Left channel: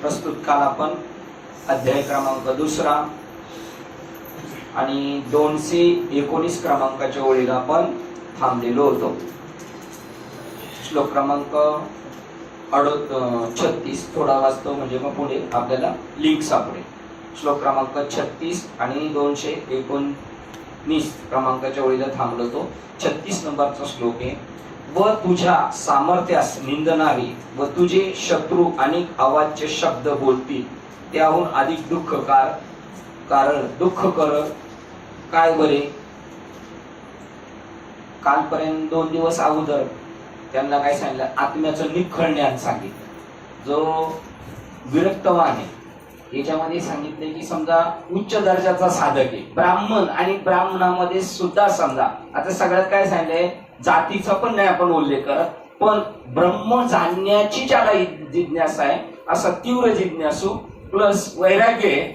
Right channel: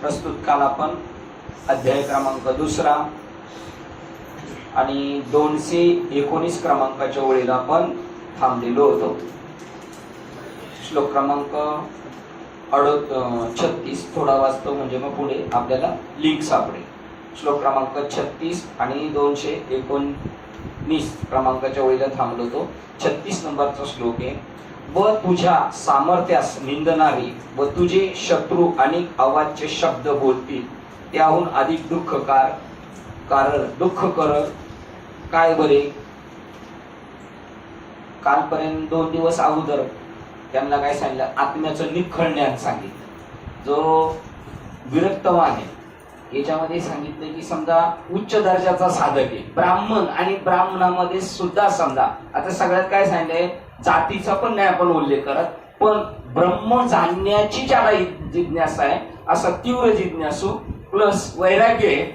प्रस्तुत काल आपण अध्याय क्रमांक 2 आणि 219 क्रमांकाच्या ओळीला आपण थांबलेलो होतो. श्लोक क्रमांक 36 थोडा वाचतो म्हणजे मग पुढे आपल्याला लिंक सापडेल. श्लोक क्रमांक 36 आणि 219 क्रमांकाच्या ओळीला थांबलो होतो. 36 नंबरचा श्लोक आहे. व तुझ्या सामर्थ्यास निंदणारी व तुझे शत्रू अनेक अवाच्य शब्द बोलतील त्याहून अधिक दुःख दुःख कर काय बरे. कालपर्यंत 2 दिवस अगोदर त्यांना काय सांगितलं, आत्म्याचं निखळण्यात सांगितलं. जो विरक्तवान आहे याच्यामध्ये सांगितले की समजा उच्च दर्जाचा साधक आहे ब्राह्मण, आणि ब्राह्मणामध्ये सुद्धा समजा आता सगळ्यात काय सांगितलंय, जातीचा पण नाही आपण उल्लेख करत, पण ब्रह्म जाणण्याची ज्याला जिज्ञासा आहे असा तीव्र जिज्ञासू प्लस वैराग्य आहे.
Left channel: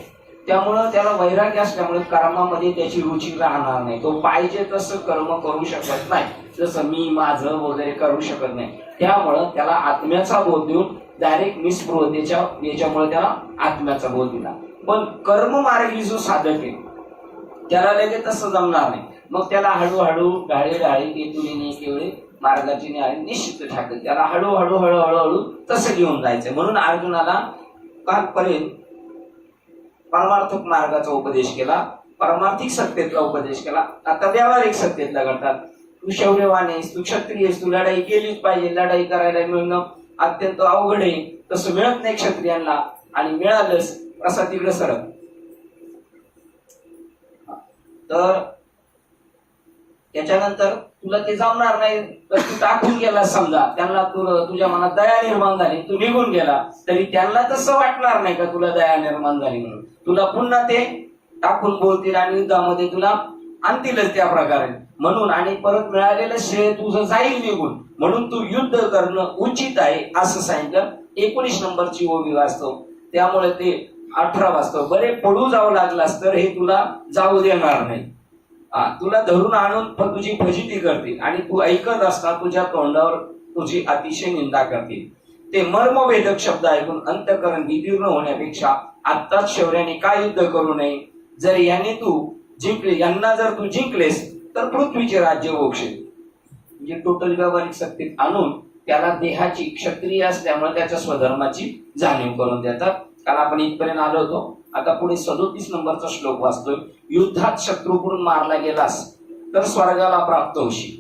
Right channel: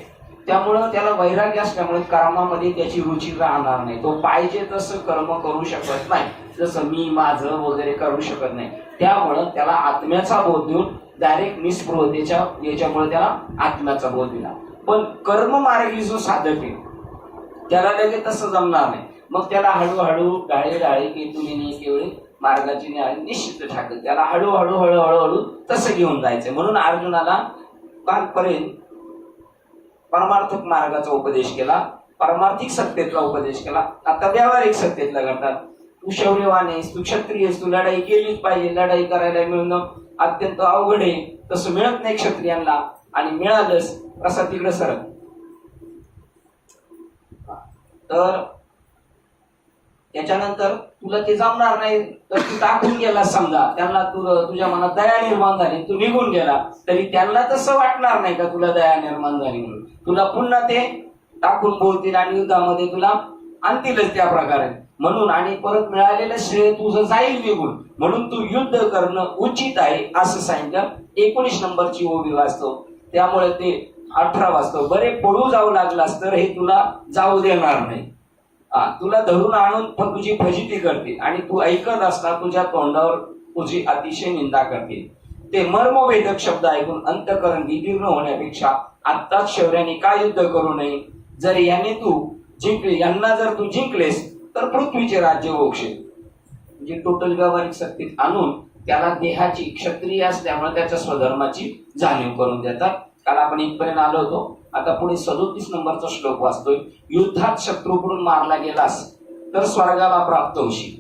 त्यामुळं त्याला वैराग्य असल्यामुळे कर्मामध्ये त्याची रुची राहणार नाही. तो पाहिजे तसं कर्म करू शकत नाही, जसं मी माझं वगैरे करू शकत नाही. त्यामुळं त्याला आत्म्याचा बोध देऊन डायरेक्ट निस्पृहतेच्या याच्यामुळे त्याला आत्म्याचा बोध दिला. पण कर्म मार्गी जो साधक आहे त्याला लगेच तसं जमणार नाही. मग त्याला हळूहळू ढाळे केतुलीने केवळे मार्गाची न्याय निश्चित ठाकत त्याला हळूहळू हळूहळू तसं घेऊन जायचं. म्हणून अर्जुनाला कालपर्यंत परमार्थक मार्गाचा उपदेश केला, परमार्थिक सत्तेतला उपदेश केला. आता व्यावहारिक सत्तेतला करतात. तू शौर्यवान आहेस, तू क्षत्रिय आहेस, तू लढाई केलीच पाहिजे. लढाई करायला मिळणं अत्यंत अवघड आहे, तसं मिळत नाही क्षत्रियांना, आणि मिळालंच असा तिकडे सरक. तर त्याच्यानंतर तुला ते जमणार नाही तर तू टाकून गेला. समजा त्यांना तुझ्या मनात दया निर्माण झाली, तू निघून गेला, तरी त्यांना तसं वाटणार नाही का तुला दया निर्माण झाली म्हणून. तुला पुन्हा ते टाकून बोलतील आणि युद्धामध्ये तुला आणतीलच त्या प्रकारे. म्हणून आणि परत मिळालेलं श्रेय तुझं जाईल निघून, म्हणून तू युद्ध करणं उचित आहे असं सांगितलं. 19 नंबरची ओवी वाचतो, त्यामुळे ते 18 वाचतो. बरे पळू जाऊ लागलास तर हे तुला जाऊ देणार नाही. तुला धरून आणून पण तुझी फजिती करतील आणि तू ऐकत असता तुझ्या तोंडावर तुझी अतिशय निंदा करतील. ते मर्मवेदक शब्द ऐकून अंतःकरण विदीर्ण होण्यापेक्षा आत्ताच शौर्याने का युद्ध करू नये. जर याने तू जिंकले, यांना जर तू जिंकलेस तर पृथ्वीचे राज्य भोगशील. म्हणजे टोटल व्यावहारिक सत्तेत आणून त्याला देहाची क्षत्रिय असल्यामुळे त्याच्या स्वधर्माची जाणीव करून देतात. काल आपण इथपर्यंत आलो होतो. आता पुढे 37 नंबरचा श्लोक वाचतोय. युद्धात शत्रूकडून मारला गेलास तर स्वर्गाला प्राप्त होशील,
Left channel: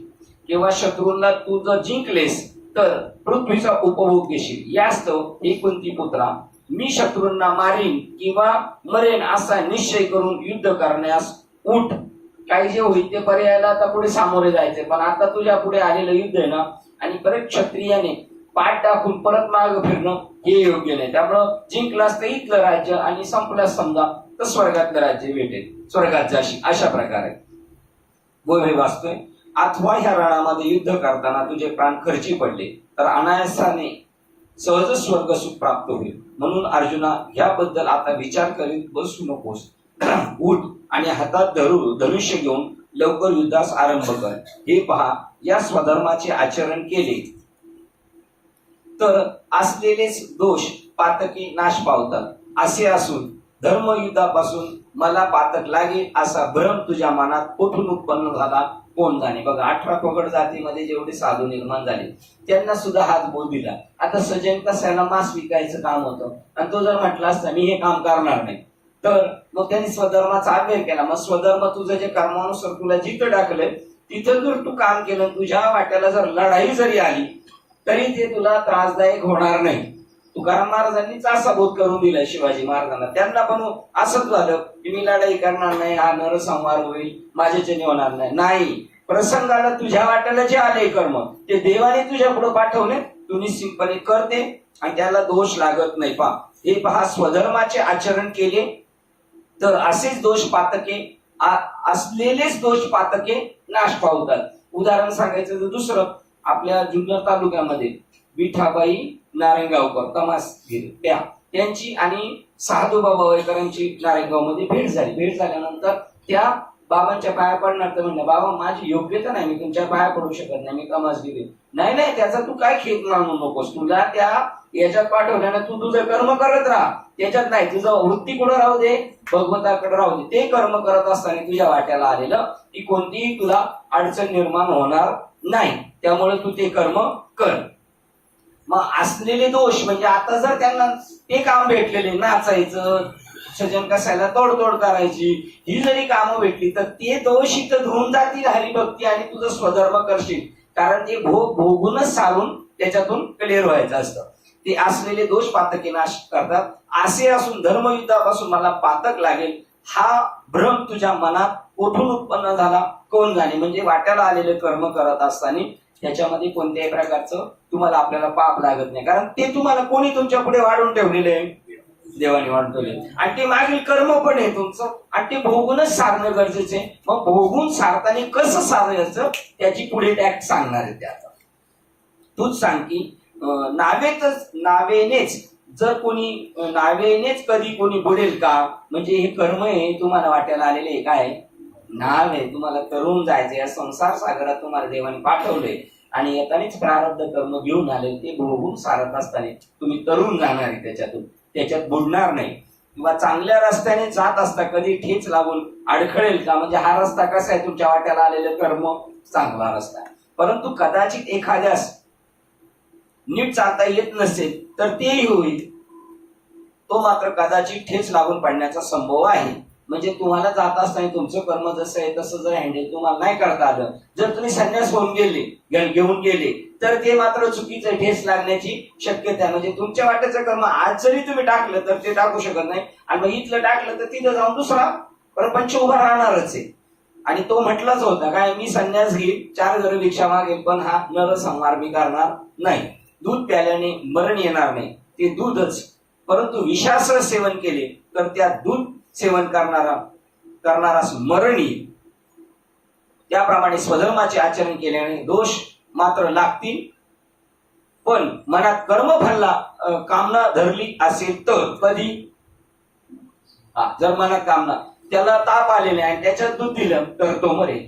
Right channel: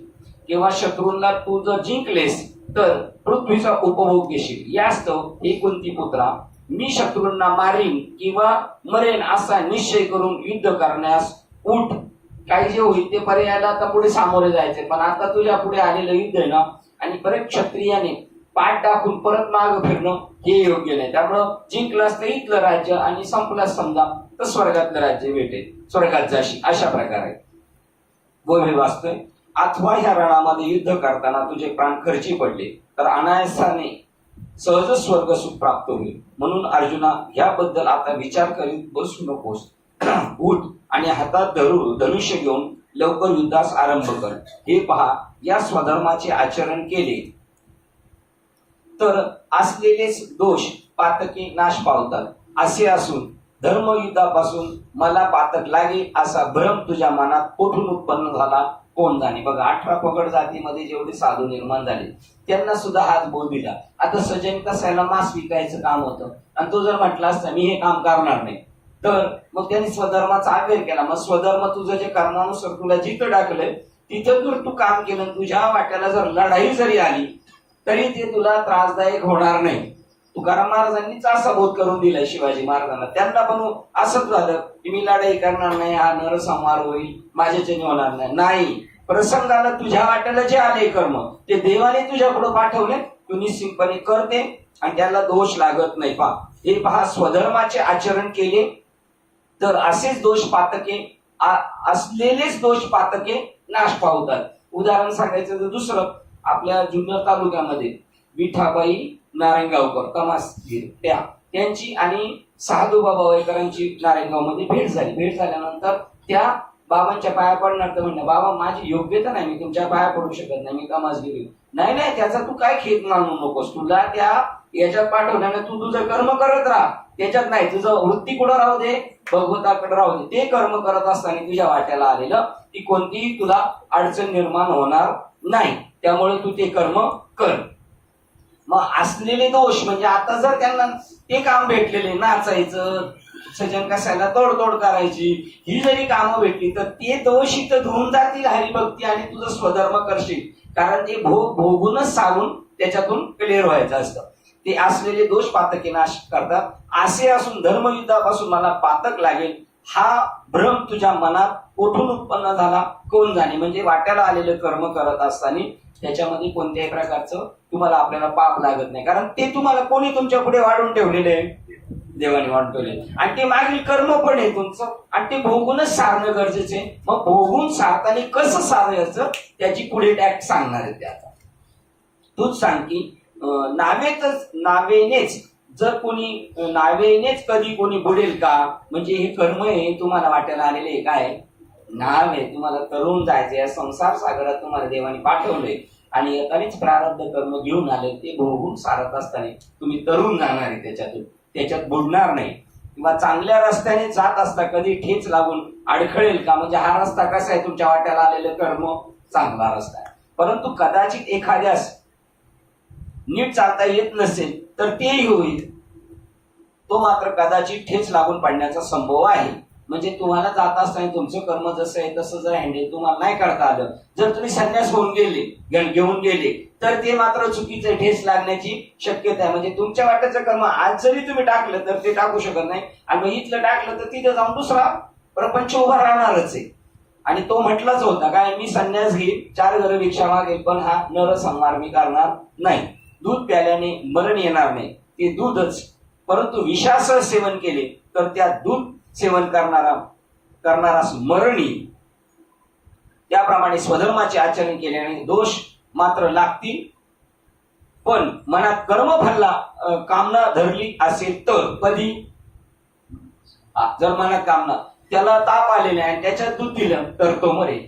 किंवा शत्रूंना तू जर जिंकलेस तर पृथ्वीचा उपभोग घेशील. यास्तव हे कुंती पुत्रा, मी शत्रूंना मारीन किंवा मरेन असा निश्चय करून युद्ध करण्यास उठ. काही जे होईल ते पर्यायाला आता पुढे सामोरे जायचे, पण आता तुझ्या पुढे आलेलं युद्ध आहे ना, आणि परत क्षत्रियाने पाठ टाकून परत माग फिरणं हे योग्य नाही. त्यामुळं जिंकलास तर इथलं राज्य आणि संपलास समजा तर स्वर्गातलं राज्य भेटेल, स्वर्गात जाशी, अशा प्रकारे गोवे वाचतोय. अथवा ह्या रणामध्ये युद्ध करताना तुझे प्राण खर्ची पडले तर अनायासाने सहज स्वर्ग सुख प्राप्त होईल. म्हणून अर्जुना, याबद्दल आता विचार करीत बसू नकोस. उठ आणि हातात धनुष्य घेऊन लवकर युद्धास आरंभ कर. हे पहा, या स्वधर्माचे आचरण केले तर असलेलेच दोष पातके नाश पावतात. असे असून धर्मयुद्धापासून मला पातक लागेल असा भ्रम तुझ्या मनात कोठून उत्पन्न झाला कोण जाणे. बघा, 18 पगड जातीमध्ये जेवढे साधू निर्माण झाले त्यांना सुद्धा हाच बोल दिला. आता सजन कसायला मांस विकायचं काम होतं आणि तो जर म्हटला असता मी हे काम करणार नाही, तर मग त्यांनी स्वधर्माचा आग्रह केला. मग स्वधर्म तुझं जे कर्मानुसार तुला जिथं टाकलंय तिथं जर तू काम केलं, तुझ्या वाट्याला जर लढाई जरी आली तरी ते तुला त्रासदायक होणार नाही. तुकाराम महाराजांनीच असा बोध करून दिलाय शिवाजी महाराजांना. त्यांना पण असंच झालं की मी लढाई करणार नाही, हा नरसंहार होईल, माझ्याच्याने होणार नाही. प्रसंगाला तुझ्या वाट्याला जे आले कर्म ते देवाने तुझ्या पुढे पाठवले, तू निश्चितपणे करते आणि त्याला दोष लागत नाही. हे पहा, स्वधर्माचे आचरण केले तर असेच दोष पातके, असलेलेच दोष पातके नाश पावतात. उदाहरण सांगायचं तर दुसरं, आपल्या जुन्नर तालुक्यामध्ये विठाबाई नारायणगावकर तमासगीर त्यांची आणि साधूबाबा वयकरांची नारायणगावमध्ये भेट झाली. भेट झाल्यानंतर त्या बाबांच्या पाया पडणार तर म्हणलं, बाबा माझी योग्यता नाही, मी तुमच्या पाया पडू शकत नाही, मी तमासगीर. नाही, त्याचा तू काय खेद मानू नकोस, तुला त्या याच्यात पाठवल्याने तू तुझं कर्म करत राहा, त्याच्यात नाही. तुझं वृत्ती कुठं राहू दे, भगवंताकडे राहू दे. ते कर्म करत असताना तुझ्या वाट्याला आलेलं ती कोणतीही तुला अडचण निर्माण होणार नाही. त्यामुळे तू ते कर्म कर. मग असलेले दोष म्हणजे आता जर त्यांना ते काम भेटलेले, नाचायचं, सजन कसायला तोडतोड करायची, ही जरी कामं भेटली तर ते दोष इथं धुवून जातील हरिभक्ती आणि तुझं स्वधर्म करशील. कारण ते भोगूनच सारून त्याच्यातून क्लिअर व्हायचं असतं. ते असलेले दोष पातकी नाश करतात. असे असून धर्मयुद्धापासून मला पातक लागेल हा भ्रम तुझ्या मनात कुठून उत्पन्न झाला कोण जाणे. म्हणजे वाट्याला आलेलं कर्म करत असताना त्याच्यामध्ये कोणत्याही प्रकारचं तुम्हाला आपल्याला पाप लागत नाही. कारण ते तुम्हाला कोणी तुमच्या पुढे वाढून ठेवलेले आहे, देवाने वाढून ठेवले. आणि ते मागील कर्म पण आहे तुमचं आणि ते भोगूनच सारणं गरजेचं आहे. मग भोगून सारताना कसं सारायचं त्याची पुढे टॅक्ट सांगणार आहे. त्याचा तूच सांग की नावेनेच जर कोणी नावेनेच कधी कोणी बुडेल का. म्हणजे हे कर्म आहे तुम्हाला वाट्याला आलेले काय नाव आहे, तुम्हाला तरुण जायचे या संसार सागरात तुम्हाला देवाने पाठवलंय आणि येतानीच प्रारब्ध कर्म घेऊन आले. ते भोगून सारत असताना तुम्ही तरुण जाणार आहे, त्याच्यात बुडणार नाही. किंवा चांगल्या रस्त्याने जात असता कधी ठेच लागून अडखळेल का. म्हणजे हा रस्ता कसा आहे, तुमच्या वाट्याला आलेलं कर्म चांगला रस्ता आहे. परंतु कदाचित एखाद्यास नीट चालता येत नसेल तर तेही होईल, तो मात्र कदाचित ठेच लागून पडण्याचा संभव आहे. म्हणजे तुम्हाला जात असताना तुमचं कर्म जसं आहे तसं जर हँडल तुम्हाला नाही करता आलं, जर तुम्ही संन्यास होऊन घेऊन गेले तर ते मात्र चुकीचं ठेस लागण्याची शक्यता आहे. म्हणजे तुमच्या वाट्याचं कर्म आज जरी तुम्ही टाकलं तर ते टाकू शकत नाही. आणि मग इथलं टाकलं तर तिथं जाऊन दुसरा प्रपंच उभा राहणारच आहे. आणि तो म्हटलाच होता काय, मी संन्यास घेईल, 4 घरं भिक्षा मागेल, पण हा नरसंहार मी करणार नाही. दूध प्याल्याने मरण येणार नाही, ते दूधच. परंतु विषासह सेवन केले तर त्या दूध सेवन करणारास मरण येईल. त्याप्रमाणे स्वधर्माचे आचरण केल्याने दोष मात्र लागतील. पण मनात कर्मफलला कामना धरली असेल तर कधी, जर मनात कामना, त्याला ताप आलेला आहे आणि त्याच्यात दूध दिलं तर तो मरेल.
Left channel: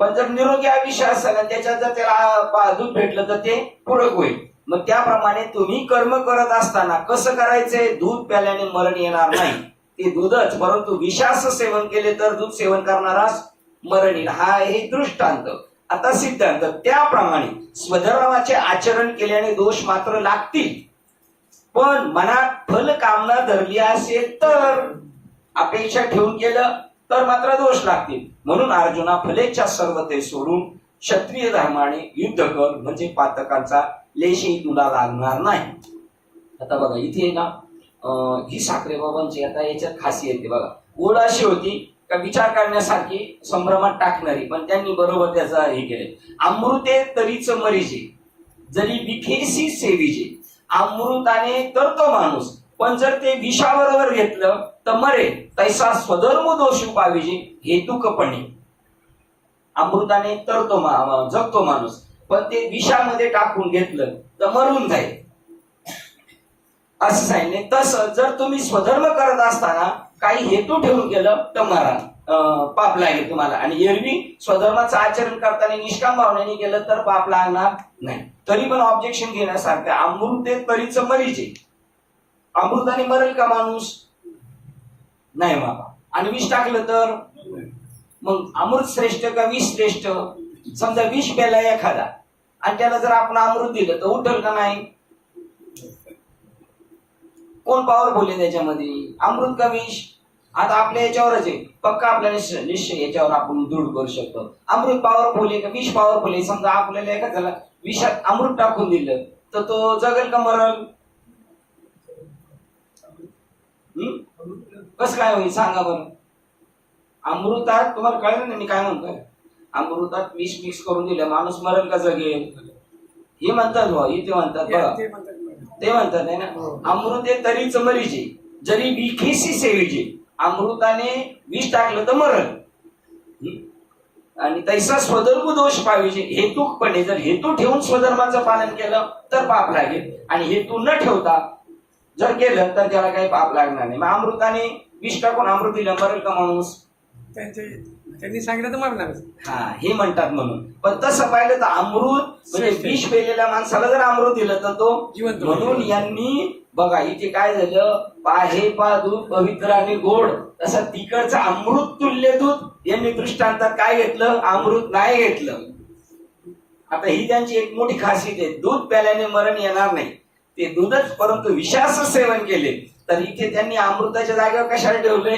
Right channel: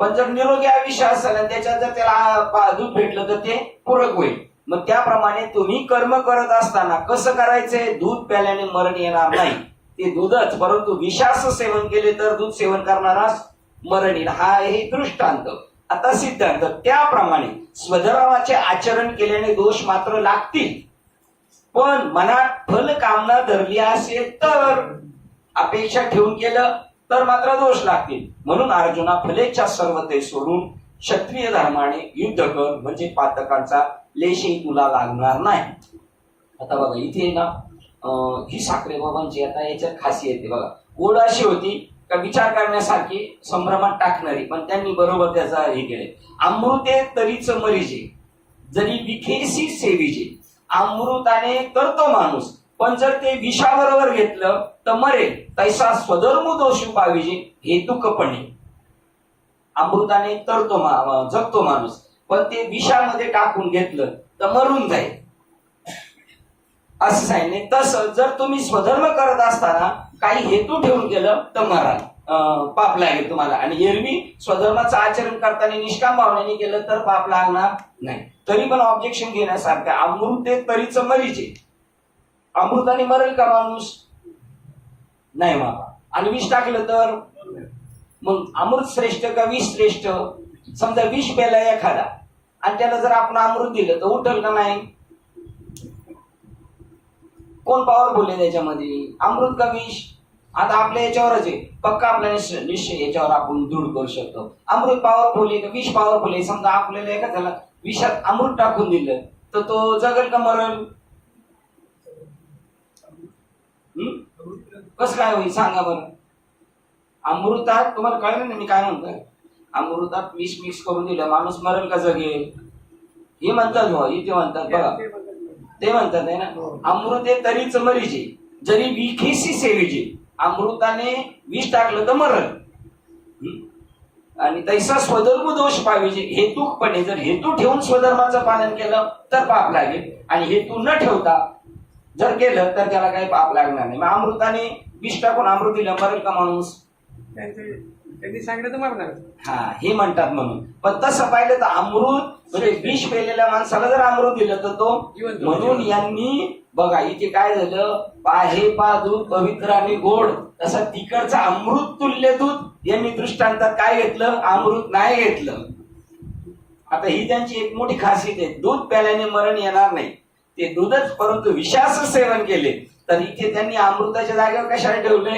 पण जर निरोगी आयुष्य असेल आणि त्याच्यात जर त्याला दूध भेटलं तर ते पूरक होईल. मग त्याप्रमाणे तुम्ही कर्म करत असताना कसं करायचंय, दूध प्याल्याने मरण येणार नाही, ते दूधच. परंतु विषास सेवन केले तर दूध सेवन करणारास मरण येईल. हा आहे दृष्टांत. आता सिद्धांत, त्याप्रमाणे स्वधर्माचे आचरण केल्याने दोष मात्र लागतील. पण मनात फल कामना धरली असेल तर, अपेक्षा ठेवून केलं तर मात्र दोष लागतील. म्हणून अर्जुना फलेच्छा सर्व ते सोडून क्षत्रिय धर्माने युद्ध कर, म्हणजे पातकांचा लेशही तुला लागणार नाही. आता बघा इथे ना ही साखरे बाबांची आता याच्यात खासियत आहे बघा. ओढ अशी होती का विचार करण्यासारखी, संभ्रमात टाकणारी, पण त्यांनी बरोबर त्याचा हे केले. अमृते तरीच मरीजे, जरी विखेसी सेविजे. अमृताने तरतो माणूस, पण जर ते विषाबरोबर घेतलं तर मरे. तैसा स्वधर्म दोष पाविजे हेतुकपणे. अमृताने तरतो जगतो माणूस, पण ते विषामध्ये टाकून घेतलं तर मरून जाईल असं सांगितले. तसं जर तुम्ही स्वधर्म करत असताना काही हेतू ठेवून केलं तर मरण पाप लागेल तुम्हाला. आणि एरवी स्वधर्माचं आचरण करताना निष्काम भावनेने केलं तर पाप लागणार नाही. तरी पण ऑब्जेक्शन घेण्यासारखं, अमृते तरीच मरीचे. अमृताने मरेल का माणूस, नाही बाबा. आणि विष टाकलं तर मग अमृत श्रेष्ठ का विष श्रेष्ठ. समजा विष प्याला एखादा आणि त्याला जर आपण अमृत दिलं तर उठल का नाही. कोण पॉवरफुल आहे त्याच्यामध्ये, अमृत का विष. आता आपल्या याच्यावरच आहे, पक्का आपल्या निश्चय याच्यावर आपण दृढ करू शकतो. अमृत पॉवरफुल आहे का विष पॉवरफुल आहे. समजा आपल्याला एखाद्याला विषात अमृत टाकून दिलं तर तो जगल का मरल. कसं काय होईल सांगा बरं. अमृतात तुम्हाला कळलं ना मी काय म्हणतोय, अमृतात विष मिक्स करून दिलं माणूस मरल का जगेल. हे म्हणतात हो, इथे म्हणतात बघा, ते म्हणतात आहे ना. अमृते तरीच मरीजे, जरी विखेसी सेविजे. अमृताने विष टाकलं तर मरल. आणि तैसा स्वधर्म दोष पाहिजे हेतुकपणे. जर हेतू ठेवून स्वधर्माचं पालन केलं तर पाप लागेल, आणि हेतू न ठेवता जर केलं तर त्याला काही पाप लागणार नाही. मग अमृताने विष टाकून अमृत दिलं, मरेल का माणूस. त्यांनी सांगितलं तर मरणार. हा हे म्हणतात म्हणून. पण तसं पाहिलं तर अमृत म्हणजे विष पेलेल्या माणसाला जर अमृत दिलं तर तो जिवंत. म्हणून यांनी बघा इथे काय झालं, पाहे पा दूध पवित्र आणि गोड, तसं तिकडचं अमृत तुल्य दूध यांनी दृष्टांतात काय घेतलं, अमृत नाही घेतलं. आता ही त्यांची एक मोठी खासियत आहे, दूध प्याल्याने मरण येणार नाही, ते दूधच परंतु विषाचं सेवन केले तर इथे त्यांनी अमृताच्या जागेवर कशाला ठेवले,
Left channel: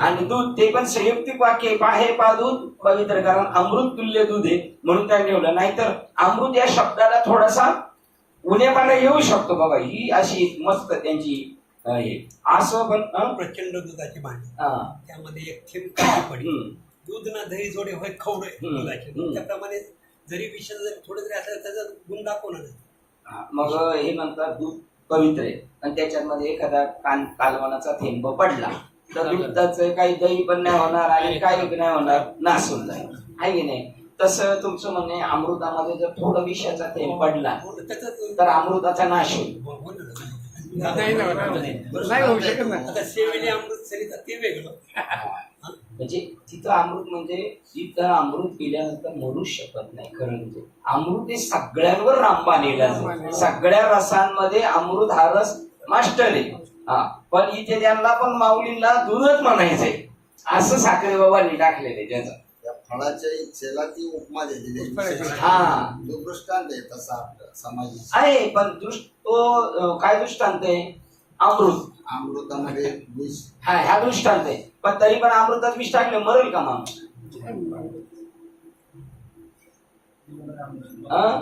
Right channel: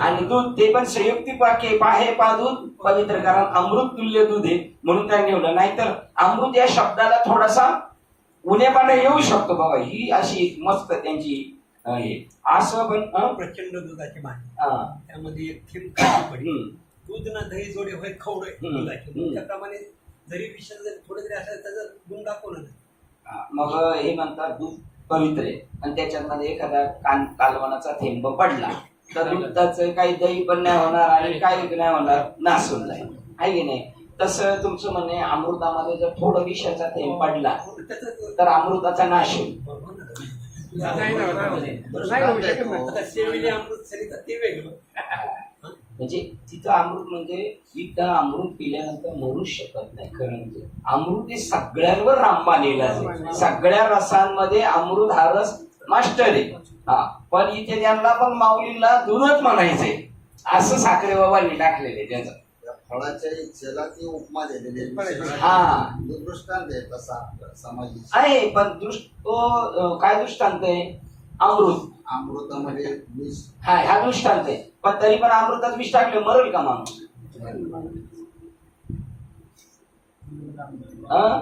आणि दूध ते पण संयुक्तिक वाक्य, पाहे पा दूध पवित्र, कारण अमृत तुल्य दूध आहे म्हणून त्यांनी ठेवलं. नाहीतर अमृत या शब्दाला थोडासा उणेपणा येऊ शकतो बाबा. ही अशी मस्त त्यांची हे असं पण प्रचंड दुधाची भांडी, हा. त्यामध्ये एक थेंब काळी पडी, हम्म. दूध ना दही जोडे होय खवडे दुधाचे. हम्म. त्याप्रमाणे जरी विषय जरी थोडं जरी असलं त्याचा गुण दाखवणं नाही. हा, मग हे म्हणतात दूध पवित्र आहे आणि त्याच्यामध्ये एखादा कालवनाचा थेंब पडला तर दुधाचं काही दही पण नाही होणार आणि काही नाही होणार, नासून जाईल, आहे की नाही. तसं तुमचं म्हणणे अमृतामध्ये जर थोडं विषाचा थेंब पडला तर अमृताचा नाश होईल. नाही होऊ शकत नाही. आता सेवेने अमृत सरिता ते वेगळं. म्हणजे तिथं अमृत म्हणजे तिथं अमृत पिल्यानंतर मरू शकत नाही. खरं म्हणजे अमृत हे सगळ्यांवर रामबाण येईल, सगळ्या रसांमध्ये अमृत हा रस मास्टर आहे. हा, पण इथे त्यांना पण माऊलींना दूधच म्हणायचंय असं साखरे बाबांनी टाकलेले त्याचं. फळाच्या इच्छेला ती उपमा दिलेली आहे. हा दृष्टांत आहे तसा समाज आहे, पण तो काय दृष्टांत आहे, अमृत अमृतामध्ये विष. हा ह्या दृष्टांत आहे, पण तरी पण अमृतात विष टाकले मरेल का माणूस?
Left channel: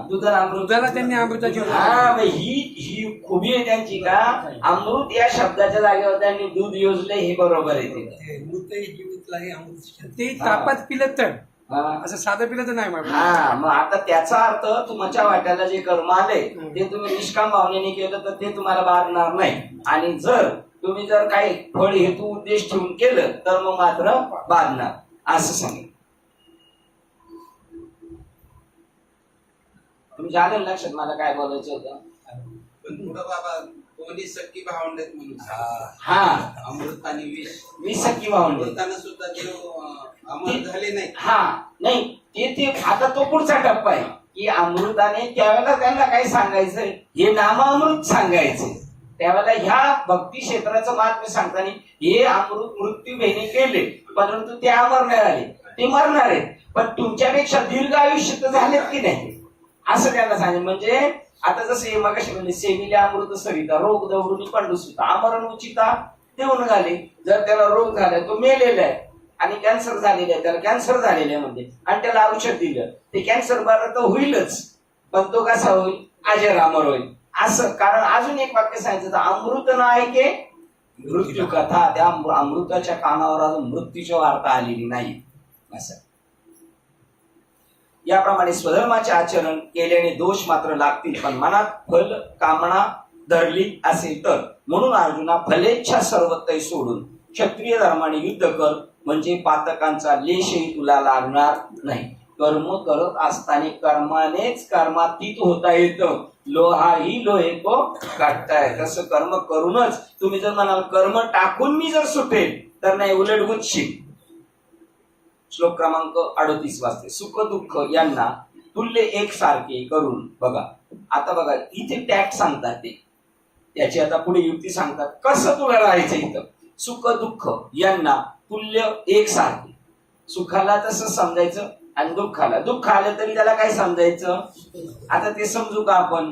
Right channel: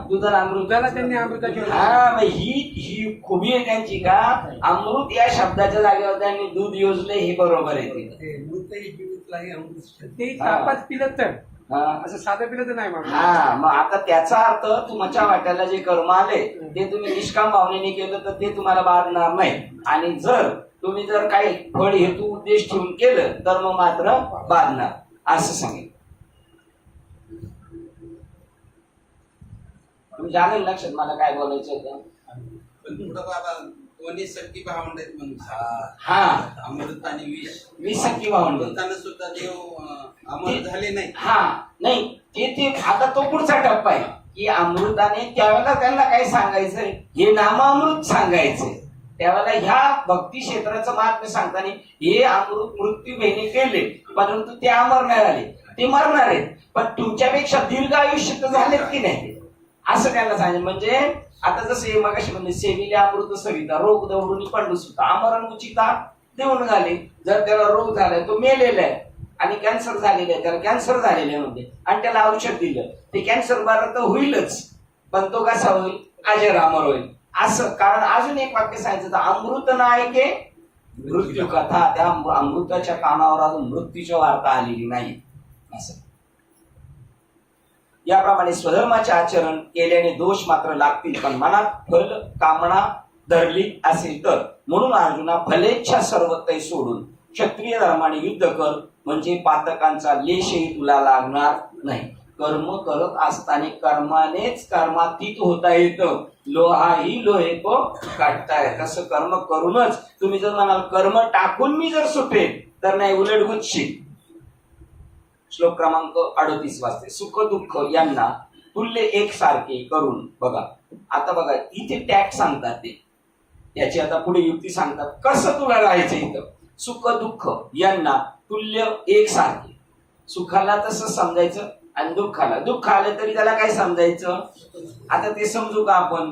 दुधाला अमृत, दुधाला त्यांनी अमृताची. हा मग ही खुबी आहे त्यांची का अमृत या शब्दाच्या जागेवर त्यांनी दूध योजले, हे बरोबर आहे. ते तापात पिलं तर हा असं साधं पिलं तर नाही म्हणा. हा, मग आता त्याचा अर्थ तुमच्या वाट्याला जे कर्म आले ते तुम्ही निष्काम भावनेने केलं तर ते तुम्हाला बाधणार नाही, आणि जर तुम्ही जर काही फळ हेतू उद्देश ठेवून केलं तर मग मात्र बाधणार, असं सांगेल. तुमच्या आलं लक्षात मला काय बोलायचं होतं. पण पुढं बाबा दोन्ही सख्खी भावंड आहेत म्हणून हा अमृत आणि विष. वीस सख्खी भावंड बोलताना सुद्धा देव अमर झाले नाही. हा नाही ते आता तो पुढचा टप्पा आहे की अमृताने त्यावेळेला त्यांना काय सांगायचंय, हे नामामृत सांगायचंय. त्यावेळेला ह्या भक्ती क्षेत्राचं महात्म्य सांगताना हे अमृत मृत्यू भेने केले परंतु ते अमर नाही झाले, ते मरणार आहेत, पण तुमच्यापेक्षा दीर्घ आयुष्य तर झालेत की नाही असं त्यांना सांगितलं. म्हणजे आता जसं मगाशी म्हणजे सेविले अमृत सरिता, रोग दवरुनी पंडू सुद्धा अमरण उचिता देऊन झाले. जर त्याला रोग झालाय तो मेलेला आहे आणि कॅन्सर झालेला आहे, त्याला कॅन्सर झालेला आहे म्हणजे, आणि त्याला औषध दिलं ते कॅन्सर बरं तर होईलच, पण तो कसा होईल, अजर अमर होईल असं. कारण अजून एक वाक्य सांगायचं तर अमृत नाही के मृत्यू कथा, त्या अमृताच्या कानावर अजून मृत्यूची वार्ता आलेली नाही असं. याप्रमाणे स्वधर्माचे आचरण केल्याने दोष मात्र लागतील, पण मनात फल कामना धरली असेल तर. म्हणून अर्जुना फलेच्छा सर्वतै सोडून क्षत्रिय धर्माने युद्ध कर, म्हणजे पातकांचा लेशही तुला लागणार नाही. कर्म करत असताना कर्मानेच कर्मातीत होता येतं, लोहाही लोहे को काढताय. तसं कर्म करूनच तुम्ही जर म्हणाल कर्म टाकून मी जर सुटेल तर नाही, उलट गुच्छी. श्लोक क्रमांक 38 वाजते. सुख दुःख यांना तुल्य एकसारखे करून बघा. आता बघा इथे टॅक्ट सांगतात ते, त्याची आता पुढे युक्ती सांगतात कसं तुला राहायचं इथं. सुख दुःख यांना तुल्य एकसारखे, सुखाला तसं समजायचं आणि दुःखाला, दुःख आलं तरी त्याला काय समजायचं. आता ते समजू का आपण,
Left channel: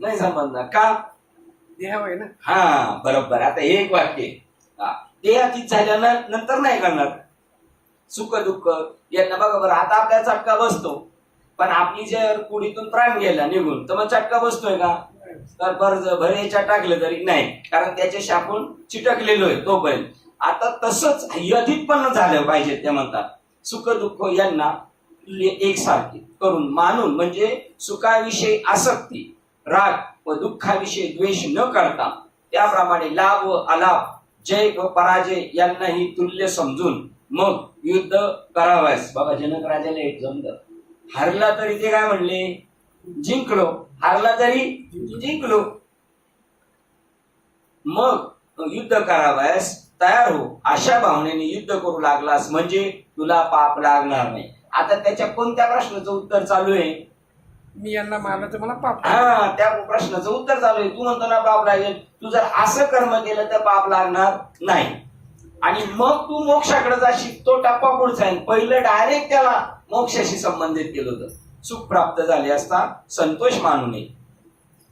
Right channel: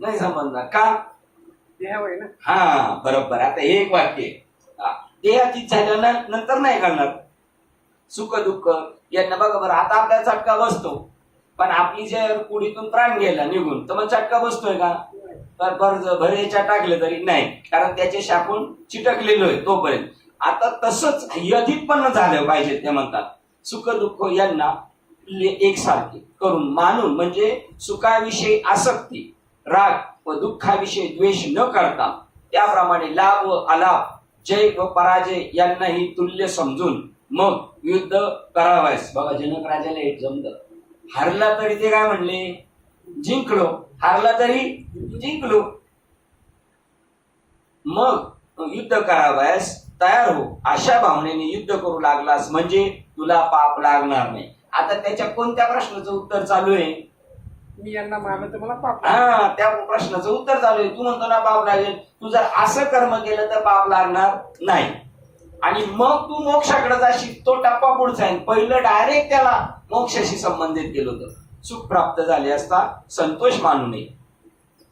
नाही समजणार का, देहावय ना. हा बरोबर. आता हे एक वाक्य देहातीत झाल्यानंतर नाही करणार. सुख दुःख यांना बघा बरं, आता आपल्याला चटका बसतो, पण आपली जर पुढीतून प्राण गेला निघून तर मग चटका बसतोय का, तर भरेच्या टाकलं तरी नाही, कारण त्याच्याशी आपण चिटकलेलो आहे तोपर्यंत. आता तसंच यधित पण झालं पाहिजे. ते म्हणतात सुख दुःख यांना एकसारखे करून मानून, म्हणजे सुखाविषयी आसक्ती राग व दुःखाविषयी द्वेष न करता, त्याप्रमाणे लाभ व अलाभ जय व पराजय यांनाही तुल्य समजून मग युद्ध करावयास. बघा जनक राजाला हे जमलं, हरला तरी ते काय म्हणले, जिंकलो, हारला तरी जिंकलो. मग युद्ध करावयास तयार हो, अशा भावनेने युद्ध करू लागलास म्हणजे तुला पाप लागणार नाही. आता त्याच्या कोणत्या प्रश्नाचं उत्तर चालू आहे? मी यांना मारलं तर मला पाप हा, त्या प्रश्नाचं उत्तर चालू आहे. तू म्हणतो ना पाप लागेल, तू जर असं कर्म केलं तर पाप लागणार नाही. आणि मग तू मोक्षाकडे जाशील, तो टप्पा पुढचा आहे. पहिलं डायरेक्ट त्याला मोक्षाशी संबंधित केलं होतं. सुख प्राप्त झाले असता संतोष मानू नये,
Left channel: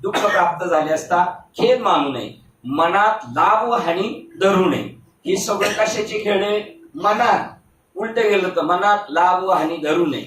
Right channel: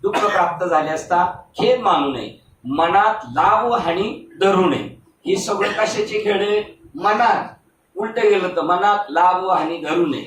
दुःख प्राप्त झाले असता खेद मानू नये, मनात लाभ व हानी धरू नये. हे सगळं कशाचे खेळ आहे? मनात. उलट गेलं तर मनात लाभ व हानी धरू नये,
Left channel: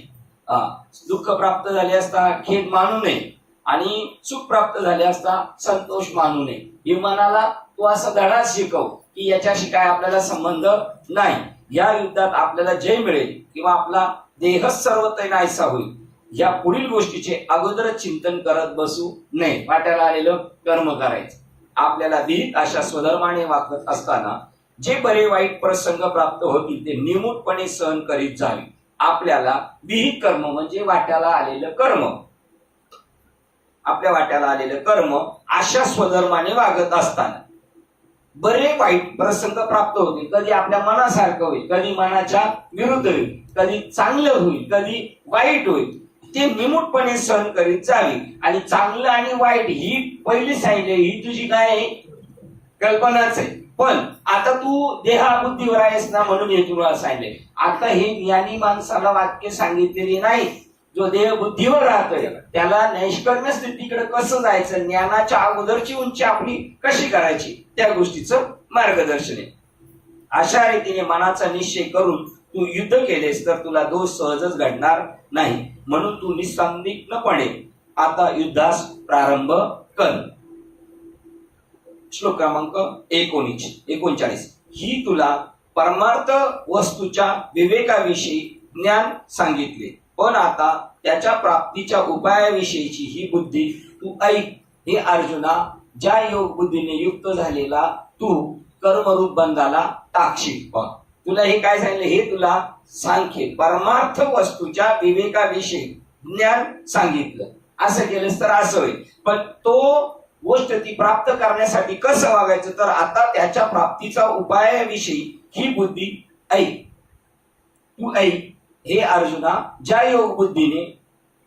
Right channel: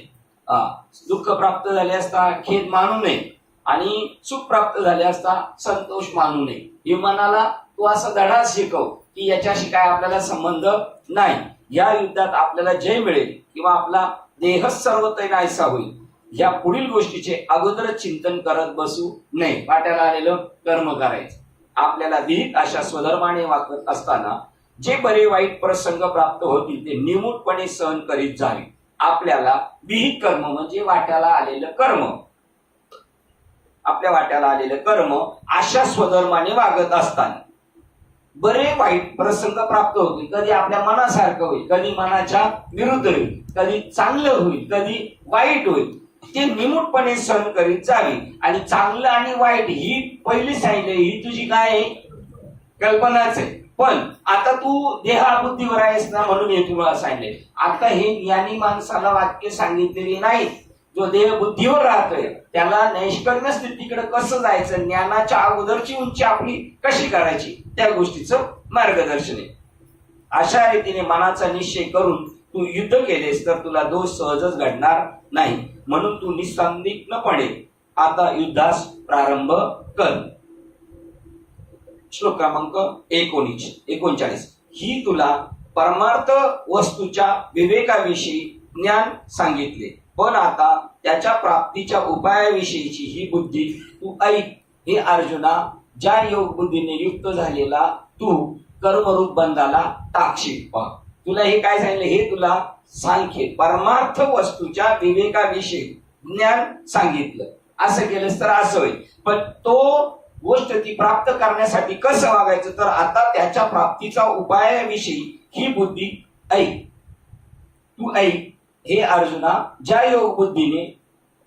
दुःख प्राप्त झाले असता खेद मानू नये आणि सुख प्राप्त झाले असता संतोष मानू नये. हे मनाला तू असं धडा शिकव की याच्याशी काय आपल्याला संबंध नाही. या युद्धात आपल्याला जय मिळेल किंवा आपला देह सर्वत्र नाहीसा होईल, या पुढील गोष्टीचे अगोदरच चिंतन करत बसू नये. वाट्याला आलेलं कर्म करायचं. आपल्याला विहित अशा स्वधर्माने वागत असताना जे बरे वाईट प्रसंग प्राप्त होतील ते निमूटपणे सहन करीत जावे. आपल्याला विहित कर्म म्हणजे वाट्याला आलेलं कर्म, आपल्या वाट्याला आलेलं कर्म अशा स्वधर्माने वागत असताना बरे वाईट प्रसंग प्राप्त होतील. कधी आपल्या मनासारखं होईल, कधी मनाच्या विरुद्ध होईल, कधी चांगलं होईल, कधी वाईट होईल. ते निमूटपणे सहन करीत जावी. आणि चांगलं आणि वाईट ही पहिली सांगितली, ही तुझी काय आहे? कल्पनाच आहे. पण आता तू देहाबुद्धीवर आहेस ना, म्हणून हे तुला सांगितले. आता हे ज्ञानी माणसाला वाक्य सांगितलेली नाही. जो देह बुद्धीवर राहतोय त्याला नैष्कर्म्य स्थितीकडे कसं जायचं, ज्ञानाच्या अगोदरची उंची आपली कशी करायची, त्या गोष्टीचं मार्गदर्शन आहे. अशा रीतीने मनाचा निश्चय करून तू युद्ध केलेस तर तुला दोष सहजच घडणार नाही. म्हणून तू निसंदिग्धपणे आता युद्धास प्रारंभ कर. श्लोक क्रमांक 39. ही तुला परमार्थ वस्तूच्या विवेकाविषयी ज्ञान सांगितले, पण आता त्याच्या प्राप्तीच्या उपायाविषयीची ही बुद्धी तू ऐक. हे अर्जुना, ज्या योग बुद्धीने युक्त झालेला तू कर्मरूप बंधाला टाकशील. तुला हे काय सांगितलं? हे तुला सांख्य परमार्थ वस्तूच्या विवेकाविषयी ज्ञान सांगितलं. असं केलंस तर असं होईल. पण तो गोष्ट ती प्राप्त करण्यासाठी कसं वागायचं, तर आता त्याच्या प्राप्तीचा उपायाविषयी ही बुद्धी ऐक. तू ऐक हे अर्जुना, ज्या योग बुद्धीने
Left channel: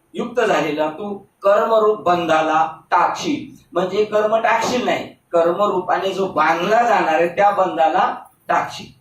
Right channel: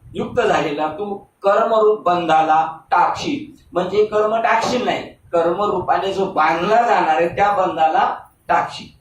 युक्त झालेला तू कर्मरूप बंधाला टाकशील. म्हणजे कर्म टाकशील नाही, कर्मरूपाने जो बांधला जाणार आहे त्या बंधाला टाकशील.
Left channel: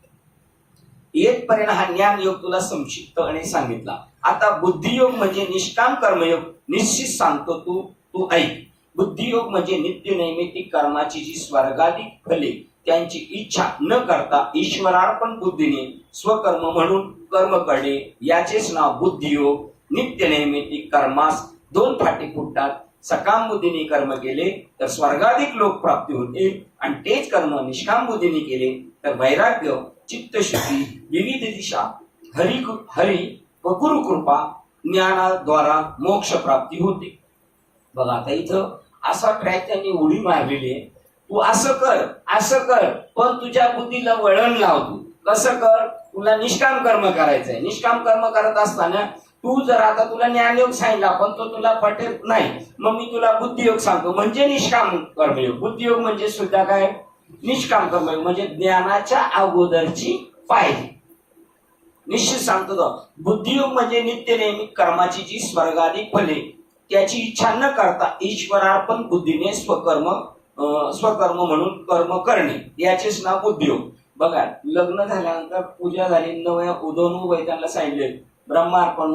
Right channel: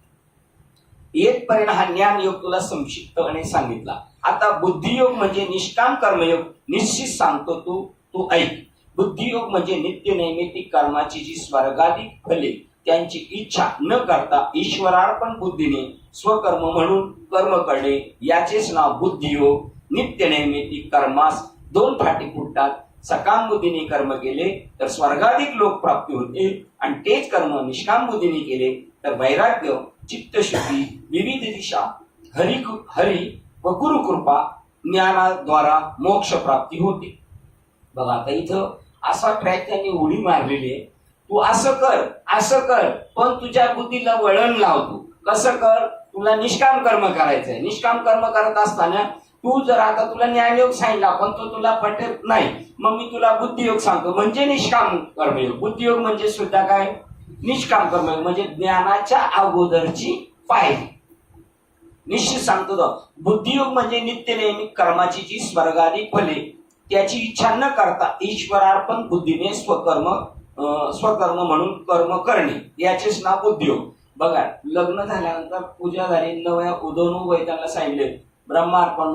येतपर्यंत हा ज्ञान योग तुला संक्षिप्तपणे सांगितला. आता बुद्धियोग म्हणजे निष्काम कर्मयोग निश्चित सांगतो तू ऐक. बुद्धियोग म्हणजे नित्य नैमित्तिक कर्माची जी स्वर्गाधिक फले त्यांची इच्छा न करता ईश्वरार्पण बुद्धीने स्वकर्म म्हणून कर्म करणे, याचेच नाव बुद्धियोग. नित्य नैमित्तिक कर्मास दोन फाटे फुटतात. सकाम बुद्धीने कर्म केले तर स्वर्गाधिक लोक प्राप्ती होते, आणि तेच कर्म निष्काम बुद्धीने केले तर वैराग्य, चित्तशुद्धी, विविध दिशा, हरी व गुरुकृपा ज्ञानाद्वारा मोक्ष प्राप्ती होते. बघा आता इथं असा ट्रॅक त्यांनी उडी मारलेली आहे. तू असं कर, पण तुझ्या बुद्धीला वळण लावतो. कसं कर? तुला निष्काम कर्म करायचंय. निष्काम कर्म करत असताना तू जर आता तुला ज्ञानयोग सांगितला पण तो तुला पटेल नाही, मग मी तुला बुद्धियोग सांगतो म्हणजे निष्काम कर्मयोग. बुद्धियोग म्हणजे सुद्धा काय? निष्काम कर्मयोग म्हणजे ज्ञानाच्या अगोदरची पायरी. निश्चित सांगतो तो. बुद्धियोग म्हणजे नित्य नेहमी कर्माची जी स्वर्गादी फले त्याची इच्छा न करता ईश्वरार्पण बुद्धीने स्वकर्म म्हणून कर्म करणे, याचेच नाव बुद्धियोग. बघा, लग्न झाल्यानंतर पूजा झाली, नव्या उदोनु वैद्यांना सांगितले ब्रह्मार्पण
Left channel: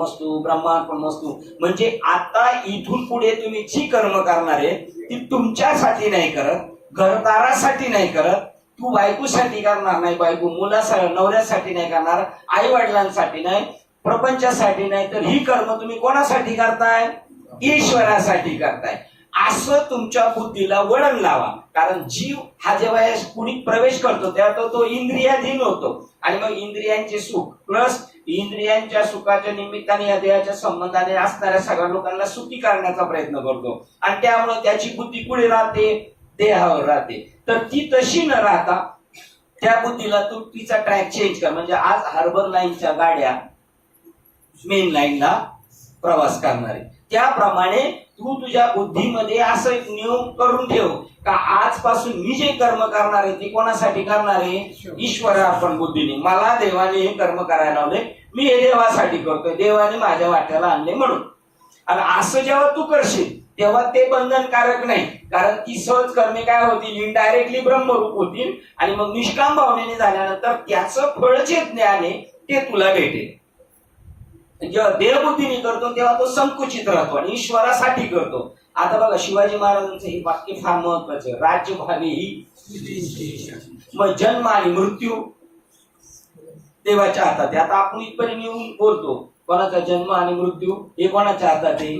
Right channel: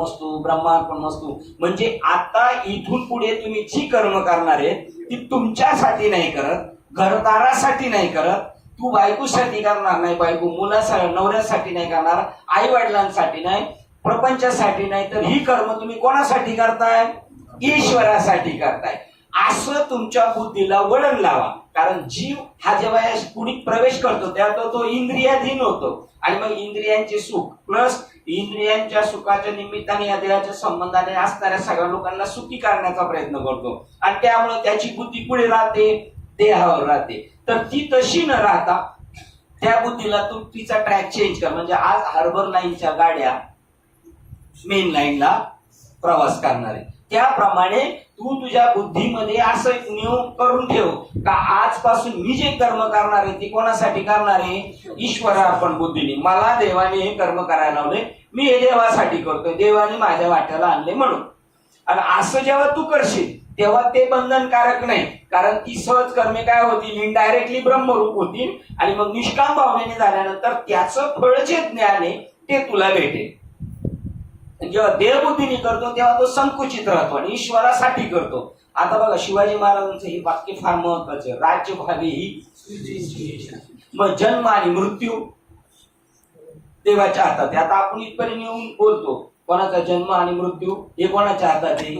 वस्तू. म्हणजे आता इथून पुढे तुम्ही जी कर्म करणार आहे ती तुमच्यासाठी नाही करत, घरदारासाठी नाही करत, तू बायकोसाठी करणार नाही, बायको मुलासाठी नवऱ्यासाठी नाही करणार, आई वडिलांसाठी नाही, प्रपंचासाठी नाही, तर ही कर्म तुम्ही कोणासाठी करताय? ईश्वरासाठी करताय. असं तुमच्या बुद्धीला वळण लावा. कारण जीव हा जेव्हा या पुढे प्रवेश करतो तेव्हा तो इंद्रियाधीन होतो, आणि मग इंद्रियांचे सुख प्लस इंद्रियांच्या सुखाच्या निमित्ताने या देहाच्या संबंधाने असणाऱ्या सगळ्या लोकांना सुखी करण्याचा प्रयत्न करतो, आणि त्यामुळे त्याची बुद्धी पुढे राहते, देहावर राहते. तर ती तशी न राहता त्या बुद्धीला तू तिचा ट्रॅक चेंज कर. म्हणजे आज हार्बर लाईनच्या गाड्या मेन लाईनला प्रवास करणार आहे, त्याप्रमाणे तू तुझ्या बुद्धीमध्ये असं एक नियम करून ठेव का आजपासून मी जे कर्म करणार आहे ते कोणासाठी करणार आहे? ईश्वरार्पण बुद्धीने. मला देवाने हे कर्म करायला लावले, मी हे देवासाठी करतोय, देवाने माझ्या वाट्याला आणले म्हणून. आणि असं जेव्हा तू करशील तेव्हा ते बंधनकारक नाही, कारण ती सहज कर्मे काय होतील? इनडायरेक्टली ब्रह्मरूप होतील. आणि मग निष्काम भावनेने झाल्यानंतर त्याचं फळ जे ज्ञान आहे ते तुला भेटेल. जेव्हा देवबुद्धीने करतो तेव्हा तो संकुचित राहतो आणि ईश्वरासाठी करतो. आता बघा शिवाजी महाराजांचं हे वाक्य फार महत्वाचं, राज्य भावी ही मग जन्म आणि मृत्यू देवाच्या हातात आहे. आता आपण इथपर्यंत येऊन बोलतो कोणाचा जन्म आणि मृत्यू हे कोणाच्या हातात आहे?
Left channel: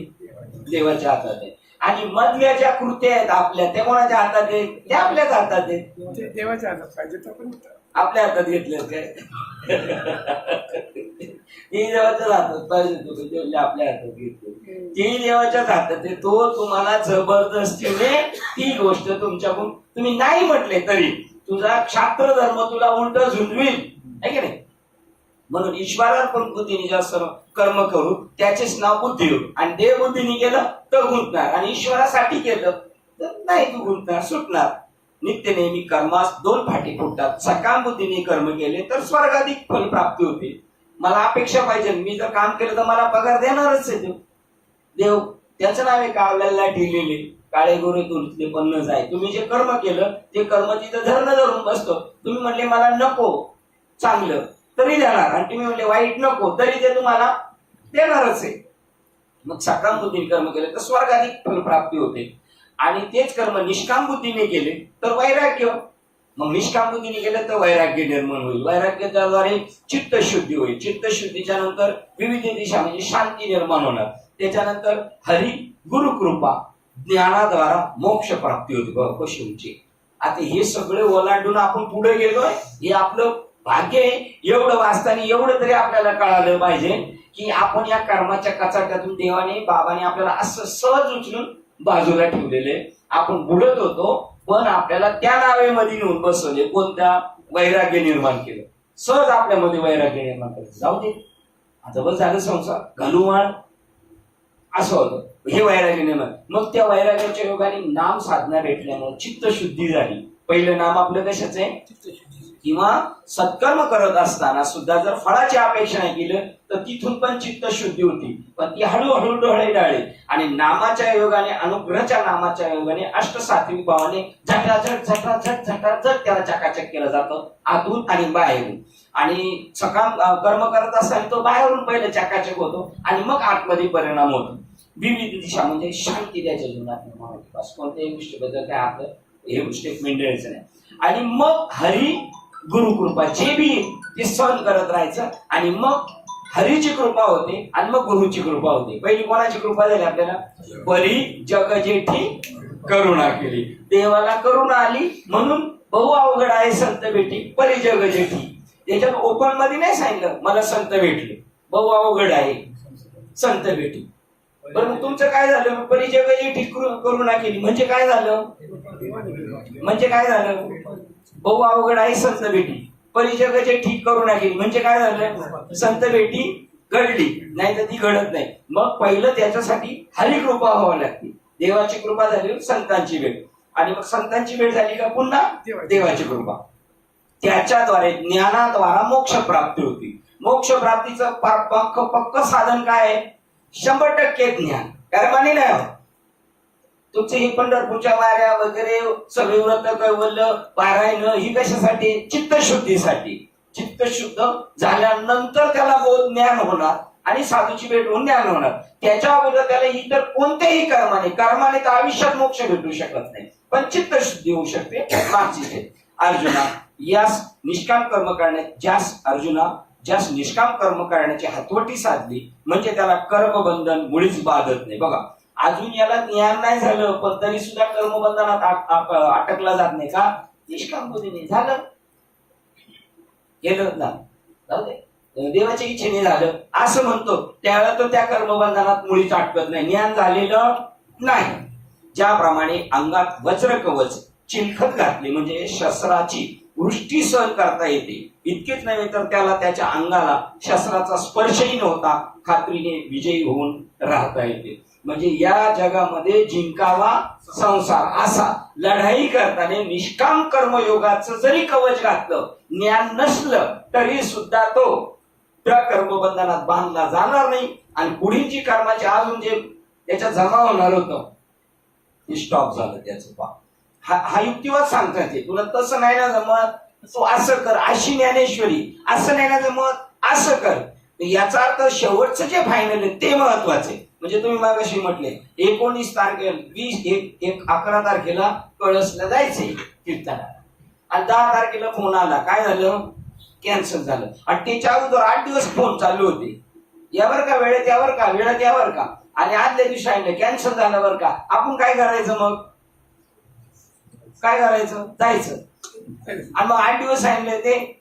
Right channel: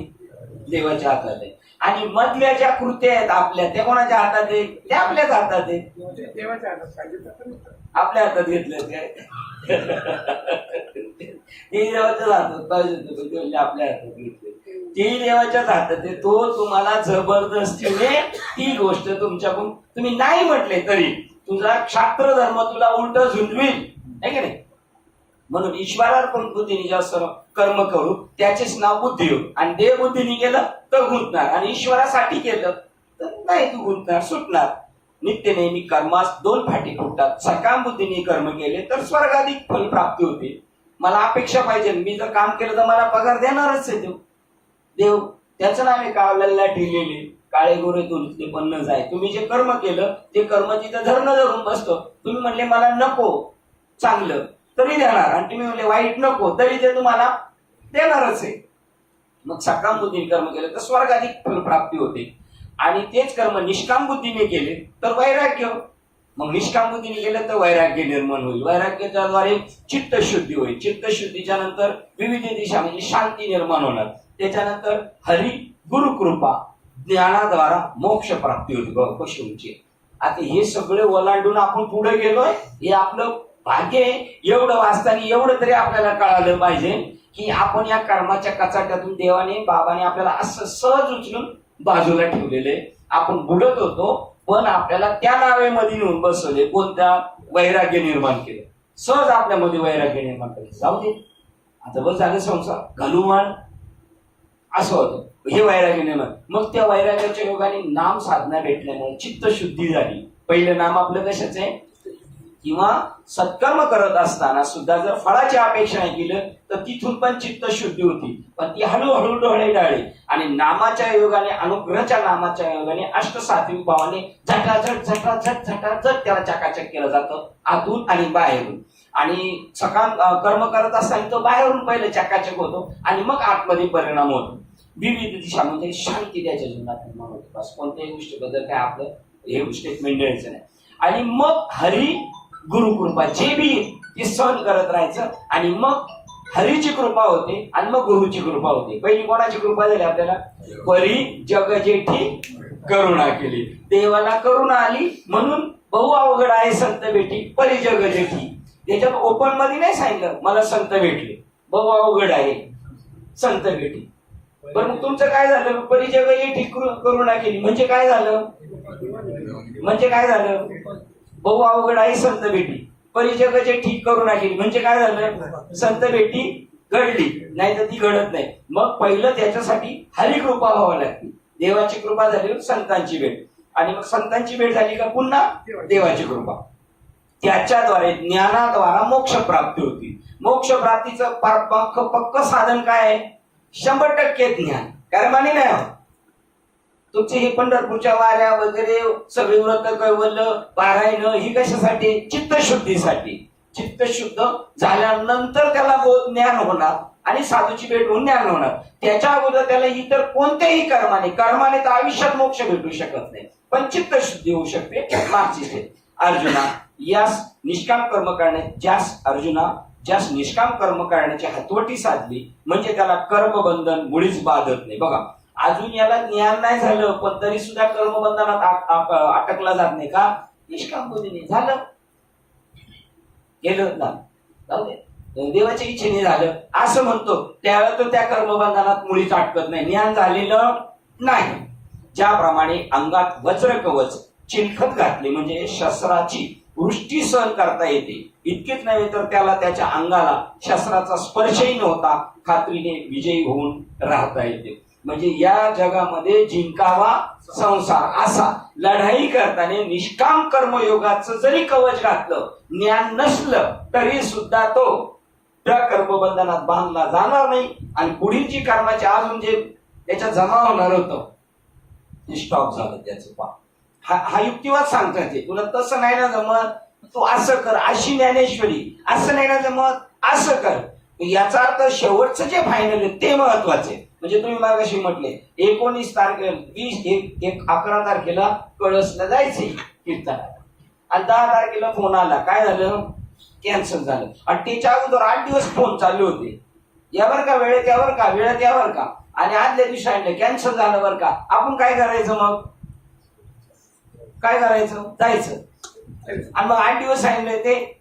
देवाच्या हातात आहे. आणि मधल्या ज्या कृत्या आहेत आपल्या त्या कोणाच्या हातात आहे? त्या आपल्याच हातात आहे. ते देवाच्या हातात पाहिजे तर पण आपल्या हातात घेतलं काय? ते देवाच्याच हातात पाहिजे म्हणजे आपल्या हातात घेतले, ते देवाच्याच हातात आहे. तो तुम्हाला जबरदस्तीने ती गोष्ट तुमच्याकडून तुम्ही नाही म्हटले तरी तुझा क्षात्र धर्म तुला उलट झुंजवील, आहे की नाही? म्हणून ईश्वरार्पण बुद्धीने जास्त कर्म करू त्याचेच नाव बुद्धी होईल. आणि देवबुद्धीने केलं तर गुंतणार, आणि ईश्वरासाठी केलं तर नाही तू गुंतणार, सुटणार. नित्य नेहमी कर्मास दोन फाटी फुटतात. सकाम बुद्धीने कर्म केले तर स्वर्गाधिक फल प्राप्ती होते. मला अपेक्षा पाहिजे, मी जर काम केलं तर मला पगार देणारच आहे देव. त्याचं नाव आहे का लल्लाटी लिहिली काळे गोरे तुझे पण न जाय. तुम्ही जे कर्म केलं ते कर्म तिथं धरणं धरून बसतो. तुम्ही म्हणले मला नको चांगलं तरी देणार, आणि तुम्ही म्हणले वाईट नको तरी ते तुम्हाला देणारच आहे. मग सकाम बुद्धीने कर्म केले तर स्वर्गाधिक फल प्राप्ती होते. आणि तेच कर्म निष्काम बुद्धीने केले तर वैराग्य. मग निष्काम बुद्धीने केलं तर वैराग्य निर्माण होईल. वैराग्याद्वारे चित्तशुद्धी होईल. चित्तशुद्धीच्या नंतर विविध दिशा म्हणजे शांती निर्माण होणार. त्याच्यानंतर हरी गुरुकृपा ज्ञानाद्वारा मोक्ष प्राप्ती होती पशुंची. आता हे सगळे ओलांडून आपण पुढे गेलोय, हे आपलं भाग्य आहे. एवढं वाचताना एवढं तरी आपल्याला कळालं पाहिजे की आपण या कर्माच्या कचाट्यातून देवाने बाबाने आपल्याला असं सहज उचलून बाजूला ठेवलेले. आपण बुडत होतो पण आपल्याला त्या नावेमध्ये नेऊन बसवले. कोणत्या? वैराग्य निर्माण केलं. सहज आपल्यामध्ये वैराग्य निर्माण केलं. जाऊ दे आता बस झालं संसार घालूमाळ असं होतं. हे वैराग्य निर्माण. मग त्या वैराग्याच्या योगाने नाम साधना भेटल्यामुळे चित्तशुद्धी झाली. पहिलं नाम आपलं कशाचं आहे? किंवा सत्कर्म करत असताना सुद्धा जर फळाची अपेक्षा नाही केलं तर तिथून पण चित्तशुद्धी होती, पण ती हळूहळू डोळे डाळे. आणि नामाच्या योगाने, अनुग्रहाच्या नामाच्या योगाने अष्टसात्विक भावाने झटाझट झटाझट झटाझट त्याला चकाचक केलं जातं आतून आणि बाहेरून. आणि सकाम कर्म करत असताना तो बाहेरून पहिलं चकाचक होतो आणि मग आतमध्ये परिणाम होतो. विविध दिशा म्हणजे शांती त्याच्या जीवनात निर्माण होते. बस कोणत्याही गोष्टीबद्दल काय आपलं हे स्टेटमेंट द्यायचं नाही. आणि मग हरी गुरुकृपा जे बी ते सहन करत राहायचं. आणि मग हरीची कृपा होते आणि मग गुरुची कृपा होते. पहिली कोणाची कृपा झाली आपल्याला? परी जग जेठी करुणा केली. देवाला करुणा आली म्हणून बहु अवघड आहे संत भेटी परी जग जेठी. त्याच्यात ओपन मध्ये नाही सांगितलं मला संत भेटले, बहु अवघड आहे संत भेटी. बरं मग तुमचं काय झालं? परी जग जेठी करुणा केली म्हणजे काय झालं? म्हणजे काय झालं? बहु अवघड आहे संत भेटी. परिजगाचे ठीक करुणा केली म्हणजे काय झालं? संत भेटी घडली, नाही तर ती घडत नाही. मग पहिलं त्याच्यासाठी हरी कृपा व्हावी लागते. देवाची कृपा झाली संतांची भेट, आणि मग संतांची भेट झाली का पुन्हा देवाची कृपा. त्याच्याद्वारे ज्ञानाद्वारा मोक्ष प्राप्ती होती. मोक्ष प्राप्तीचं पक्क साधन काय आहे? 100% ज्ञान. कर्माने नाही होत. तुमचे हे पंढरपूरच्या वाऱ्या वगैरे सगळे व्रत कैवल्य पारायण ही कशासाठी? चित्तशुद्धीसाठी. चित्तशुद्ध झाल्यानंतर त्याला बोध ज्ञान होणार आणि साधूची भेट होऊन ज्ञान होणार. त्याच्या अगोदर त्याला इतर कोणत्याही कर्माने तर आयुष्यात मोक्ष भेटू शकत नाही, पण चित्तशुद्धी होऊ शकते मागची. अर्जुना यास निष्काम कर्म ज्यास निष्काम कर्म करण्याची हतवटी साधली म्हणजे त्याला कर्मबंधन मुळीच बाधत नाही. बघा अजून याला ज्ञान नाही झालं पण तरी सुद्धा कर्मबंधनात अटकला जात नाही का? निष्काम बुद्धीने झालं केलं ना, जाऊ दे देवाच्या इच्छेने झालं असं म्हणतो त्यावेळेला तर त्या कर्मबंधनात मुळीच अटकत नाही. ज्ञान झालेलं नाही. ज्याप्रमाणे अंगात वज्र कवच चिलखत घातली म्हणजे शस्त्राची वृष्टी सहन करता येते, इतकेच नव्हे तर त्याला त्याच्या अंगाला शस्त्राचा स्पर्शही नव्हता खात्रीने विजयी होऊन राहता येते. म्हणजे या जगामध्ये जिंकावा संसार असा लढाई करताना निष्काम कर्मयोगाचं जरी कवच घातलं, ज्ञान नसलं तरी सुद्धा तो त्या कर्मबंधनात बांधला जाणार नाही आणि पुढील जी कर्माचे अजून जे त्याच्यात जमा होणार होतं ते स्टॉप झालं त्याचं पा. हा युक्तिवाद सांगतात ते. तुला तसं नाही ना जमत, तू असं कर, अशी ज्ञानेश्वरी, असं नाही ना जमत, असं कर. याचा अर्थ शेवटचं जे फायनल आहे ते महत्वाचे. म्हणजे तुम्ही मागाशी म्हटले 19 तारखेला 11 तारखेला कळसला जायचंय कीर्तनाला आणि 10 तारखेला फोन आला, काय झालं, कॅन्सल झालं. आणि त्याच्या अगोदर 8 दिवस फोन चालू होते, यावर का वेळेत यावर का, वेळेत यावर का, आणि आदल्या दिवशी आणलं कॅन्सल झालं बरं का. आपण काय करायचं मग, काय करायचं, जायचं. आणि मग 8 दिवस सांगितलं ते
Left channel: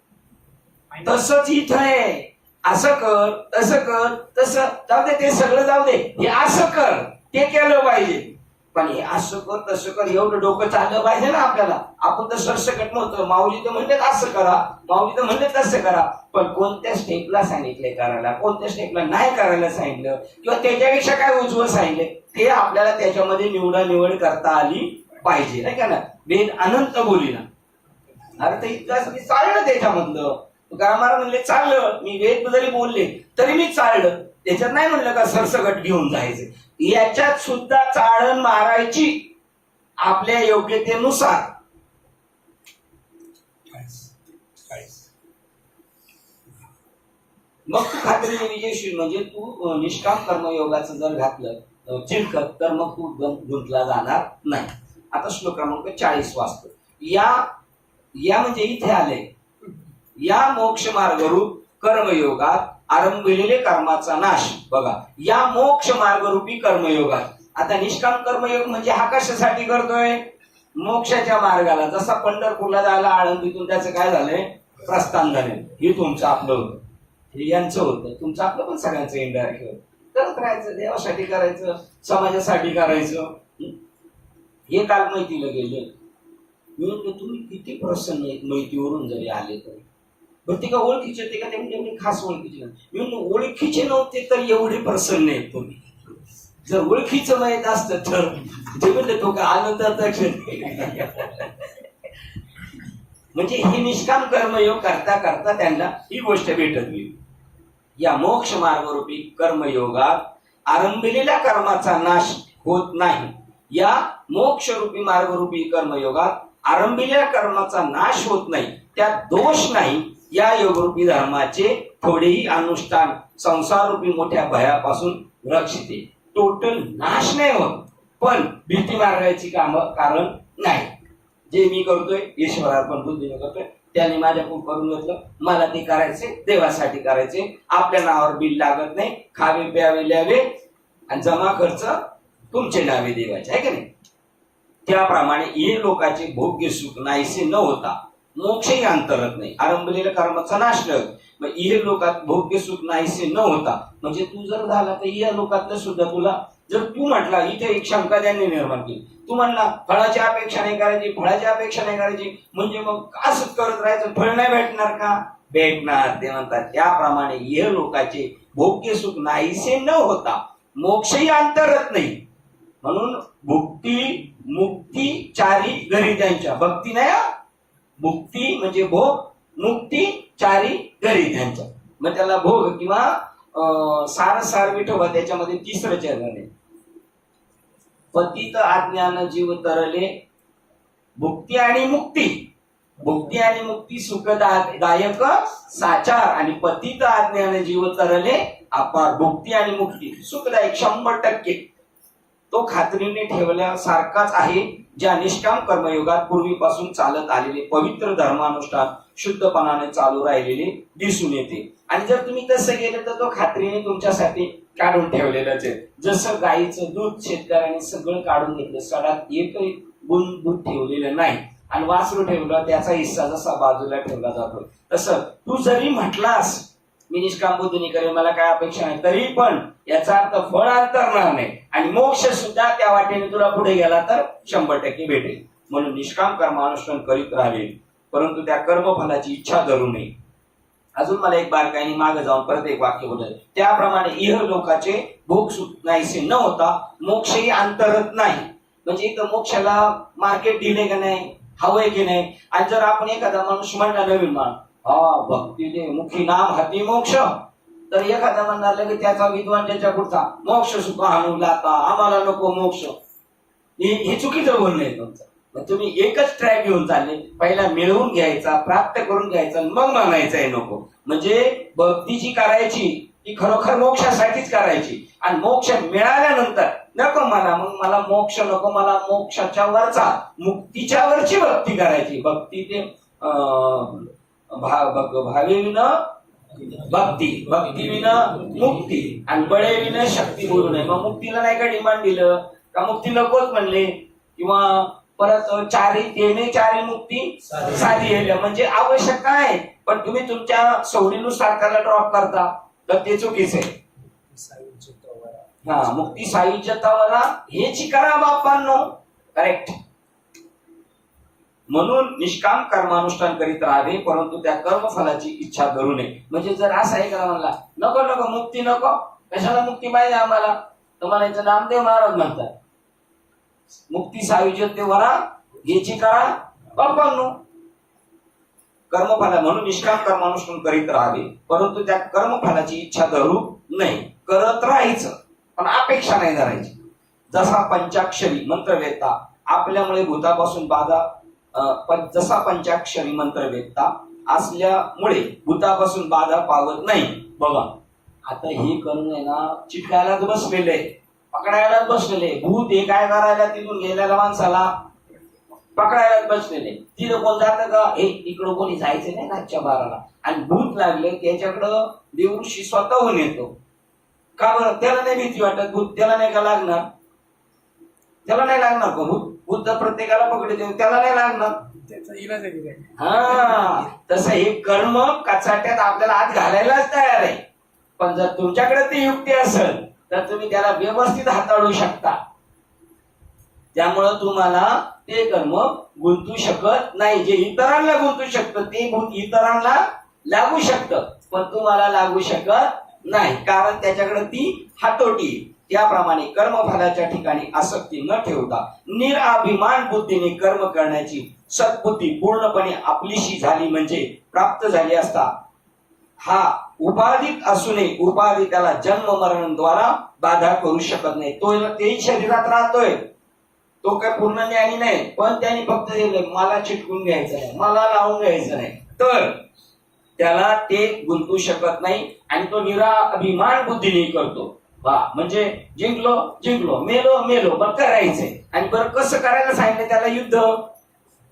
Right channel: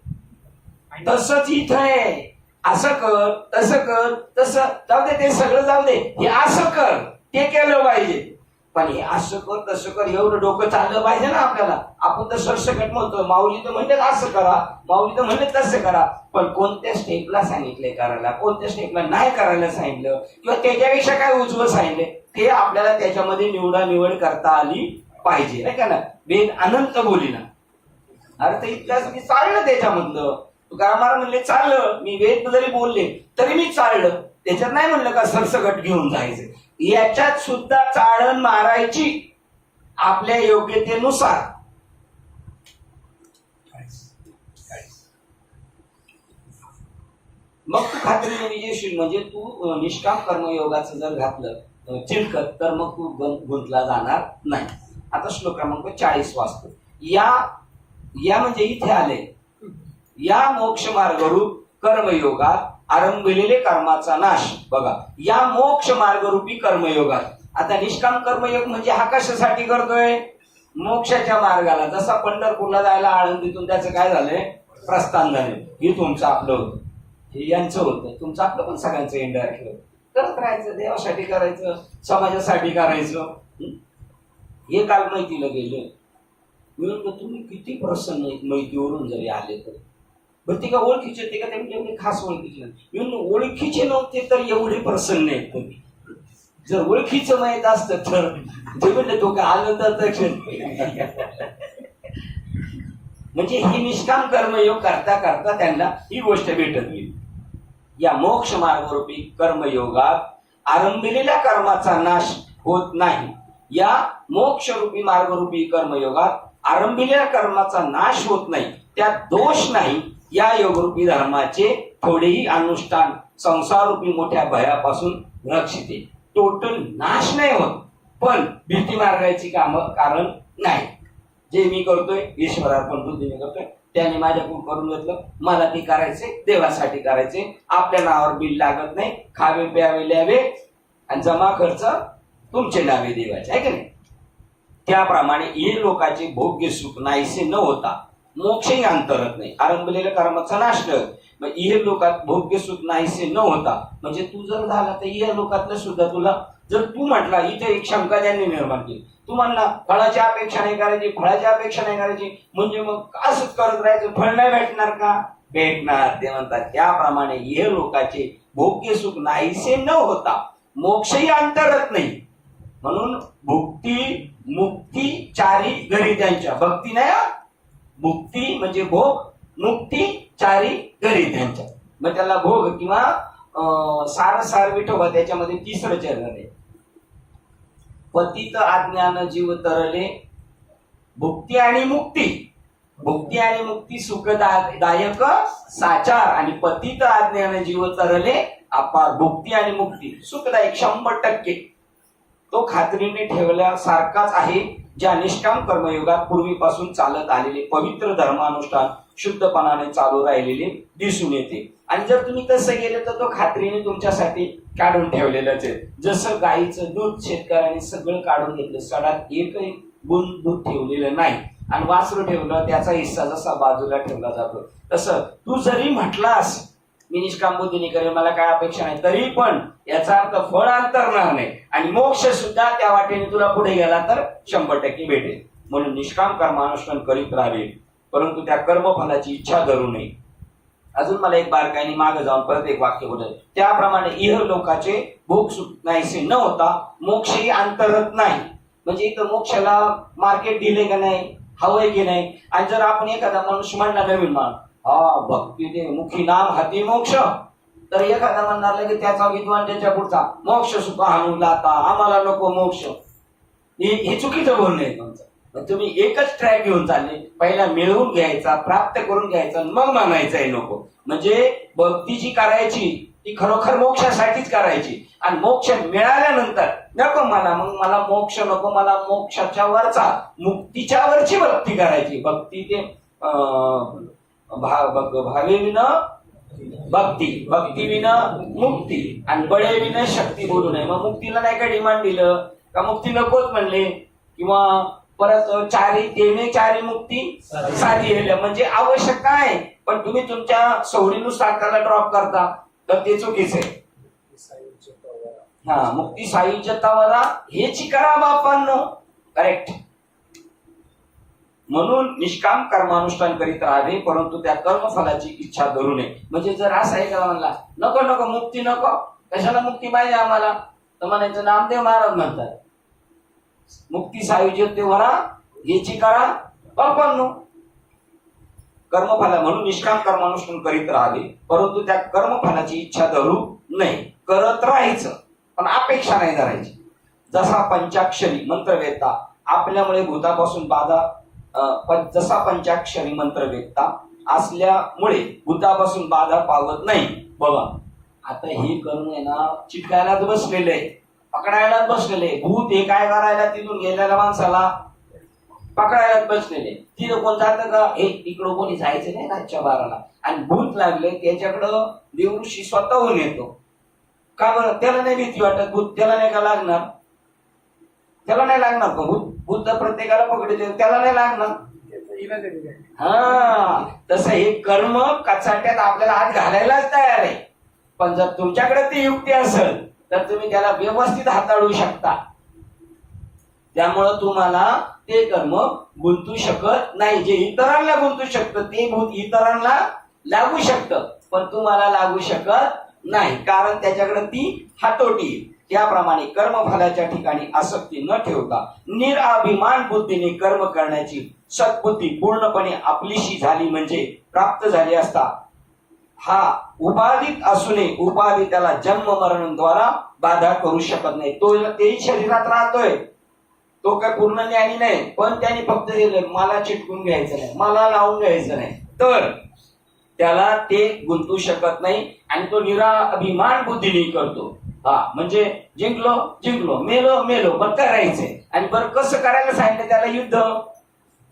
तसंच इथं आहे, असं कर, तसं कर, तसं जाऊ दे, ते सगळं जाऊ दे, हे असं कर, ते केलं पाहिजे. पण हे असं कर तसं कर एवढं डोकं चाललं पाहिजे ना आपल्याला. आपण तर सरसकट म्हणतो, माऊली तर म्हणले असं करा, माऊली तर म्हणले तसं करा, पण कोणत्या स्टेपला सांगितले करायला, कोणत्या स्टेपला नाही करायला सांगितलं, किंवा त्याच्यापेक्षा काय उजवं सांगितले ते आपल्याला त्याच्यामध्ये निवड करता आली पाहिजे, नाही का ना. वेद अनंत बोलीना अर्थ इतकाच मी चाललं त्याच्यामधलं. तुकाराम महाराज म्हणले चाललं, मी वेद जरी बोलले तरी मी चाललं, त्याच्यात नाही म्हणलं का सरसकट घेऊन जायचं. याच्यात सुद्धा चाळण मारायची आपल्या योग्यतेनुसार. मग तू खात्रीने विजयशील. म्हणजे तू निष्काम कर्मयोगाचं जर घातलं चिलखत तर मग तू गुंतला जाणार नाही. आता श्लोक क्रमांक 40 वाचतो. या म्हणजे इथे आले, या मोक्ष मार्गरूप कर्मयोगात आरंभलेले कर्माचा नाश. बघा, या मोक्ष मार्गरूपी कर्मयोगात. आता निष्काम कर्मयोग म्हणजे हा कशासाठी करतोय, मोक्षाच्या मार्गाला. जसा पंढरपूरला जायला आळंदीतून त्याचं काय झालंय, प्रस्थान झाले. हे तुमचं आपलं होतं, हे यांचं होतं, तुमचं आपलं पण सगळ्यांचं इंडायरेक्ट होतं. करत राहायचं, देवासाठी करायचं, समाजासाठी करायचं. हे काल माहितीला गेले. मी म्हणतो तुम्ही किती प्रसन्न आहेत माहितीवरून जरी आले तरी. बरं ते का ओळखीचे होते का, ते एवढे खास ओळखीचे नाही. मी म्हणतो ओळखीचे नव्हते तर एवढे प्रसन्न आहेत तुम्ही. जर ओळखीचं माहित असतं तर ते म्हणले तो का आनंदाचा क्षण. म्हणजे हे निष्काम कर्मयोग करता करता त्यांना ही गोष्ट भेटत गेली. या मोक्ष मार्गरूपी कर्मयोगात आरंभलेल्या कर्माचा नाश होत नाही. या मोक्षरूपी मार्गरूपी कर्मयोगात आरंभलेल्या कर्माचा नाश होत नाही, त्यात दोष नाही. या योगरूपी धर्माचे थोडेही अनुष्ठान संसाररूपी मोठ्या भयापासून रक्षिते. टोटल नाश नाही होत, पण भीती मार्गायची काम कारण नाही. जे मी करतोय ईश्वरार्पण बुद्धीने करतोय, त्याने माझ्याकडून करून घेतलं, मला ते करायचे, देवासाठी करायचे, आपल्या नावावर बिल लागत नाही, खावे प्यावे ल्यावे आणि जमा खर्च तुमचे नावे देवाचे, आहे की नाही. त्याप्रमाणे हे लोकांचे भोग्य सुख नाहीसे न होता मोक्षही अंतरत नाही. आरंभलेल्या कर्माचा नाश न मग इहे लोकात भोग्य सुख नाहीसे न होता. म्हणजे तू जर झाला तर या लोकातलं सुद्धा तुला, जर तू म्हटला, इथे एक शंका त्यांनी निर्माण केली, तू म्हणला फळाची अपेक्षा नाही करायची, फळाची अपेक्षा नाही करायची, म्हणजे मग असंच करत राहायचं, फळ नाही भेटणार का, भेटणार. ते म्हणतात त्याप्रमाणे इहे लोकांचे भोग्य सुख नाहीसे न होता मोक्षही अंतरत नाही. म्हणून भुक्ती मुक्ती चारी घरी त्यांच्या. भक्ती नाही, भुक्ती म्हणजे भोग, मुक्ती चारी घरी त्यांच्या. मग त्याला भोग किंवा सार विठोबा, त्याच्यामध्ये तिसरं चरण आहे. पतित अज्ञान जीव तरले भुक्ती आणि मुक्ती. भुक्ती आणि मुक्ती सुखदायक साचार आणि पतित अज्ञान जीव तरले अपार. भुक्ती आणि मुक्ती सुखदायक 100%. तो खात्रीने ठेवल्यासारखाच आहे. ज्या निष्काम कर्मयोगात पूर्वीपासून चालत आलेले पवित्र धर्मानुष्ठान शुद्धपणाने चालू राहिलेले दिसून येते. आणि जर तुम्ही तसं गेले तर तो खात्रीने तुमच्यासाठी काढून ठेवलेलंच आहे. जसं गाईचं दूध शेतकऱ्याने सगळं काढून घेतलं, सडात एकही गुण दूध ठेवलेलं नाही, आणि वासरू ठेवलं त्याचा हिस्सा जसा बाजूला ठेवला जातो, तसं तू जरी म्हटलास मी निष्काम बुद्धीने करेन, मला काय अपेक्षा नाही, तरी पण याचा अर्थ फळ अंतरणार नाही आणि मोक्ष सुद्धा त्या वाटेने तुला पुढे गेला तर 100% भेटेल. म्हणून निष्काम कर्मानुष्ठान करीत राहावे, परंतु त्या कर्मफलाची इच्छा धरू नये. अजून मला एक बारकाईने मागे जाऊन परत एक वाक्य बोलत, त्याप्रमाणे इह लोकाचे भोग सुख नाहीसे न होता मोक्षही अंतरत नाही. म्हणजे इथं मोक्षाला मार्केट दिले का नाही, हवंय की नाही. आणि जर आपण एखादा माणूस म्हणला नवीन मान, हा भक्ती दे मुखी नाम हाती मोक्ष, तर एखादा म्हणणार की त्याचा विद्वान त्याच्या पुढचा मोक्ष सुख आणून लाता, आम्हाला नको मोक्ष. हे चुकीचं बोलणं आहे तुमचं. तुम्ही एकच ट्रॅक घेऊन चालले, पहिला मिळवून घ्यायचा, प्राप्त करून घ्यायचा, मग म्हणायचं आहे नको. म्हणजे भक्ती जी करायची ती खरोखर मोक्षासाठीच करायची. आणि मोक्ष मिळाल्यानंतर नको मला, मग मला मोक्ष नको, मला मोक्षाच्या वरचा मुक्तीच्या वरची भक्ती करायची. भक्ती ते भावे विन भक्ती, भक्ती विन मुक्ती, आणि बळे विन शक्ती बोलू नये. मग मुक्तीला नाही का डिमांड दिलं का, मुक्ती नकोच म्हणले. किंवा परत चारी देणे चारी मुक्ती साधी येल्या, म्हणजे आवश्यक आहे. पण तुम्ही तुमच्या सवडीनुसार त्याला ड्रॉप करता, तर ते चुकीचं आहे. हा, मुक्ती सायुज्यतावाला हेची करा बापांनो, करेक्ट. म्हणून निष्काम कर्मानुष्ठान करीत राहावे, परंतु त्या कर्मफलाची इच्छा धरू नये. म्हणजे जर असं आहे का म्हणला नको नको मुक्ती नको, कशाला मुक्ती पाहिजे आम्हाला, तर म्हणायचं नामदेव महाराज म्हणतात मुक्ती सायुज्यतेवरा याची करा बापांनो कर्मफला. म्हणून निष्काम कर्मानुष्ठान करीत राहावे, परंतु त्या कर्मफलाची इच्छा धरू नये. करत राहायचं पण अपेक्षा नाही धरायची. जसा पंचाक्षरी मंत्रवेत्ता आपल्यामुळे भूतापासून बाधा, जसा पंचाक्षरी मंत्रवेत्ता असल्यामुळे भूतापासून बाधा पावत नाही. बघा आता हे करून आहे ना, चिटकायलाच बसलेले, पकडायलाच बसलेले. भूत हे काय करायला, तिथून गेलेल्या माणसाला पकडायलाच बसलेले. तिथं कोण जातं का, हे इकडं कोणी जायचं नाही रातच्या 12ला. आणि भूत लागले त्याच्याकडं देवऋषी स्वतःहून येतो. का बरं, त्याला नाही भीती वाटत, भूत त्याला नाही का लागणार, त्याला नाही लागणार का भूत, भूत तर प्रत्येकाला पकडते, त्याला नाही लागणार. त्याचा इलाज आहे. हा, तसं हे कर्म कचाट्यात आपल्याला आत घालायलाच तयार आहे. पण जर तुमच्याकडे ती युक्ती असेल तर तुम्ही त्याला व्यवस्थित हाताळू शकता. त्यामुळं तुम्हाला ते कर्म गुंतू शकत नाही. जे इतरांना गुंतू शकतं ते भूत इतरांना लागू शकतं, पण तुम्हाला लागू शकत नाही, कारण त्याच्याकडे ती हातोटी. त्याप्रमाणे कर्मफलाच्या ठिकाणी आसक्ती न ठेवता निराभिमान बुद्धीने कर्म करण्याची सद्बुद्धी पूर्णपणे आपलीशी झाली म्हणजे प्राप्त झाली असता. हा उपाधित असूनही उपाधी त्याला जन्म मरणाद्वारा बाधा करू शकत नाही. तो तेही शरीरात राहतोय, तो काय पूर्ण ज्ञानी नाही, पण त्याने फक्त मला चिटकून घ्यायचं नाही, मला लावून घ्यायचं नाही, तर त्याला ते गुंतू शकत नाही. आणि तो निराभिमान बुद्धीने करतो. हा, म्हणजे जिंकलो जिंकलो, मेलो मेलो, बरं करायचंय. आणि बरं कसं करायला सांगितलं त्याला, युद्ध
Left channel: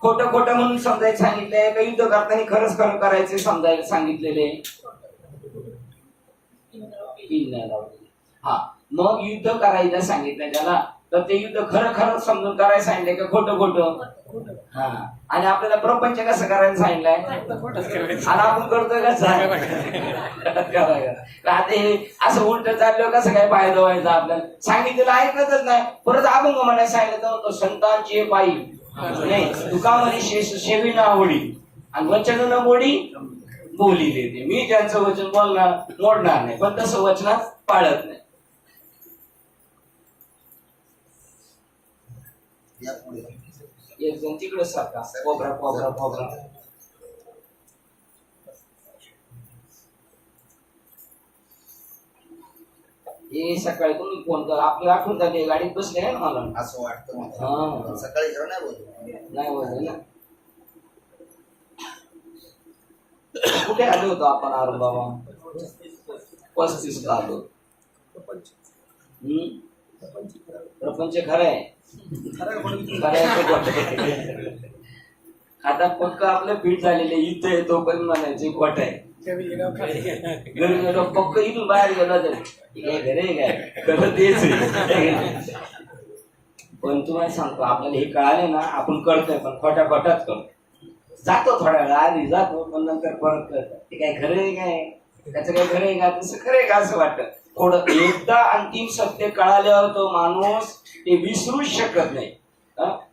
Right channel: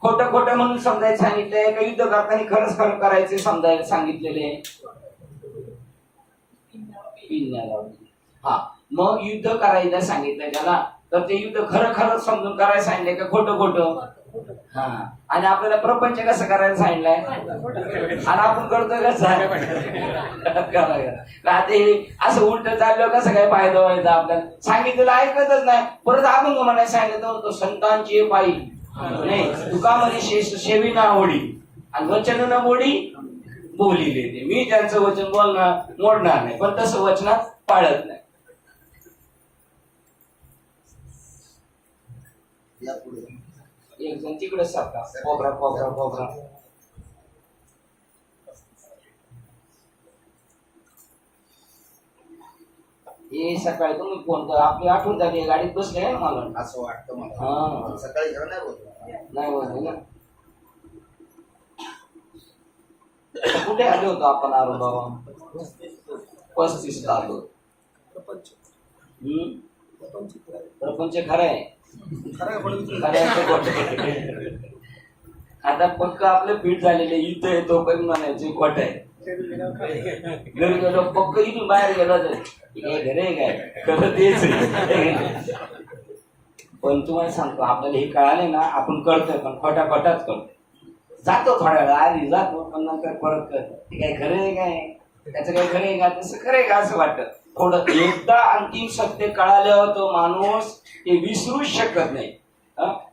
खोटं खोटं म्हणून समजायला सांगितलंय का, युद्ध करताना खरंच खरं करायचे समजायला सांगितलेले. हा, मग युद्ध करायला सांगितलं त्याला, तर ते युद्ध खरं खरं समजून करायला सांगितलंय का खोटं खोटं. हा, आणि आपल्याला प्रपंच कसं करायला सांगितलंय, आणि आपण करतोय कसं आता हे असं उलट चाललं कसं काय फायदा व्हायचा. आपल्याला सांगितलेलं ऐकतच नाही, परत अभंग म्हणायला सांगितलं तर संतांची पायी नाही, तुका म्हणे शेष शेवी ना होडी, आणि वचन न मोडी बोली देते. मी त्यांचं वचन बोलणार मोडणार नाही, पण तसं वचनात पाळत नाही. एक जण तिकडे सारखा कोबरा कोबरा कोबरा. हे सकाळी तुम्ही फोन कर, आपली आठवण झाली, गाडीत बसले ना मला असं वाटतं हा. मला. सकाळी खरं नाही बोलतो. नाही बोलले ना. कुठे आलो होतो आपण अरुण बाबा, 35 ला आलो. प्रपंच खरं आहे, आता पक्क आपलं पीठ झालेले युद्ध आहे, तो पण म्हणायचे खोट आहे. घरी गेलो पक्क, इथून बाहेर गेला तर घरे काय करत तेच. पण तुम्हाला सांगतो, आपल्याला हे कळाले ना, आपण करतोय पण खोटा खोटाच करतो. जातो थोड्या वेळा आधी जातो, पण नंतर परत करतो. ते काय खरं आहे काय, त्याचं काय खरं आहे का, तसं खरं आहे का असं वाटतं. थोडं एकदा अंतिम सत्य कळालं तो माणूस ते विसरूच शकत नाही.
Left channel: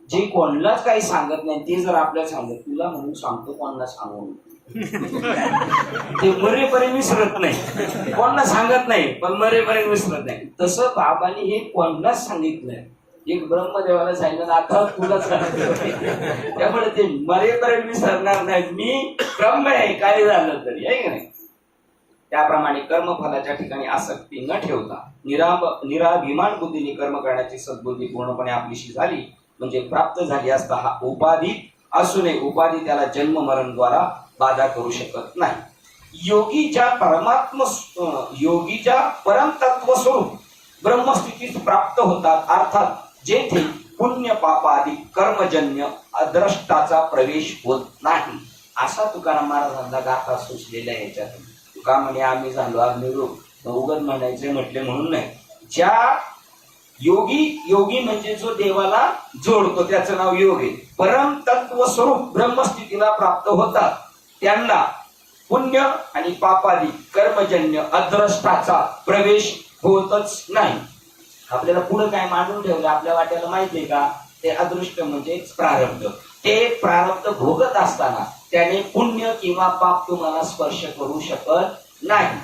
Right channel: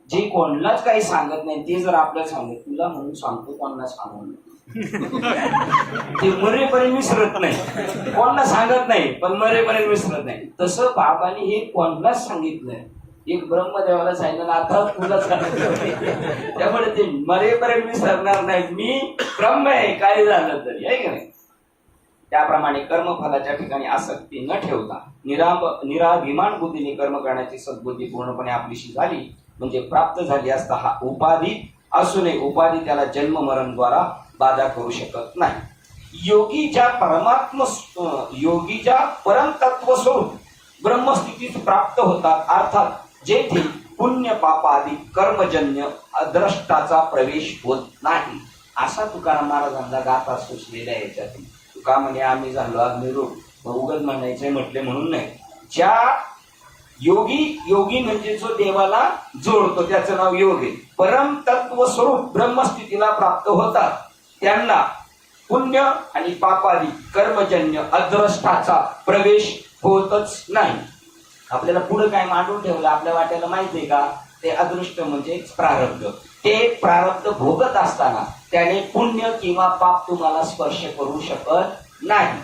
जे कोणालाच काही सांगत नाही ते जर आपल्याला सांगत, तुला म्हणून सांगतो कोणाला सांगून, ते मरेपर्यंत विसरत नाही, कोणाला सांगत नाही पण मरेपर्यंत विसरत नाही. तसं बाबांनी हे कोणालाच सांगितलंय. एक ब्रह्मदेवाला सांगितलं, आता तुला सांगितलं, त्यामुळे ते मरेपर्यंत विसरणार नाहीत. मी ब्रह्म आहे काय झालं तरी, आहे की नाही. त्याप्रमाणे कर्मफलाच्या ठिकाणी आसक्ती न ठेवता निराभिमान बुद्धीने कर्म करण्याची सद्बुद्धी पूर्णपणे आपलीशी झाली म्हणजे प्राप्त झाली असता हा उपाधी असूनही उपाधी त्याला जन्म मरण द्वारा बाधा करू शकत नाही. योगीच्या परमतत्व स्वरूप ब्रह्मस्थितीत प्राप्त होतात, अर्थात जेथे पुण्य पापादी कर्मजन्य अद्रष्टाचा प्रवेश होत नाही, असा तुकाराम महाराजांचा गाथा सुचलेल्या याच्यातून. तुका म्हणे आम्ही झालो अग्निरूप, उगत म्हणायचे म्हटले म्हणून नाही. ज्या योगी म्हणजे जो देवाला जोडतो त्याचं नाव योग आहे. परम तत्व स्वरूप ब्रह्मस्थितीला प्राप्त होतात त्यांना पुण्य आणि पापादी कर्मजन्य अद्रष्टाचा प्रवेश होतच नाही. आपल्याला पुढे काय मांडून ठेवलं आपल्या वाट्याला माहितीये का, ते अदृष्ट म्हणजे प्रारब्ध. ते प्रारब्ध भोगत असताना त्याने पुण्य किंवा पाप तुम्हाला स्पर्श करू शकत नाही.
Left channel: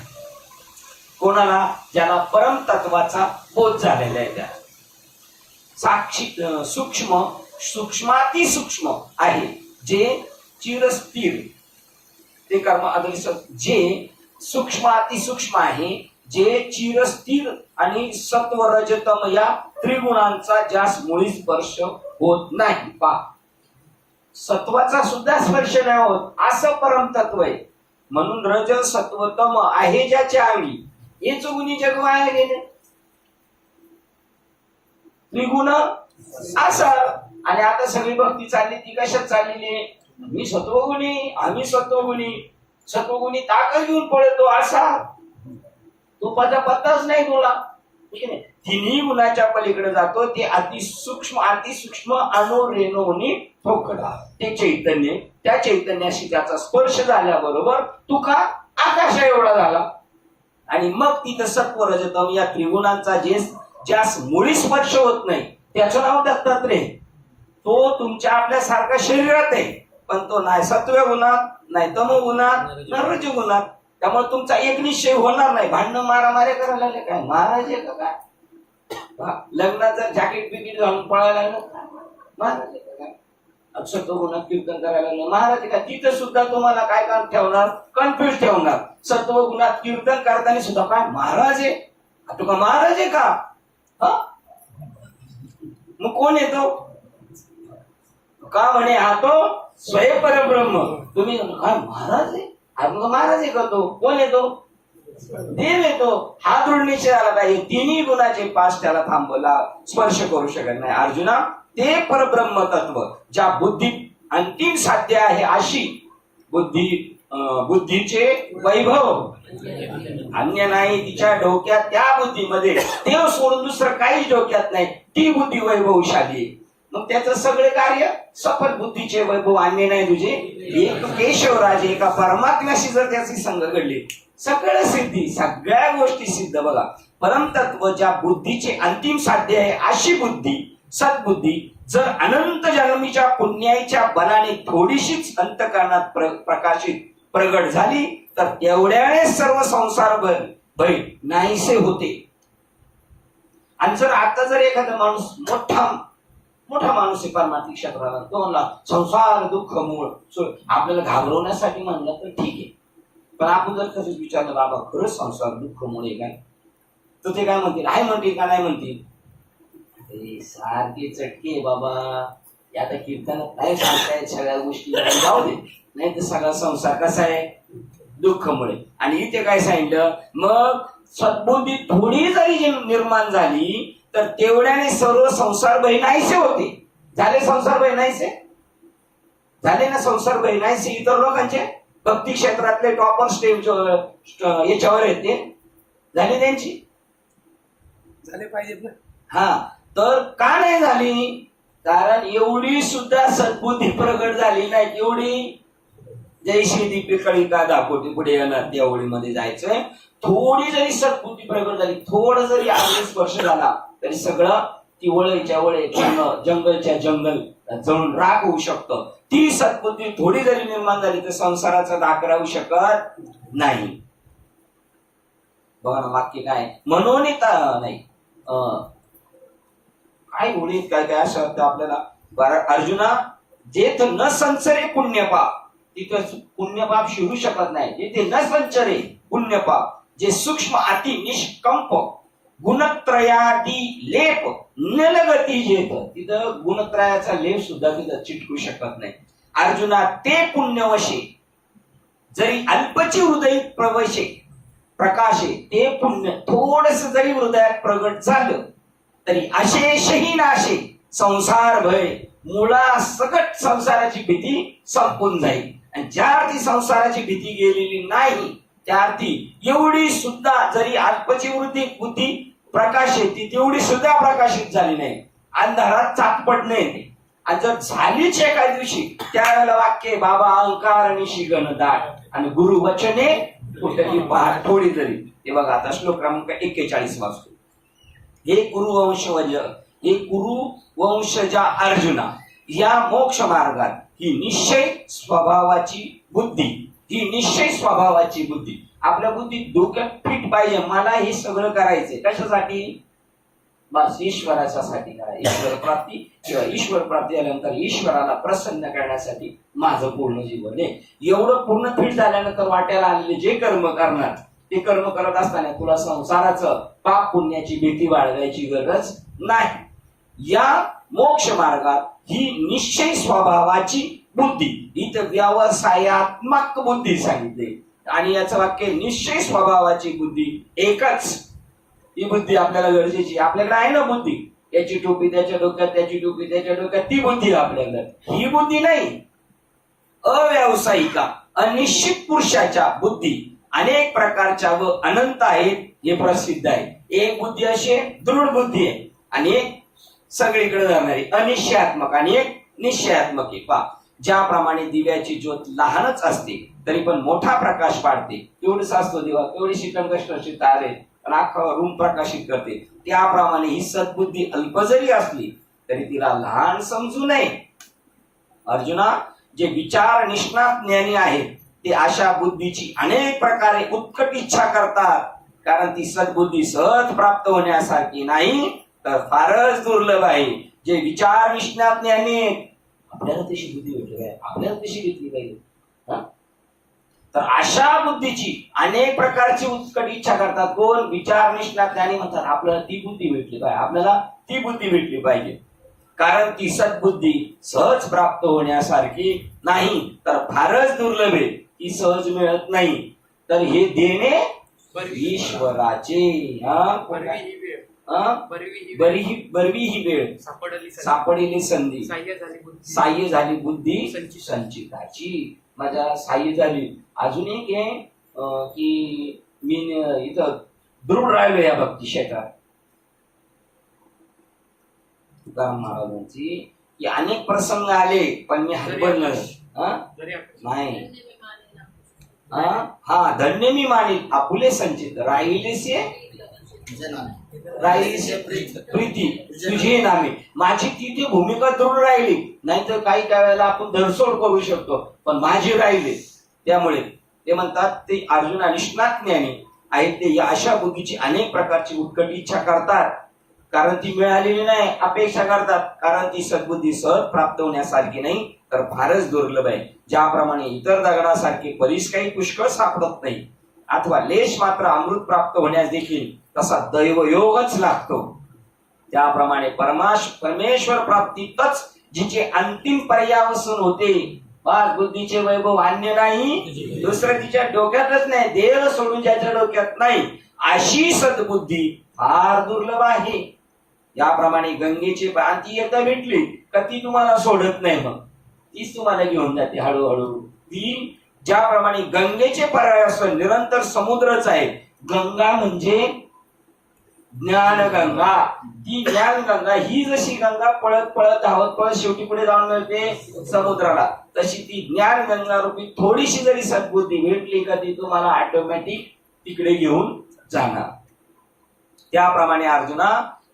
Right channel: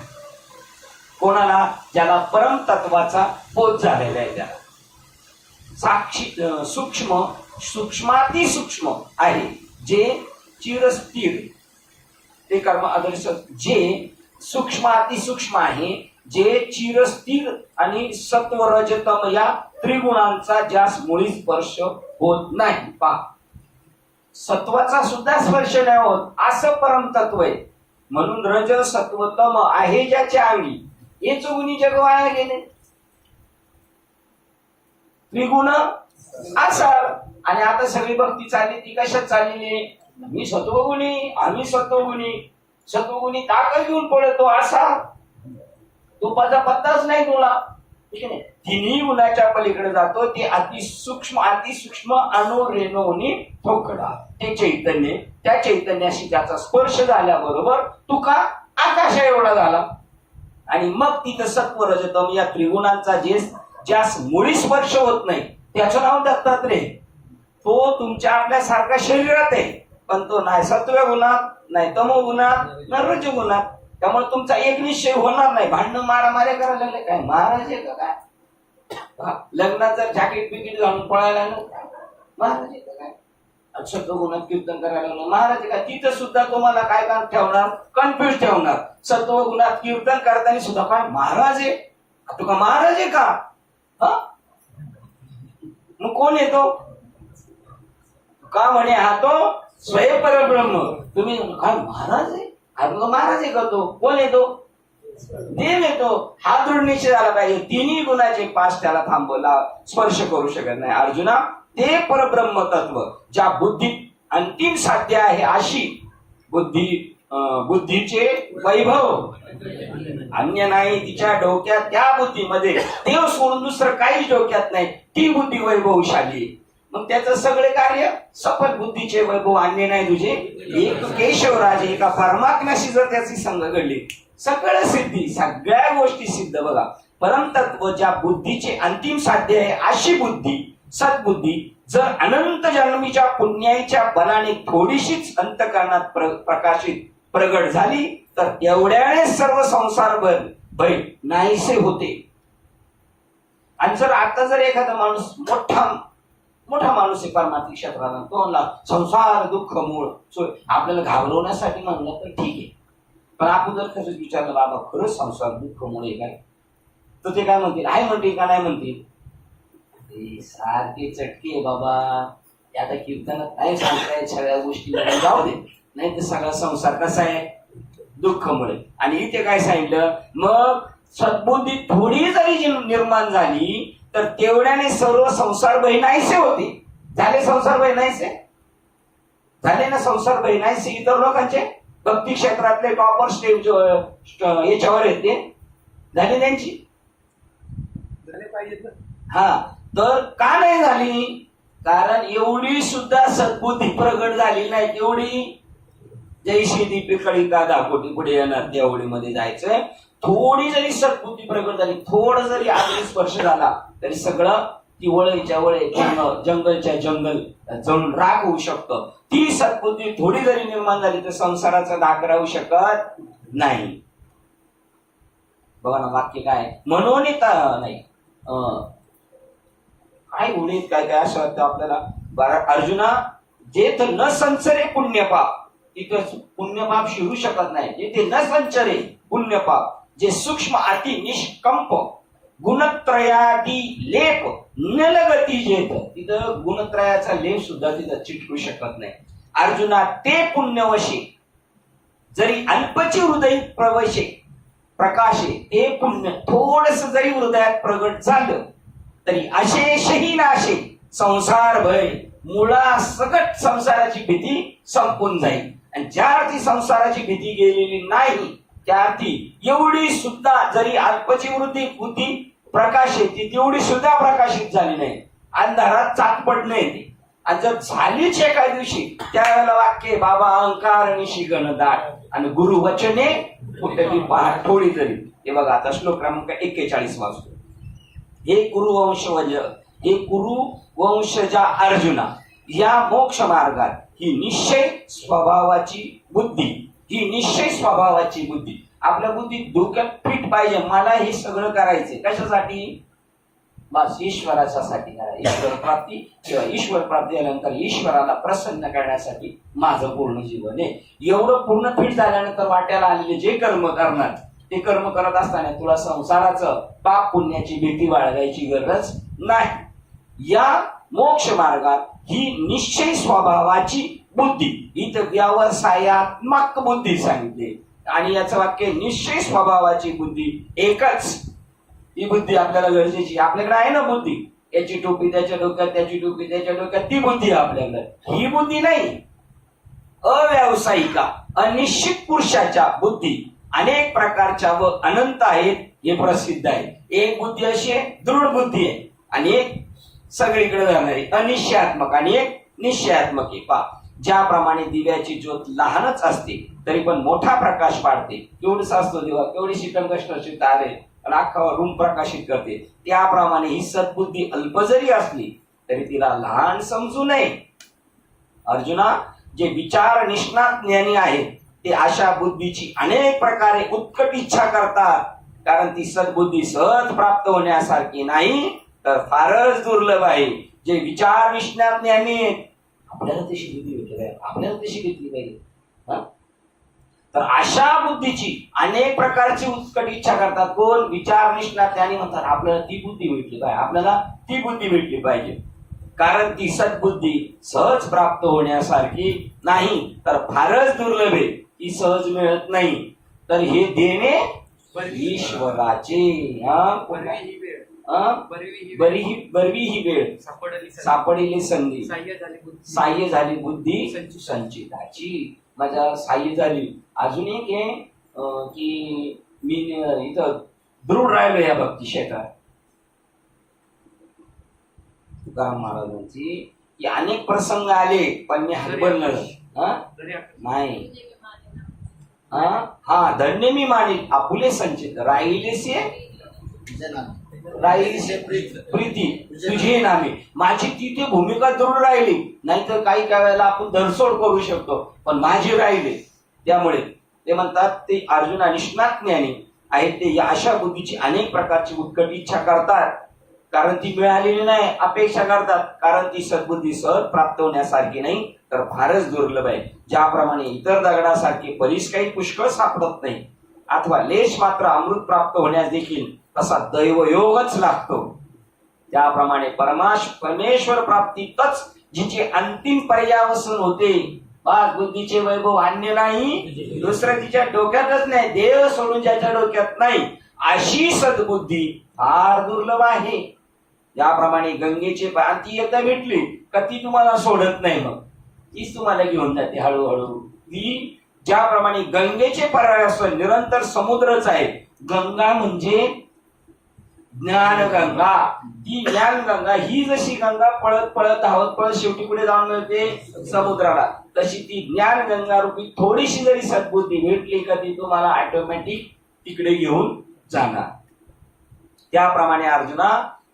कोणाला? ज्याला परम तत्वाचा बोध झालेला आहे त्याला. साक्षी सूक्ष्माती सूक्ष्म आहे जे चिरस्थिर, ते कर्म अदृश्य. जे सूक्ष्माती सूक्ष्म आहे जे चिरस्थिर आणि सत्व रजतम या त्रिगुणांचा ज्यास मुळी स्पर्श होत नाही. पहा, सत्वाचा सुद्धा स्पर्श नाही होत असं परम तत्व आहे. म्हणून रज सत्वतम आहे ज्याच्या अंगी हे चुगुनी जग वाया गेले. त्रिगुण असा. आणि आता सगळी भक्ती चालली ती कशात चाललेली? मी सत्वगुणी, आम्ही सत्वगुणी. सत्वगुणी ताकद घेऊन पळतो असा तुपाचा पत्ताच नाही तुला, ठीक आहे. तिन्ही गुणाच्या पलीकडे जातो. ते अतिसूक्ष्म अणुरेणूनी ठोकडा ते चैतन्य. त्या चैतन्याशी त्याचा स्पर्श झाल्याबरोबर तुका आकाशा एवढा झाला. आणि मग तिथं सत्व रजतम या त्रिगुणांचा ज्यास मुळी स्पर्श होत नाही त्याचं नाव दत्तात्रेय. तो तुमच्या आपल्यासारखा शरीरात आहे पण तो नाही सत्व गुणात, नाही तमो गुणात, नाही रज गुणात. त्यामुळे तुमचा एक निश्चय होणार नाही. भांडणं मारामाऱ्या करायला लागले काय महाराज आहे का काय? लग्नात जर जॅकेट बिकेट घालून पळायला लागलो महाराज आहे का काय? सत्वगुणात कीर्तन करायला लागलो महाराज आहे का? तिथं सुद्धा तुम्हाला काय काम ठेवणार? कन्फ्युज ठेवणार. सत्वगुणात कीर्तन करताना सुद्धा काय महाराज आहे? तुका महाराज आहे का? मग कोण येतो? का म्हणे हा तो स्वयंपरब्रह्म. तुम्ही काय महाराज आहे? महाराज आहे का? तो कोण येतो? देव येतो. हा दृढ निश्चय झाला पाहिजे. तिन्ही गुणाचे पास त्याला थांबवला स्पर्श करू शकत नाही. अर्जुना, ते परब्रह्म तत्व ज्या बुद्धीत अंतिम साध्य आहे अशी बुद्धीचे वैभव अन्य नाही तिच्या डोक्यात. त्या बुद्धीमध्ये देव सोडून दुसरं काहीच डोक्यात नाही. ती बुद्धी वैभवशाली. मग त्याचं सगळे कार्य सफल बुद्धीचे वैभव अन्य नाही तुझे. एक केशवराजे एका परमात्म्याशी जर त्याची संग घडली सगळं सिद्धी, सगळ्या गोष्टी सिद्ध. बघा, परमतत्व ज्या बुद्धीचे अंतिम साध्य आहे अशी बुद्धी सद्बुद्धी जर अनंत जन्मीच्या पुण्याच्या बलाने थोडीशीच अंतःकरणात प्रकाशित प्रगट झाली तर एवढ्याने सर्व संसार भय नाहीसे होते. आणि जर आता जर एखादा माणूस मोठा माणूस आहे परमात्मिक क्षेत्राला, तो म्हणला संसार दुःख मूळ, आपल्याला घाबरवण्यासाठी म्हणलं तर ठीक आहे. पण आपण जर खरंच विचारलं बाबा खरंच संसार दुःख मूळ आहे काय, तर ते काय म्हणतील? आहे म्हणतील का नाही म्हणतील? सारखे चटके बाबा. आता कीर्तनात नाही सांगतायत सगळ्या गोष्टी, जाऊ दे. नाही तर सगळा संसार कसा आहे? दुःखमुळे. आणि इथे काय सांगितलं? मग सद्बुद्धी थोडी जरी निर्माण झाली तर तेवढ्याने सर्व संसार भय नाहीसे होते. झाले संसार भय नाहीसे? झाले ना संसार भय नाहीसे. इतर लोकांचे भक्ती क्षेत्रातले टॉपर स्टेज याच्यावर येते झाली त्यांची, झाले पाहिजेत ना. हा, तर का नाही झाली? कारण एवढी सुद्धा सद्बुद्धी प्रगट झाली नाही. तेवढी जैशी दीपी कळी का दाखवते पुढे येणार तेवढीमध्ये जायचंय. थोडी जरी सद्बुद्धी प्रगट झाली, थोडं जरी आग्ने स्पर्श झाला तरी सगळं ती वळेच्या वळे जंगलच्या जंगल जळून राख होऊ शकतं. ती सद्बुद्धी थोडी जरी निर्माण झाली तर संसाराचा धाक राहू शकत नाही. बघा ना वाक्य काय म्हणून नाही काय उडीत काय काय असं वाटतं आपल्याला. अर्जुना जेथ न संचरे पुण्यपाप, तिथं पुण्यपाप शिरू शकत नाही. जेथे न संचरे पुण्यपाप, जे सूक्ष्म अति निष्कंप गुणत्रयादी लेप न लगती जेथ, तिथं गुणत्रयाचा लेप सुद्धा तिथं चिटकू शकत नाही. अर्जुना ते पुण्यवशे जरी अल्पची हृदय प्रवशे प्रकाशे, ते पुण्य थोडस जरी हृदयात प्रगट झालं तरी अशेषही नाशे संसार भय, मुळा सकट संसाराची भीती संपून जाईल. आणि ज्या अर्थी संसाराची भीती गेलेली नाही त्या अर्थी एवढी सुद्धा जरी अल्पची बुद्धी प्रकाशित ती तेवढी सुद्धा प्रकाशित झाली नाही. अंधारात चाकपडणं येते. आणि जर झालीच एका दिवशी त्यावेळेला वाक्य बाबा अहंकार निशी गणदाट आणि गुरु वचने कुठली पहाट थोडी तरी. हे बघा आता श्लोक क्रमांक 41 वाचतो. हे कुरु वंशजा अर्जुना, या मोक्ष मार्गात ही निश्चय स्वभावाची बुद्धी आपल्या बुद्धीत डोक्यात फिट पाहिजे. मला हे सगळं करायचंय कशासाठी? बस ईश्वराच्यासाठी करा. ईश्वर प्राप्ती किंवा ईश्वर प्राप्ती झाल्यानंतर ईश्वराला प्रसन्न करण्यासाठी माझं पूर्ण जीवन आहे. एवढं पूर्ण फिट झाल्यानंतर वाट्याला आलेले जे कर्म करणार ते कर्म करत असताना तुला संसाराचं पाप पुण्याची भीती बाळगायची गरज नाही. या मोक्ष मार्गात ही निश्चय स्वभावाची बुद्धी, इथं व्यवसायात्मक बुद्धी सांगितली आणि याचं वाक्य निश्चय स्वभावाची बुद्धी एकच. ही बुद्धी आपल्याला गरजेची. आपल्याकडे आहे ना बुद्धी, याची टोपी त्याच्या डोक्यात, त्याची टोपी त्याच्या डोक्यात, ती बुद्धी आपल्याकडे. ही बुद्धी नाही. अव्यावसायिका अनिश्चित पुरुषाच्या बुद्धी अनेक प्रकारच्या व अनंत आहेत हे प्रसिद्ध आहे. एक बुद्धी अशी आहे दृढ बुद्धी आहे आणि एक सगळीकडे जाणारी अनिश्चयात्मक आणि एक निश्चयात्मक आहे. पा ज्याप्रमाणे दिव्याची ज्योत लहानच असते तरी पण मोठा प्रकाश पाडते, केवढसा असतो दिवा, केवढीशी टंकष्ट तारे आणि अख्खा रूम प्रकाशित करते, त्याप्रमाणे ही सद्बुद्धी अल्प जरी असली तरी तिला लहान समजू नये. अर्जुना, जे विचार निष्णात ज्ञानी आहेत ते अशा बुद्धीची अनेक प्रकारे उत्कट इच्छा करतात, कारण ती सद्बुद्धी सहज प्राप्त होण्यासारखी नाही तर फारच दुर्लभ आहे. जे विचार निष्णात ज्ञानी आहेत, आपल्याला तशी बुद्धी भेटली पाहिजे, आपल्याला तशी घेतली पाहिजे, तर अशा बुद्धीची अनेक प्रकारची उत्कट इच्छा करतात. कोण? विचार निष्णात ज्ञानी म्हणतात आपल्याला ती बुद्धी भेटली पाहिजे, आपल्याला ती बुद्धी भेटली पाहिजे, कारण ती सद्बुद्धी सहज प्राप्त होण्यासारखी नाही तर फारच दुर्लभ आहे. ती सहज मिळत नाही. तर हे देणे ईश्वराचे. बरवी ही वेळ सापडली संधी, साह्य झाली बुद्धी संचिताची. माझ्या साह्य झाली. अजून एक आहे की मी इथं दृढ राहिलो या भक्ती क्षेत्रात. तुकाराम महाराजांची की अनेक प्रसंग आले पण मी हरबडलो नाही. हा धन्य मी मानील आपुले संचित, राहिलेसे प्रीती तुझे नामे. माझी तिथे भूमिका दृढ राहिली, नाहीतर काही काही वेळेला आपण धरसोड करू शकतो, पण माझी राहिली. त्यामुळे ते म्हणतात ते अर्जुन निष्णात ज्ञानी आहेत ते या अशा बुद्धीची अनेक प्रकारची उत्कट इच्छा करतात, कारण ती मिळालेली नाही. अपेक्षा करतात कारण ती सद्बुद्धी सहज प्राप्त होण्यासारखी नाही तर फारच दुर्लभ आहे. ज्याप्रमाणे इतर दगडासारखे बरीच काही पुष्कळ सापडत नाही अथवा लेश मात्र अमृत प्राप्त होण्यास देखील तसा दैवयोगच लागतो, त्याप्रमाणे परमेश्वर प्राप्तीतच जिचे अंतिम पर्यावसन होते. बस बुद्धीचे वैभव अन्य नाही, दुसरं तिच्या डोक्यातच नाही, देव सोडून ज्याच्या डोक्यात नाही अशी सद्बुद्धी फार दुर्लभ आहे. याप्रमाणे गंगेचे ती एकदा भेटली का ती तुम्हाला सोडत नाही, मग तीच तुम्हाला घेऊन जाते हळूहळू. ती ज्याप्रमाणे गंगेचे पर्यावसन निरंतर समुद्रच आहे. गंगा म्हणजे ज्ञानगंगा. ती ज्ञानगंगा ही जशी गंगा पळत पळत धावत पळत शेवटी पुढे जाऊन मिळते समुद्राला, तशी ती ज्ञानगंगा रूपी थोडीशी जरी सद्बुद्धी भेटली का ती तुम्हाला ऑटोमॅटिक तिकडे घेऊन जाणार. त्याप्रमाणे अर्जुना,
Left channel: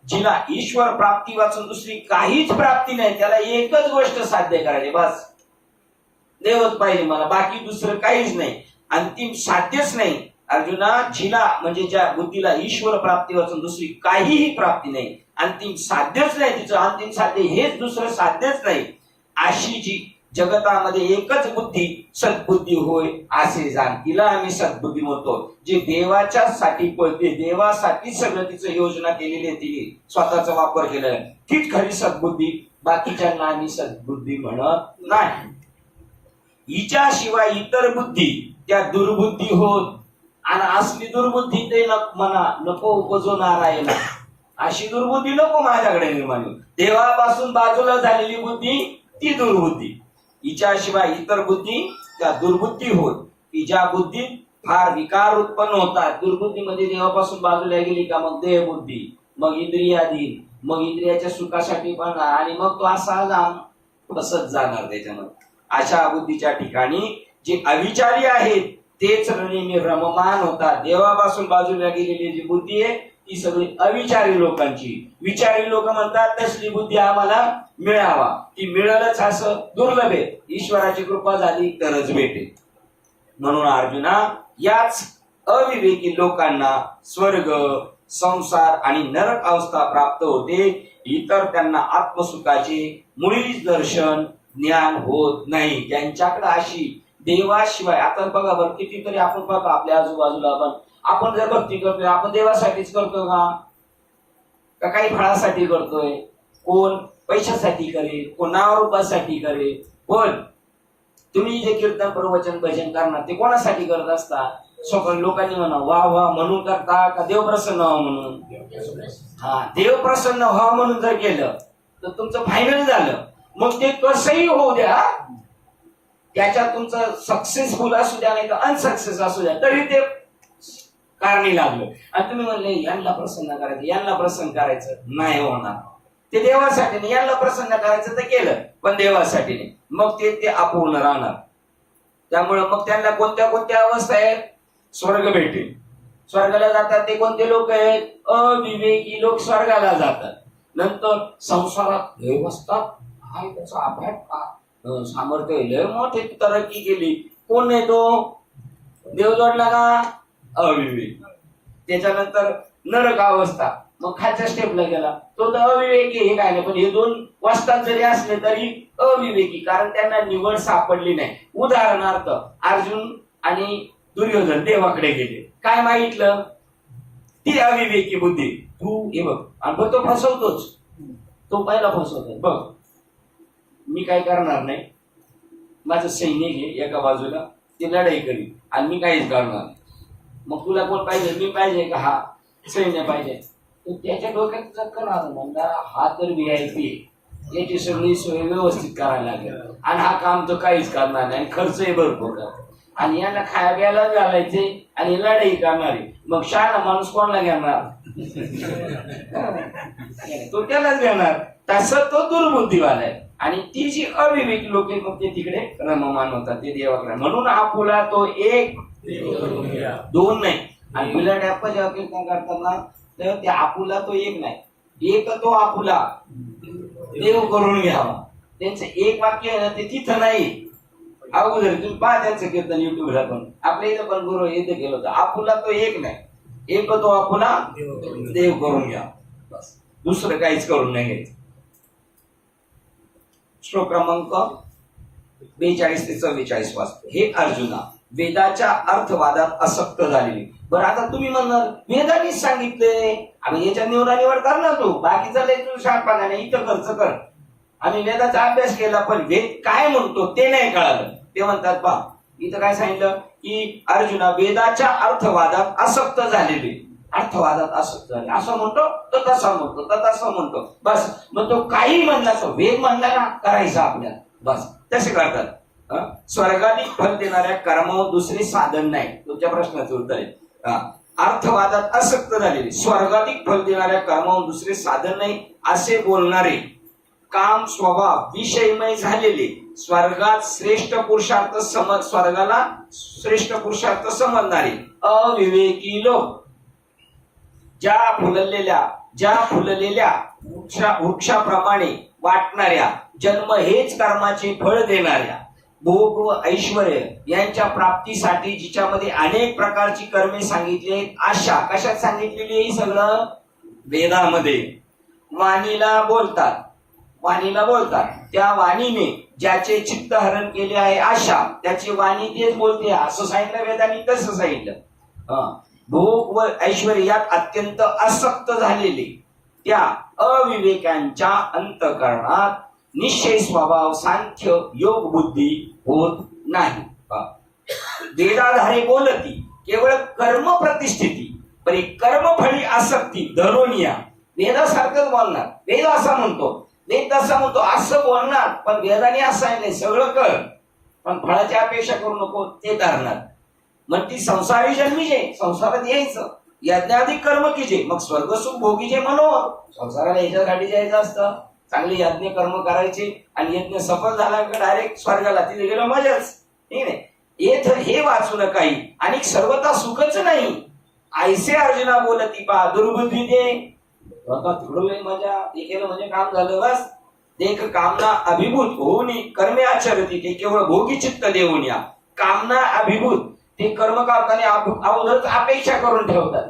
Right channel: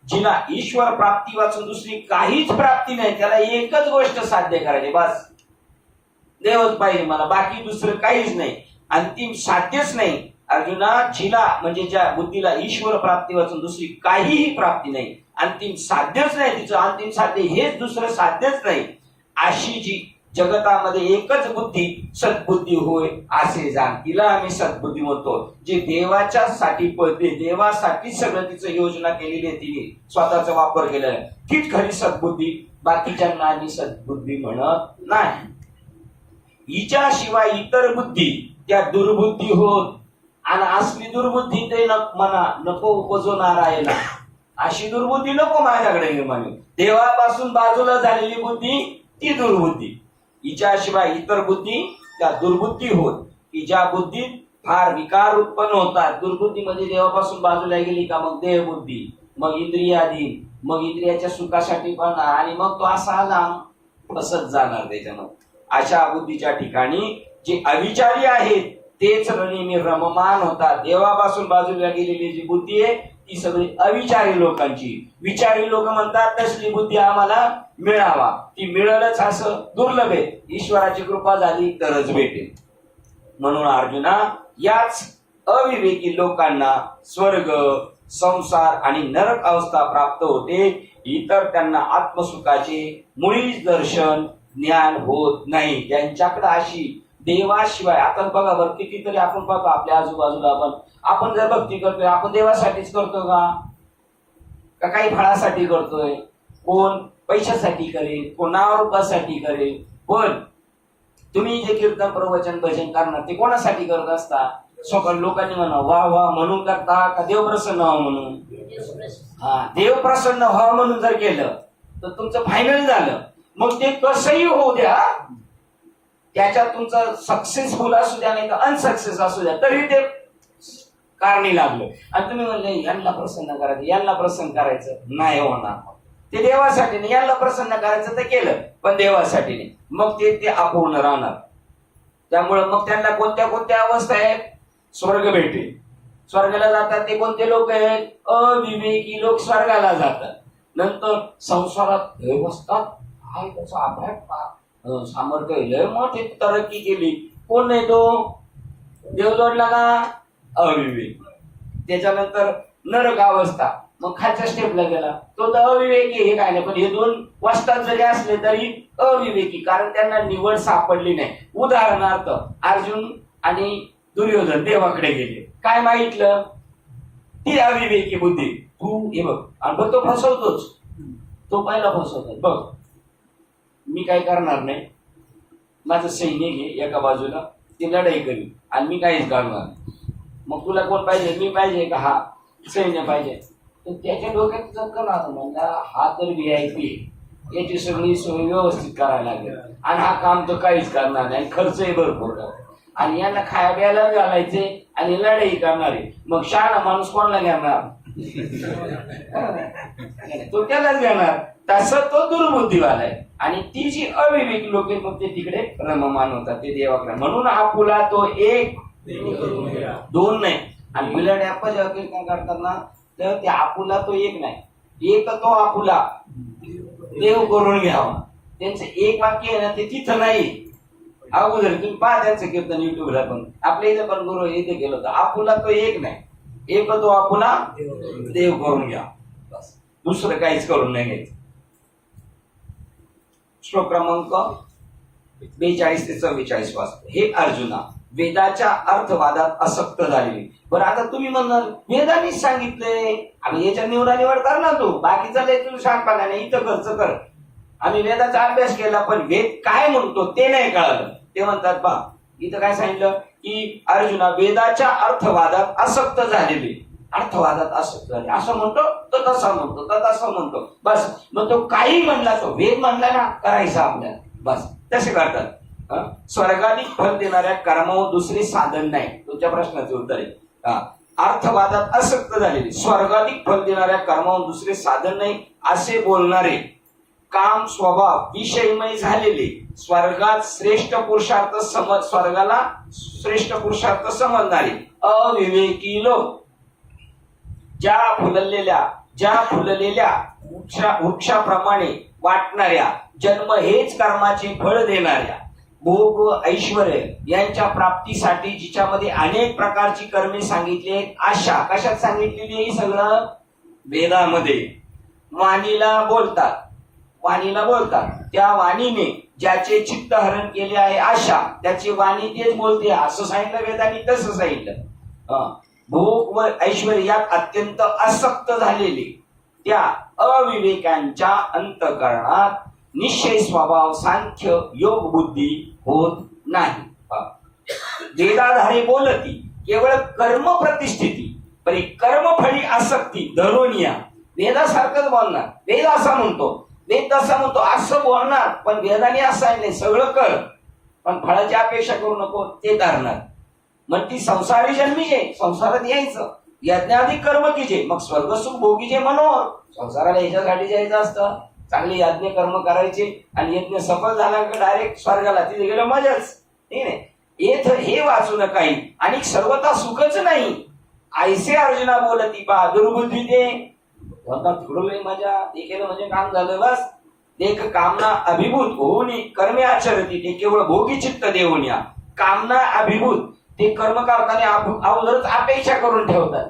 जिला ईश्वर प्राप्ती वाचून दुसरी काहीच प्राप्ती नाही त्याला एकच गोष्ट साध्य करायची, बस देवच पाहिजे मला, बाकी दुसरं काहीच नाही, अंतिम साध्यच नाही. अर्जुना, जिला म्हणजे ज्या बुद्धीला ईश्वर प्राप्ती वाचून दुसरी काहीही प्राप्ती नाही, अंतिम साध्यच नाही, तिचं अंतिम साध्य हेच दुसरं साध्यच नाही, अशी जी जगतामध्ये एकच बुद्धी सद्बुद्धी होय असे जाण, तिला आम्ही सद्बुद्धी म्हणतो. जे देवाच्या साठी पळते, देवासाठी सगळं तिचं योजना केलेली आहे, तिने स्वतःचा वापर केलेला आहे, तीच खरी सद्बुद्धी. बाकीच्यांना आम्ही सद्बुद्धी म्हणत नाही. हिच्याशिवाय इतर बुद्धी त्या दुर्बुद्धी होत, आणि असली दुर्बुद्धी ते म्हणा नको उपजो नारायणा, अशी दुर्बुद्धी नको माझ्याकडे निर्माण होईल. देवापासून बाजूला झालेली बुद्धी ती दुर्बुद्धी. हिच्याशिवाय इतर बुद्धी त्या दुर्बुद्धी होत, की ज्या बुद्धीत फार विकार उत्पन्न होतात. दुर्बुद्धीमध्ये देवापासून बाजूला गेली का मग देहबुद्धी, मग इंद्रियाधीन, मग इंद्रियाच्या सुखासाठी पण, आणि मग तो असा जाम बसत जाणार त्याच्यामध्ये. अशा बुद्धीच्या ठिकाणी जे अविचारी आहेत तेच नेहमी रममान होतात. देवापासून बाजूला गेलेली जी बुद्धी आहे ती सगळी अविचारी लोकांची. विचारी लोक म्हणतात तसली बुद्धी आम्हाला मिळावा, ती मिळेलच असं दुर्लभ आहे, ईश्वराची कृपा झाली तरच भेटेल. म्हणून अर्जुना, याच अविवेकी लोकांना स्वर्ग, संसार आणि नरक अवस्था प्राप्त होते, इतर त्यांना आत्मसुखाचे मुळीच दर्शन ज्ञान होत नाही. ज्यांच्याकडे अशी देवाशिवाय, आता बघा बरं कितीतरी आपण बघा आपल्या आजूबाजूला, आपण जर भक्ती करतोय, आपण देवासाठीच करतो का काही फळासाठी करतोय? कोण पैशासाठी करेल, कोण नावरूपासाठी करेल. पण तुम्ही जे कीर्तन प्रवचन भजन करणार ते कोणासाठी करत असता? सकाळी लोकांनी म्हणा वा वा म्हणून करता का देव प्रसन्न व्हावं म्हणून? हा, देव प्रसन्न व्हावं म्हणून जर केलं तर तुमचं फायनल झालं. मग ते कसंही होऊ द्या, त्याच्यात तुमचं सक्सेसफुल असू द्या नाही तर अनसक्सेस असू द्या, तरी ते कारणी लागलं. आणि तुम्ही म्हणले यांना प्रसन्न करायचं, यांना प्रसन्न करायचं, नाही होणार. ते देवासाठी नाही, यांना प्रसन्न करायचं तर केलं पण देवासाठी नाही, मग ते अपूर्ण राहणार. त्यामुळे मग त्यांना कोणत्या कोणत्या अवस्था आहेत? स्वर्ग भेटेल. स्वर्गाला जातात ते कोणते लोक आहेत? अविवेकी लोक स्वर्गाला जातात. नंतर संसारात हे बसतात, काय त्याचा अभ्यास सामर्थ्य लय मोठी तरक्की केली, कोण नाही तो? देव जोडला का? अविवेक. त्याच्यानंतर नरक अवस्था, मग खालच्या स्टेपला गेला तो तर अविवेकी. हे काय नाही, पण हे दोन वाजतात जरी असले तरी अविवेकी, कारण त्यांना निवड सापडली नाही. उदाहरणार्थ अर्जुन आणि दुर्योधन देवाकडे गेले, काय मागितलं? ती अविवेकी बुद्धी. तू हे बघ, आणि बघ तो फसवतोच, तो पहिला फसवतो. बघ मी काय करणार नाही, माझं सैन्य घे एका बाजूला, ती लढाई करी आणि मी काहीच करणार नाही. मग तुला कोण पाहिजे? मी पाहिजे का? हा सैन्य पाहिजे. तर त्याच्या डोक्यात चक्कर आलं, म्हणला हा तर VIP, याची सगळी सोय व्यवस्थित करायला लागेल आणि हा काम तर काहीच करणार नाही आणि खर्चही भरपूर करतो आणि यांना खाया प्यायला घालायचे आणि लढाई करणारे. मग शहाणा माणूस कोणाला घेणार? तो त्यालाच घेणार. तसं तो दुर्बुद्धीवाला आहे. आणि ती जी अविवेकी लोक आहेत मग ते तिकडे रममान होतात, ते देवाकडे. म्हणून आपुला तो एक, दोन नाही. आणि बिलड ऍपल जेव्हा कीर्तन करतात ना तेव्हा ते आपुला तो एक नाही, एक तो आपुला देव करून घ्यावा. त्यांचं एक वाक्य आहे ना ते तिथं नाही. अगोदर तुम्ही पहा त्यांचं कीर्तन युट्यूबला, पण आपल्या इथं पण गुरु इथे केलं होतं. आपुला तो एक नाही, एक तो आपुला देव करून घ्या, बस. दुसरं काहीच करून नाही घ्यायचं. श्लोक क्रमांक 42 ते 44 वाचतो. हे अर्जुना, वेदाच्या अर्थवादात आसक्त झालेली. बरं आता तुम्ही म्हणणार वेदानेच सांगितले, आम्ही याच्या निवड कर ना, तू बाकीचा लय तू शांतपणा नाही, इथं खर्च कर. आणि वेदाचा अभ्यास केला पण वेद काय म्हणतो ते नाही कळालं. ते म्हणतात पहा इथं काय सांगितलं की अर्जुना वेदाच्या अर्थवादात आसक्त झालेली. अर्थवादात आसक्त झाले असं म्हणतो तो तसा म्हणतो, तर तसं म्हणतो, बस. मग तो काही म्हणला तो वेद म्हणला ना करायचं आपल्याला, बस. तसे करतात. स्वर्गाधिक फल देणाऱ्या कर्मावर दुसरे साधन नाही. तुमच्या प्रश्नाचं उत्तर आहे. अर्थवादात आसक्त झालेले, स्वर्गाधिक फल देणाऱ्या कर्मावर दुसरे साधन नाही असे बोलणारे, काम स्वभाव विषयमय झालेले, स्वर्गात श्रेष्ठ पुरुषार्थ स्वर्गाला श्रेष्ठ पुरुषार्थ समजणारे अविवेकी लोक, ज्या फुललेल्या वृक्षाप्रमाणे वाटणाऱ्या, जन्म हेच कर्माचे फळ देणाऱ्या, भोग व ऐश्वर यांच्या प्राप्तीसाठी जिच्यामध्ये अनेक प्रकारची कर्मे सांगितली आहेत. आशा कशात सांगितलेली आहे? सगळं वेदामध्ये. वाणीला बोलतात, त्या वाणीने ज्याचे चित्त हरण केले आहे आशा, त्याची वाणी तेच बोलते असं सांगितलं वेदांनी, तसं सांगितलं. भोग व ऐश्वर यात अत्यंत आसक्त झालेले त्या अविवेकांच्या अंतःकरणात निश्चय स्वभाव सांख्य योग बुद्धी होत नाही. वेदाधारे बोलती केवळ कर्म प्रतिष्ठिती पण कर्मफळी आसक्ती धरोनिया. वेदासारखंच बोलणार, वेद असा म्हणतो, वेद तसा म्हणतो असं बोलणार, पण वेदाने असं आहे नाही सगळं कर पण फळाची अपेक्षा करू नको ते धरणार. मग ती संसारी जन्मीचे संसारात यायचं, यज्ञाधिक कर्म कीजे मग स्वर्ग सुख भोगीचे मनोहर. संसाराला याच्यासाठी जायचं असतं, चांगले यज्ञ कर्म करायचे आणि यज्ञ सफल झाला की डायरेक्ट स्वर्गाला, तिथे गेलं मजाच. ठीक आहे, येथ हे वाचू नकाही आणि सर्वता सुखच नाही. ऐसे अर्जुना बोलती पा दुर्बुद्धी दे. तिकडं मजा, ते केलं म्हणजे काम झालं बस. देख कामना अभिभूत होऊन कर्मे आचरती ते केवळ भोगी चित्त देऊन या. कामना अभिभूत ते कर्म करताना अगोदरच अपेक्षा करून ठेवतात,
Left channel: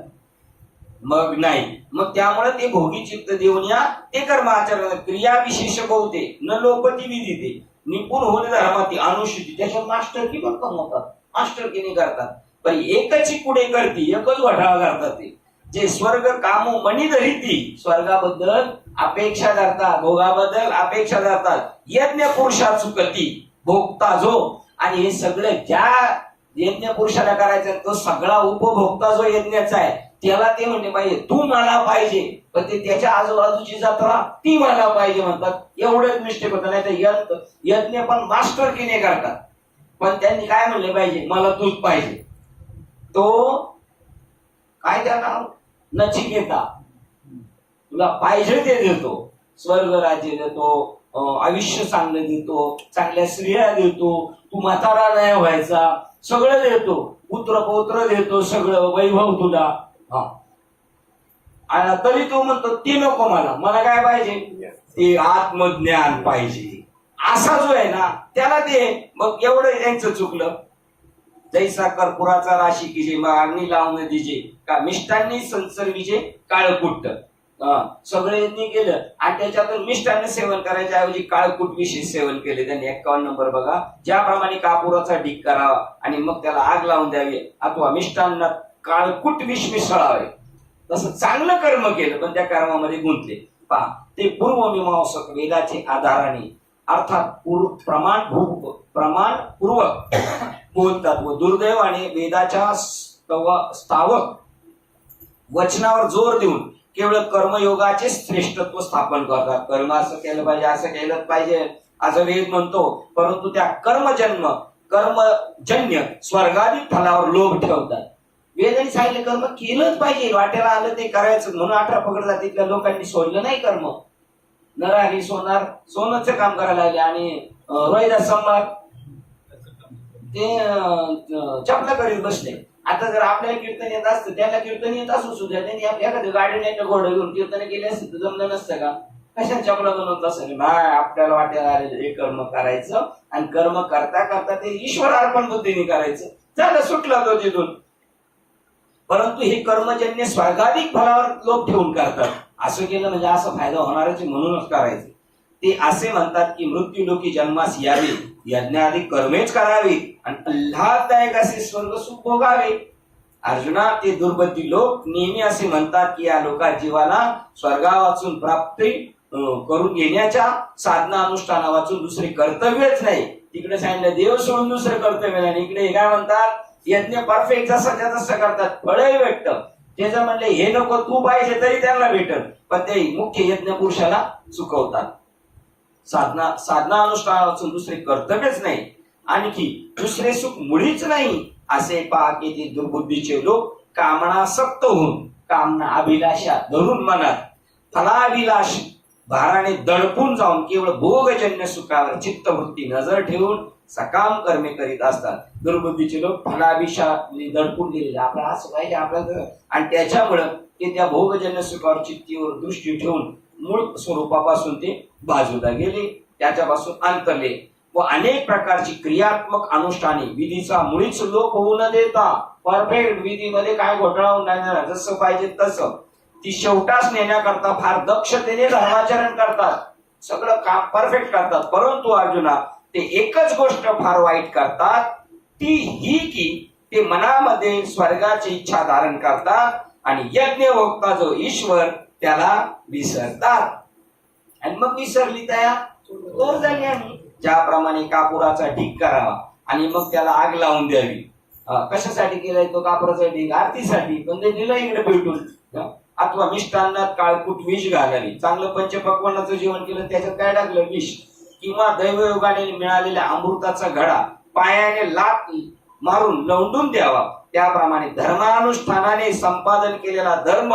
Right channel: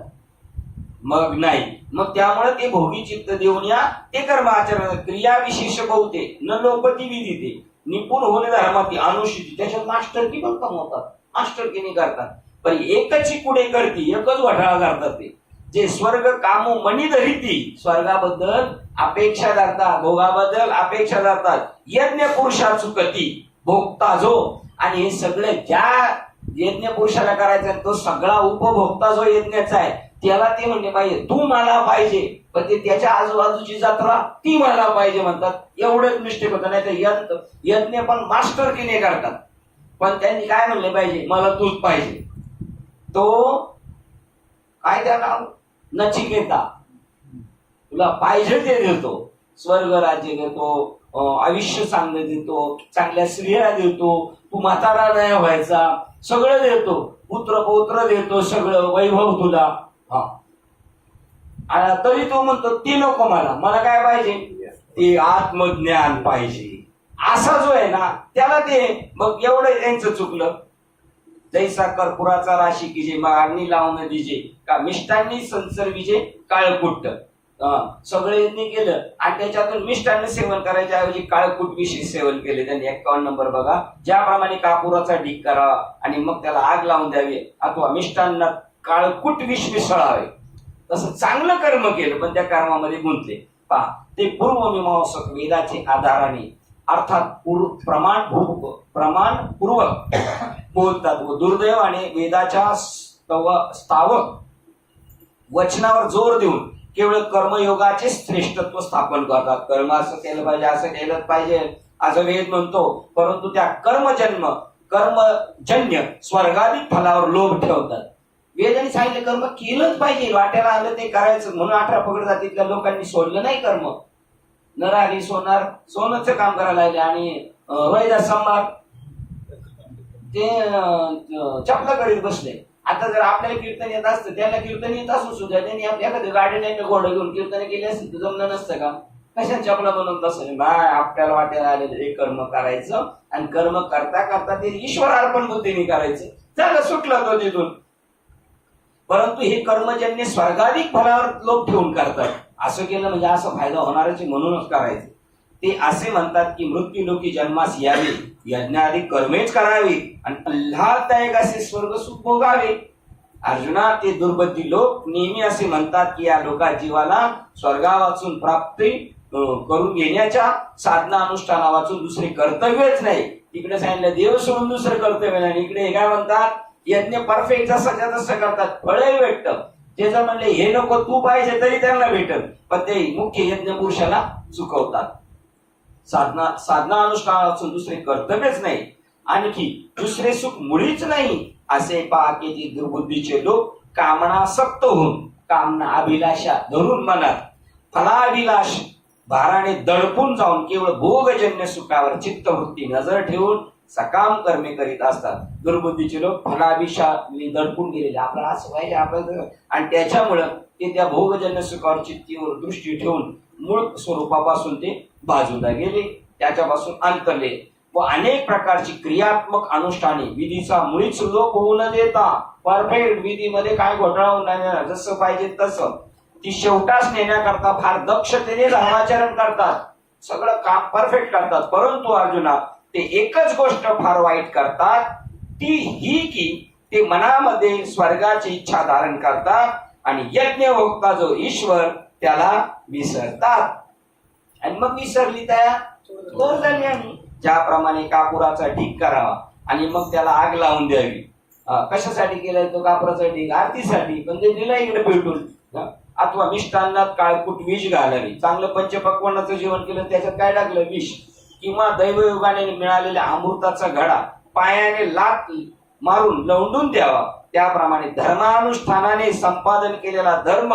मग नाही, मग त्यामुळे ते भोगी चित्त देऊन या ते कर्म आचरण. क्रिया विशेष बहुते न लोपती विधिते निपुण होणे धर्माती अनुष्ठिती. त्याच्यात मास्टर की पण कमवतात, मास्टर की नाही करतात, पण एकची पुढे करती, एकच घोटाळा करतात. ते जे स्वर्ग कामो मनी धरिती स्वर्गाबद्दल अपेक्षा धरतात, भोगाबद्दल अपेक्षा धरतात. यज्ञ पुरुषा चुकती भोगता जो. आणि हे सगळं ज्या यज्ञ पुरुषाला करायचं तो सगळा उपभोक्ता जो यज्ञाचा आहे त्याला ते म्हणले पाहिजे तू मला पाहिजे, पण ते त्याच्या आजूबाजूची जत्रा ती मला पाहिजे म्हणतात. एवढंच मिस्टेक होतं. नाही तर यज्ञ पण मास्टर किने करतात, पण त्यांनी काय म्हणले पाहिजे मला तूच पाहिजे. तो काय त्या नाव नचिकेता, तुला पाहिजे ते देतो, स्वर्ग राज्य देतो, आयुष्य चांगलं देतो, चांगल्या स्त्रिया देतो, तू म्हातारा नाही व्हायचा, सगळं देतो, पुत्र पौत्र देतो, सगळं वैभव तुला. तरी तू म्हणतो ते नको, मला काय पाहिजे ते आत्मज्ञान पाहिजे. असा जो आहे ना त्याला ते. मग एवढं त्यांचं चुकलं. जैसा कर्पुराचा राशी की जे मागणी लावून दिजे का मिष्टांनी संसर्गीचे काळकुट्ट. सगळे यांनी केलं आणि त्याच्यातून मिष्टांनी सेवन करायच्या ऐवजी काळकुट विषयी सेवन केले त्यांनी. 51 नंबर बघा, ज्याप्रमाणे कापुराचा ढीक करावा आणि मग त्याला आग लावून द्यावी अथवा मिष्टांना काळकुट विष मिसळावे, तसं चांगलं कर्म केलं पण त्या कर्मामध्ये गुंतले. पहा, ते पूर्वमीमांसक वेदाचे आधाराने अर्थात प्रमाणपूर्वक बोलतात व दुर्दैवाने वेदाच्या स्थावक वचनावर जोर देऊन केवळ कर्मयोगाचे श्रेष्ठत्व स्थापन करतात. कर्म असं केलं पाहिजे, असं केलं पाहिजे असं वेद म्हणतो, परंतु त्या कर्मजन्य स्वर्गाधिक फलावर लोभ ठेवतात. वेदाने सांगितलं कर्म केलंच पाहिजे, वाट्याला आलं ते करायचं म्हणून 18 पकड जातीतल्या लोकांनी सोडलं नाही कर्म. नरारी सोनचं काम करायला लागले आणि रोहिदास सम्राट ते चपला करीत बसले. आता जर आपल्याला कीर्तन येत असतं, त्याला कीर्तन येत असून सुद्धा त्यांनी एखाद्या गाडी नाही घोडं घेऊन कीर्तन केले असते तर जमलं नसतं का? कशा चपला बनवत असेल नाही, आपल्याला वाट्याला आलेलं हे कर्म करायचं आणि कर्म करता करता ते ईश्वर अर्पण बुद्धीने करायचं. झालं, सुटलं तो तिथून. परंतु हे कर्मजन्य स्वर्गाधिक फलावर लोक ठेवून करतात. असं केलं म्हणजे असं फायदा होणारच म्हणूनच करायचं. ते असे म्हणतात की मृत्यू लोकी जन्मास यावे, यज्ञाधिक कर्मेच करावे आणि आल्हाददायक असे स्वर्ग सुख भोगावे. अर्जुना, ते दुर्बुद्धी लोक नेहमी असे म्हणतात की या लोका जीवाला स्वर्गावाचून प्राप्ती करून घेण्याच्या साधना अनुष्ठाना वाचून दुसरे कर्तव्यच नाही. तिकडे सांगितलं देव सोडून दुसरं कर्तव्य नाही. इकडे काय म्हणतात, यज्ञ परफेक्ट जसं तसं करतात, फळही भेटतं. ते जर म्हणले हे नको तू पाहिजे तरी त्यांना भेटत, पण ते मुख्य यज्ञ पुरुषाला चुकवतात. साधना अनुष्ठाना वाचून दुसरे कर्तव्यच नाही, आणखी दुसरे सुख मुळीच नाही. असे पहा की ते दुर्बुद्धीचे लोक कामनासक्त होऊन कामना अभिलाषा धरून मनात फलाभिलाष भाराने दडपून जाऊन केवळ भोगजन्य सुखावर चित्तवृत्ती नजर ठेवून सकाम कर्मे करीत असतात. दुर्बुद्धीचे लोक फलाभिलाषाने दडपून गेलेले, आपल्याला असं पाहिजे आपल्याला, आणि त्याच्यामुळं ते त्या भोगजन्य सुखावर चित्तीवर दृष्टी ठेवून मूळ स्वरूपापासून ते बाजूला गेले, त्याच्यापासून अंतरले. व अनेक प्रकारची क्रियात्मक अनुष्ठाने विधीचा मुळीच लोप होऊ न देता परफेक्ट विधीमध्ये काय घोटाळा होऊ नाही देणार, जसं पाहिजे तसं ती शेवटास नेण्याकरता फार दक्षतेने धर्माचरण करतात, सगळं काम परफेक्ट करतात. परंतु अर्जुना ते एकच गोष्ट फार वाईट करतात, ती ही की ते मनामध्ये स्वर्गाची इच्छा धारण करतात आणि यज्ञ भोगता जो ईश्वर त्याला विसरतात. आणि मग विसरली तया तोर झाली. आणि ज्याप्रमाणे कापुराचा ढीग करावा आणि मग त्याला आग लावून द्यावी. कशासाठी केलाय तो कापुराचा ढीग? आरतीसाठी. पण ते दिलं इकडे पेटून. अथवा मिष्टान्नात काळकूट विष घालावी. चांगलं पंचपक्वान्नाचं जेवण केलं त्याच्यात काय टाकलं? विष. किंवा दैवयोगाने मिळालेल्या अमृताचा घडा पायाने लात मारून लवंडून द्यावा. त्याप्रमाणे धर्मानुष्ठानाने संपादन केलेला धर्म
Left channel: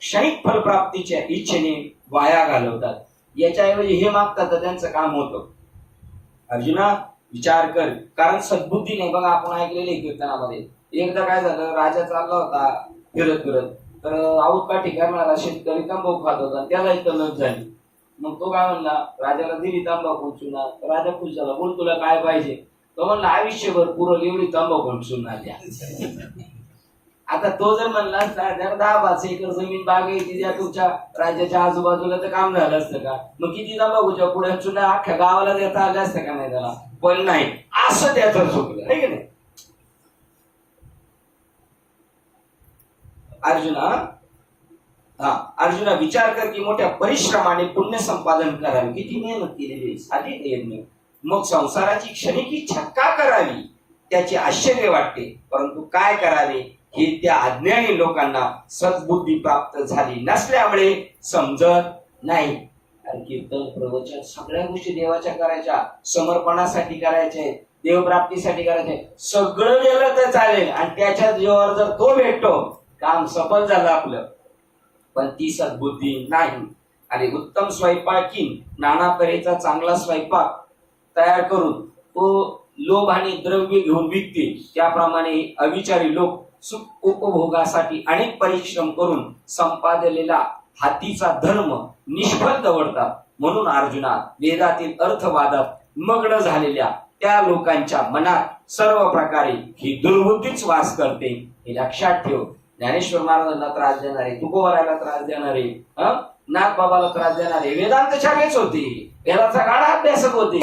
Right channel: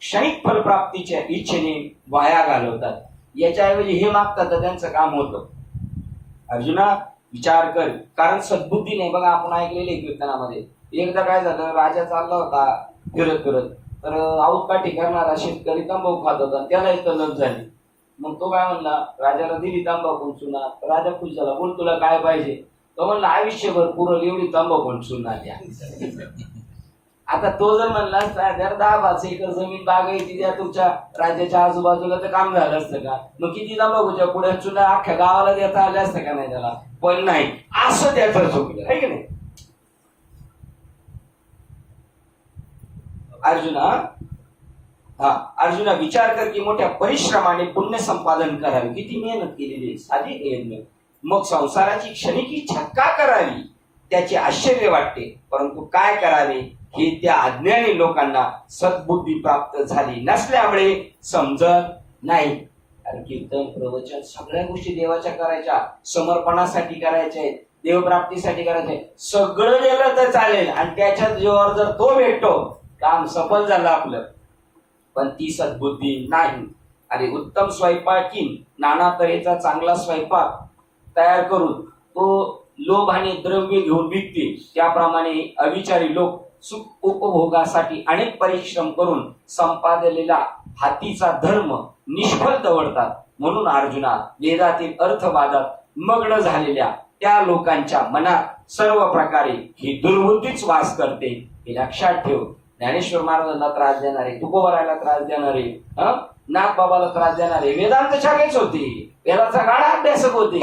क्षणिक फलप्राप्तीच्या इच्छेने वाया घालवतात. याच्याऐवजी हे मागतात तर त्यांचं काम होतं. अर्जुना विचार कर, कारण सद्बुद्धी नाही. बघा आपण ऐकलेले कीर्तनामध्ये एकदा काय झालं, राजा चालला होता फिरत फिरत, तर औतकाठी करणारा शेतकरी तंबाखू खात होता, त्यालाही तलब झाली. मग तो काय म्हणला, राजाला दिली तंबाखू चुना. राजा खुश झाला, बोल तुला काय पाहिजे? तो म्हणला आयुष्यभर पुरल एवढी तंबाखू चुना द्या. आता तो जर म्हणला 10-12 एकर जमीन बागायती द्या तुमच्या राज्याच्या आजूबाजूला, तर काम झालं असतं का? मग किती तंबाखूच्या पुढे चुना अख्ख्या गावाला देता आल्या असतं का नाही त्याला? पण नाही, असं त्याचं चुकलं आहे की नाही. अर्जुना विचार कर की मोठ्या परिश्रमाने पुण्य संपादन करावे. किती मेहनत केलेली, साधी यज्ञ. मग संसाराची क्षणिक इच्छा का करावी त्याचे आश्चर्य वाटते. परंतु काय करावे हे त्या अज्ञानी लोकांना सद्बुद्धी प्राप्त झाली नसल्यामुळे समजत नाही. अरे कीर्तन प्रवचन सगळ्या गोष्टी देवाच्या करायच्या, समर्पणासाठी करायच्या आहेत, देवप्राप्तीसाठी करायचे. सगळं गेलं तर चालेल आणि त्याच्या जीवावर जर तो भेटतो काम सफल झालं आपलं. पण ती सद्बुद्धी नाही. अरे उत्तम स्वयंपाकीन नाना तऱ्हेचा चांगला स्वयंपाक तयार करून तो लोभ आणि द्रव्य घेऊन विकते, त्याप्रमाणे अविचारी लोक सुख उपभोगासाठी अनेक परिश्रम करून संपादलेला हातीचा धर्म निष्फळ दवडतात. म्हणून अर्जुना वेदातील अर्थवादात मग्न झालेल्या त्या लोकांच्या मनात सर्व प्रकारे ही दुर्बुद्धीच वास करते. हे लक्षात ठेव. ज्ञानेश्वर महाराजांना त्रास देणारे, तुकोबरायला त्रास देणारे, नागबाबाला त्रास देणारे वेदांत शाखेच होते, वेदाचा गाढा अभ्यासक होते.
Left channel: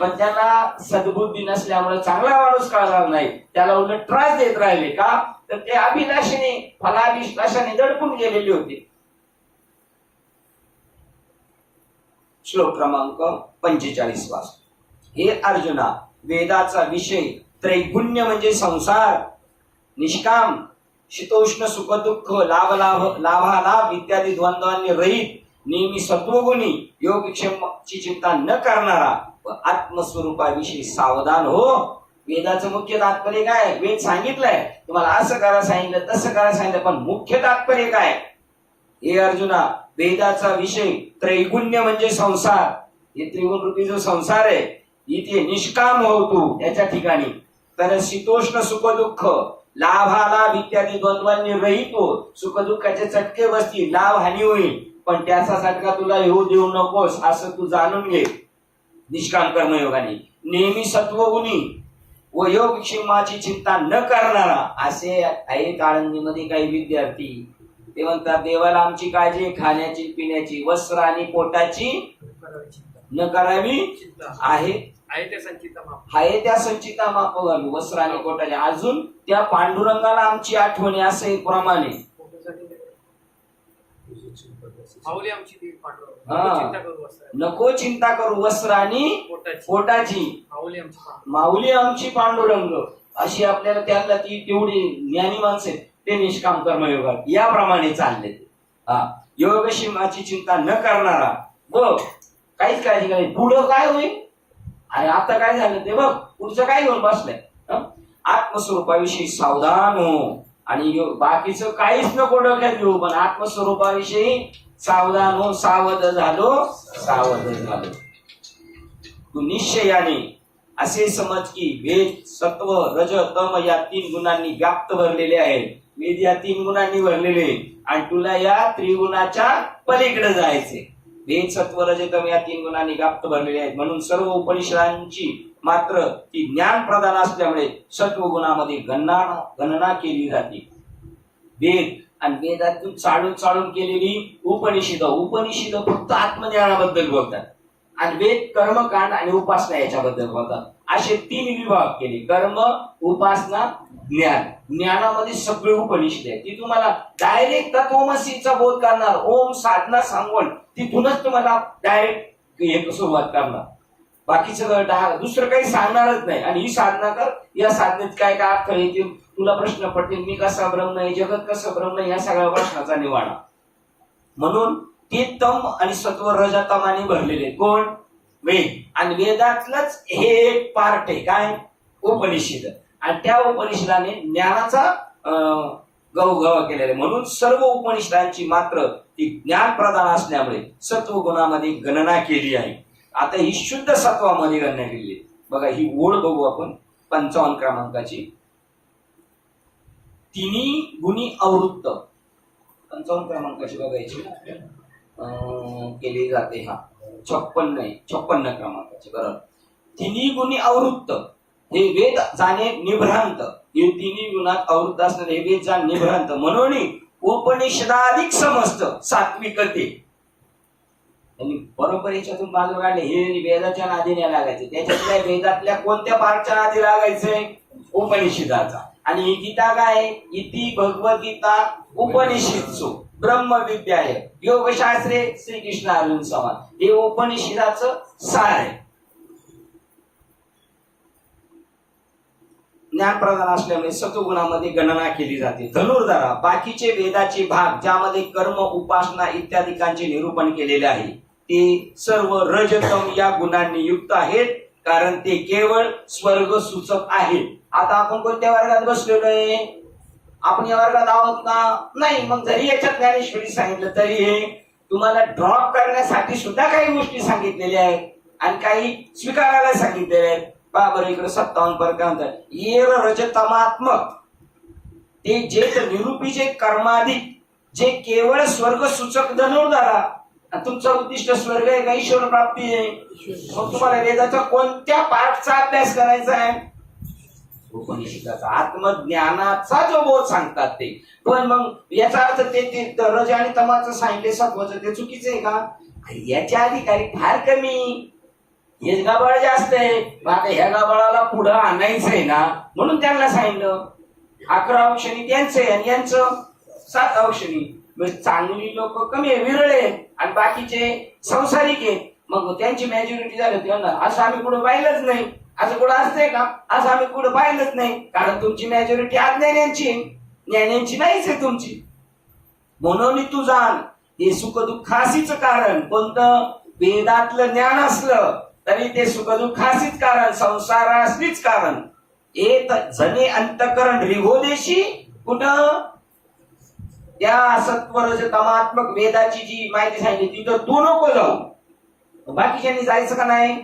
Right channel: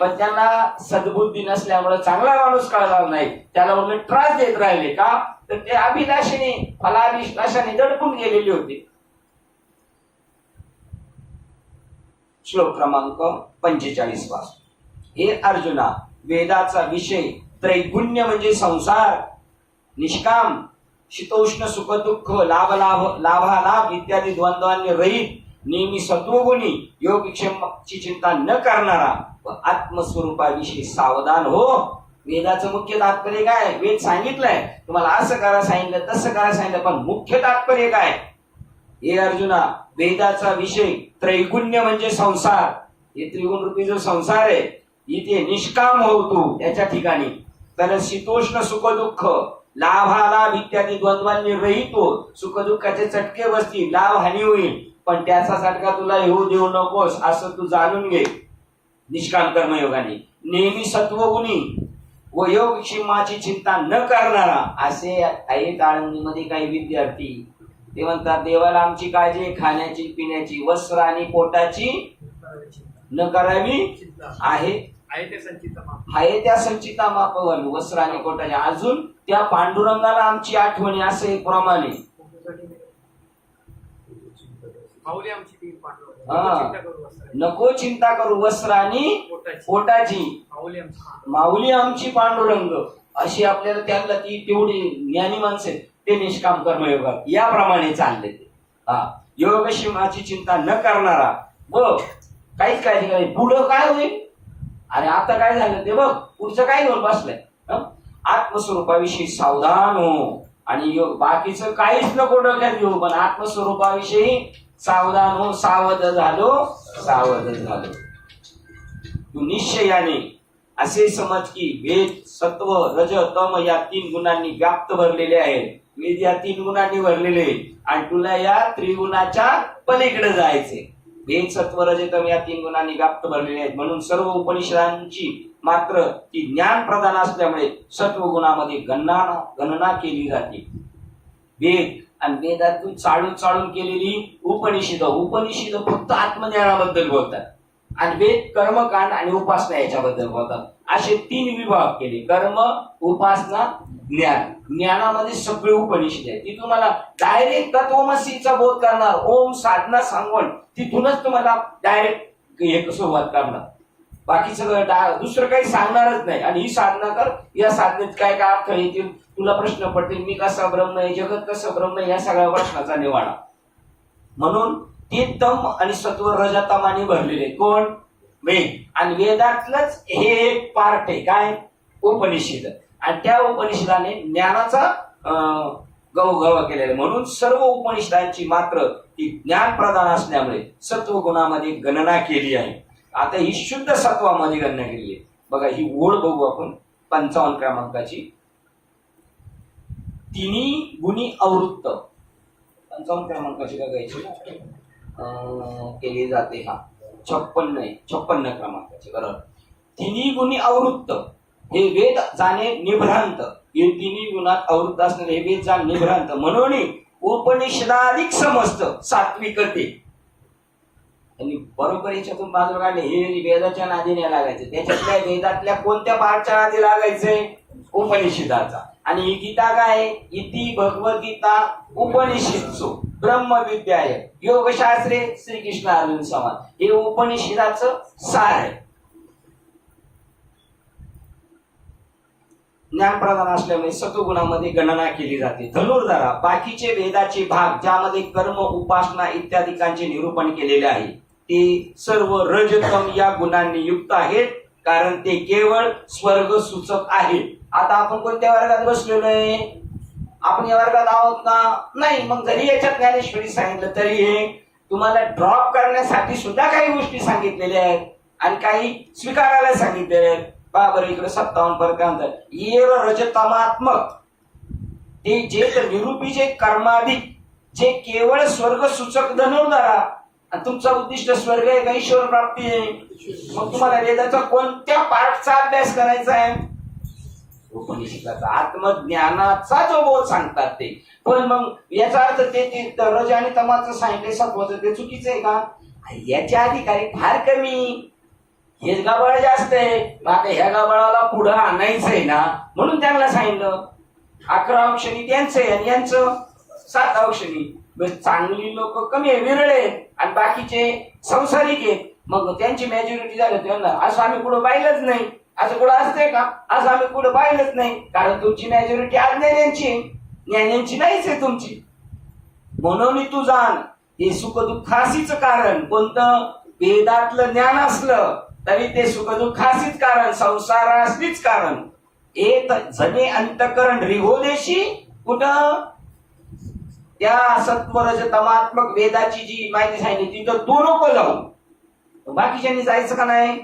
पण त्यांना सद्बुद्धी नसल्यामुळे चांगला माणूस कळणार नाही, त्याला उलट त्रास देत राहिले. का तर ते अभिलाषेने फलाभिलाषाने दडपून गेलेले होते. श्लोक क्रमांक 45 वाच. हे अर्जुना वेदाचा विषय त्रैगुण्य म्हणजे संसार, निष्काम, शीतोष्ण सुख दुःख, लाभालाभ इत्यादी द्वंद्वांनी रहित, नेहमी सत्वगुणी, योगक्षेमाची चिंता न करणारा व आत्मस्वरूपाविषयी सावधान हो. वेदाचं मुख्य तात्पर्य काय? वेद सांगितलंय तुम्हाला असं करा सांगितलं, तसं करा सांगितलं, पण मुख्य तात्पर्य काय? हे अर्जुना वेदाचा विषय त्रैगुण्य म्हणजे संसार. हे त्रिगुण रूपी जो संसार आहे इथे निष्काम हो तू त्याच्या ठिकाणी. तर शीतोष्ण सुख दुःख, लाभालाभ इत्यादी द्वंद्वांनी रहित हो. सुख दुःखाचे चटके बसतील, लाभ हानी होईल, पण त्याचा चटका तुला येऊ देऊ नकोस असं तू जाणून घे. निष्काम कर्मयोगाने नेहमी सत्वगुणी व योगक्षेमाची चिंता न करणारा. असे आहेत आळंदीमध्ये काही विद्यार्थी, ते म्हणतात देवाला आमची काळजी आहे, खाण्याची, पिण्याची, वस्त्र आणि पोटाची न करावी आहे त्या संचिता मापवावी. वस्त्र आणि पोटाची. अजून त्या पांडुरंगाला आमची आठवणी असे प्रमाणे नको चिंता करू वस्त्र आणि पोटाची, माऊली आमची पांडुरंग. अशी आपल्याला त्यांना ती तेवढी ज्ञानी माणसे ते निष्काम कर्मयोगात याप्रमाणे चालले. योगक्षेमाची चिंता न करणारा व काहीच काळजी करायची पुढं काय होईल आणि आता काय झालं ते बघ, पुढचं काय घेऊन बसलंय. आत्मस्वरूपाविषयी सावधान हो. आणि बाकीचं काहीच नको डोक्यात घेऊ, पण आत्मस्वरूपाविषयी सावधान हो. सावध झालो. तू निश्चयाने असे समज की वेद सत्व रज तम या 3 गुणांनी व्याप्त भरलेले आहेत. वेद या 3 गुणांनी भरलेले आणि तुला या त्रिगुणाच्या पलीकडे जायचे. वेद सत्व रज तम या 3 गुणांनी व्याप्त भरलेले आहेत. म्हणून सर्व उपनिषदांची मात्र ती ज्ञान प्रधान असल्यामुळे सत्वगुणामध्ये गणना केली जाते. वेद आणि वेदातून चाळून केलेली उपनिषद फक्त आत्मज्ञानाबद्दल बोलतात आणि वेद कर्मकांड आणि उपासना याच्याबद्दल बोलतात. असे 3 विभाग केले: कर्म, उपासना, ज्ञान. ज्ञानामध्ये सगळे उपनिषद आहेत. ती तुम्हाला डायरेक्ट तत्वमसीचा बोध करणार, ओम साधना सांगून तिथूनच तुम्हाला डायरेक्ट सुरुवात करणार. बाकी सगळं दुसरं काही सांगणारच नाही. आणि ही साधना कर, या साधनेत काय काय अर्थ येतील, तुला प्रश्न पडतील, मी कसा ब्रह्म आहे, जगत कसं ब्रह्म आहे, या सगळ्या प्रश्नाचा निवाडा. म्हणून ते तम आणि सत्व रजतमाने भरलेले कोण? वेद. आणि वेदातलंच हे एक पार्ट आहे काय? उपनिषद. आणि त्या उपनिषदाने ज्ञानाचा गवगवा केलेला. म्हणून सर्व उपनिषदांची मात्र ती ज्ञान प्रधान असल्यामुळे सत्वगुणामध्ये गणना केली आहे. आता ही शुद्ध सत्वामध्ये गणना केली आहे. बघा ही ओळ बघू आपण 55 क्रमांकाची. तिन्ही गुणी अवृत्त 55 क्रमांकाची बघायची केली जाते. 56 क्रमांकाची. बरोबर. तिन्ही गुणी अवृत्त हे वेद जाणे निभ्रांत. हे तिन्ही गुणात अवृत्त असणारे हे वेद जाणे निभ्रांत म्हणून उपनिषदाधिक समजत सात्विकते. आणि बरोबर याच्यातून बाजूला काढले हे वेदाच्या नादी नाही लागायचे. त्याच्यातल्या वेदातल्या कोणत्या पाठच्या नादी लागायचे? उपनिषदाचा. आणि ही गीता काय? इति भगवद्गीता उपनिषदसु ब्रह्मविद्याय योगशास्त्रे श्रीकृष्ण अर्जुन संवाद. हे उपनिषदाचं सार आहे. ज्ञान प्रधान असल्यामुळे सत्वगुणामध्ये गणना केली जाते. धनुर्धारा बाकीचे वेदाचे भाग ज्यामध्ये कर्म, उपासना इत्यादिकांचे निरूपण केलेले आहे ते सर्व रजतम या गुणांनी युक्त आहेत, कारण ते केवळ स्वर्ग सूचक आहेत. आता आपण कोणत्या वर्गात बसलेलो आहे? आपण या वर्गात आहोत का? नाही. मग जरी याच्यात ज्ञानेश्वरी सांगितलं तरी हे तुम्हाला ड्रॉप करण्यासाठी सुद्धा काही गोष्टी सांगितलेल्या आहेत आणि काही स्वीकारायला सांगितलेल्या आहेत. बरोबर. इकडे 57 पर्यंत म्हणतात येर रजतमात्मक. ते जे निरूपीचे कर्माधिक जे केवळ स्वर्ग सूचक धनुर्धारा. आणि तुमचं उद्दिष्ट स्वर्ग आहे का ईश्वर प्राप्ती आहे? मग तुम्हाला वेदाचा कोणत्या पाठचा अभ्यास करायचा आहे? उपनिषदाचा. आत्मज्ञानाचा जो बोध सांगतात ते. पण मग याचा अर्थ ते रज आणि तमाचं सांगितले सत्वाचं ते चुकीचं आहे का? याच्या अधिकारी फार कमी, हेच गाबळ जास्त आहे. आता ह्या गाबळाला पुढं आणायचंय ना म्हणून त्यांना सांगितलं. 11 औक्षणी त्यांचं आहे आणि यांचं 7 औक्षणी. चांगली लोक कमी आहे, विरळ आहेत आणि बाकीचे संसारिक आहेत. मग त्यांची मॅच्युरिटी झाली त्यांना असं आम्ही पुढे पाहिलंच नाही. असं कुठं असतंय का? असं आम्ही पुढे पाहिलंच नाही. कारण तुमची मॅच्युरिटी अज्ञानांची, ज्ञानांची नाहीच आहे तुमची. म्हणून तू जाण हे सुखदुःखासीच कारण. कोणतं? वेदातलं ज्ञान असलं तरी ते सुखदुःखासीच कारण, संसारासीच कारण. एक जने अंतकरण रिहोदेशी. कुठं? त्या सत्वरज तमात्मक वेदाची जी माहिती सांगितली तिथं तू नको जाऊ. बाकीच्यांनी जायचं का नाही?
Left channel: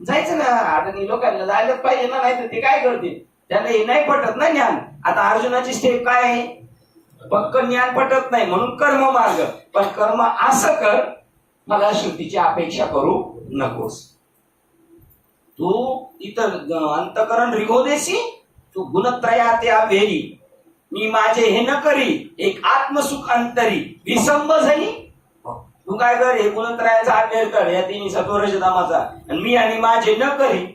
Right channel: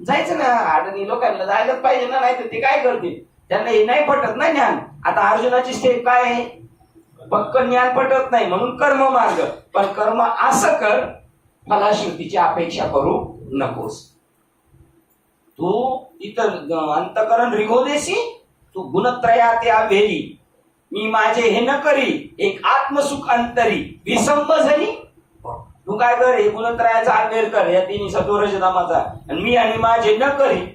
जायचं ना. अडणी लोकांना जायलाच पाहिजे ना, नाही तर ते काय करतील? त्यांना हे नाही पटत ना ज्ञान. आता अर्जुनाची स्टेप काय आहे? पक्क ज्ञान पटत नाही म्हणून कर्म मार्ग. पण कर्म असं कर फलाश्रुतीची अपेक्षा करू नकोस. तू इतर अंतकरण रिगोदेशी तू गुणत्रयाते अभेरी. मी माझे हे न करी एक आत्मसुख अंतरी विसंब झाली. तू काय कर? हे गुणत्रयाचा अभेर कर या तिन्ही सत्वरज तमाचा. आणि मी आणि माझे न करी.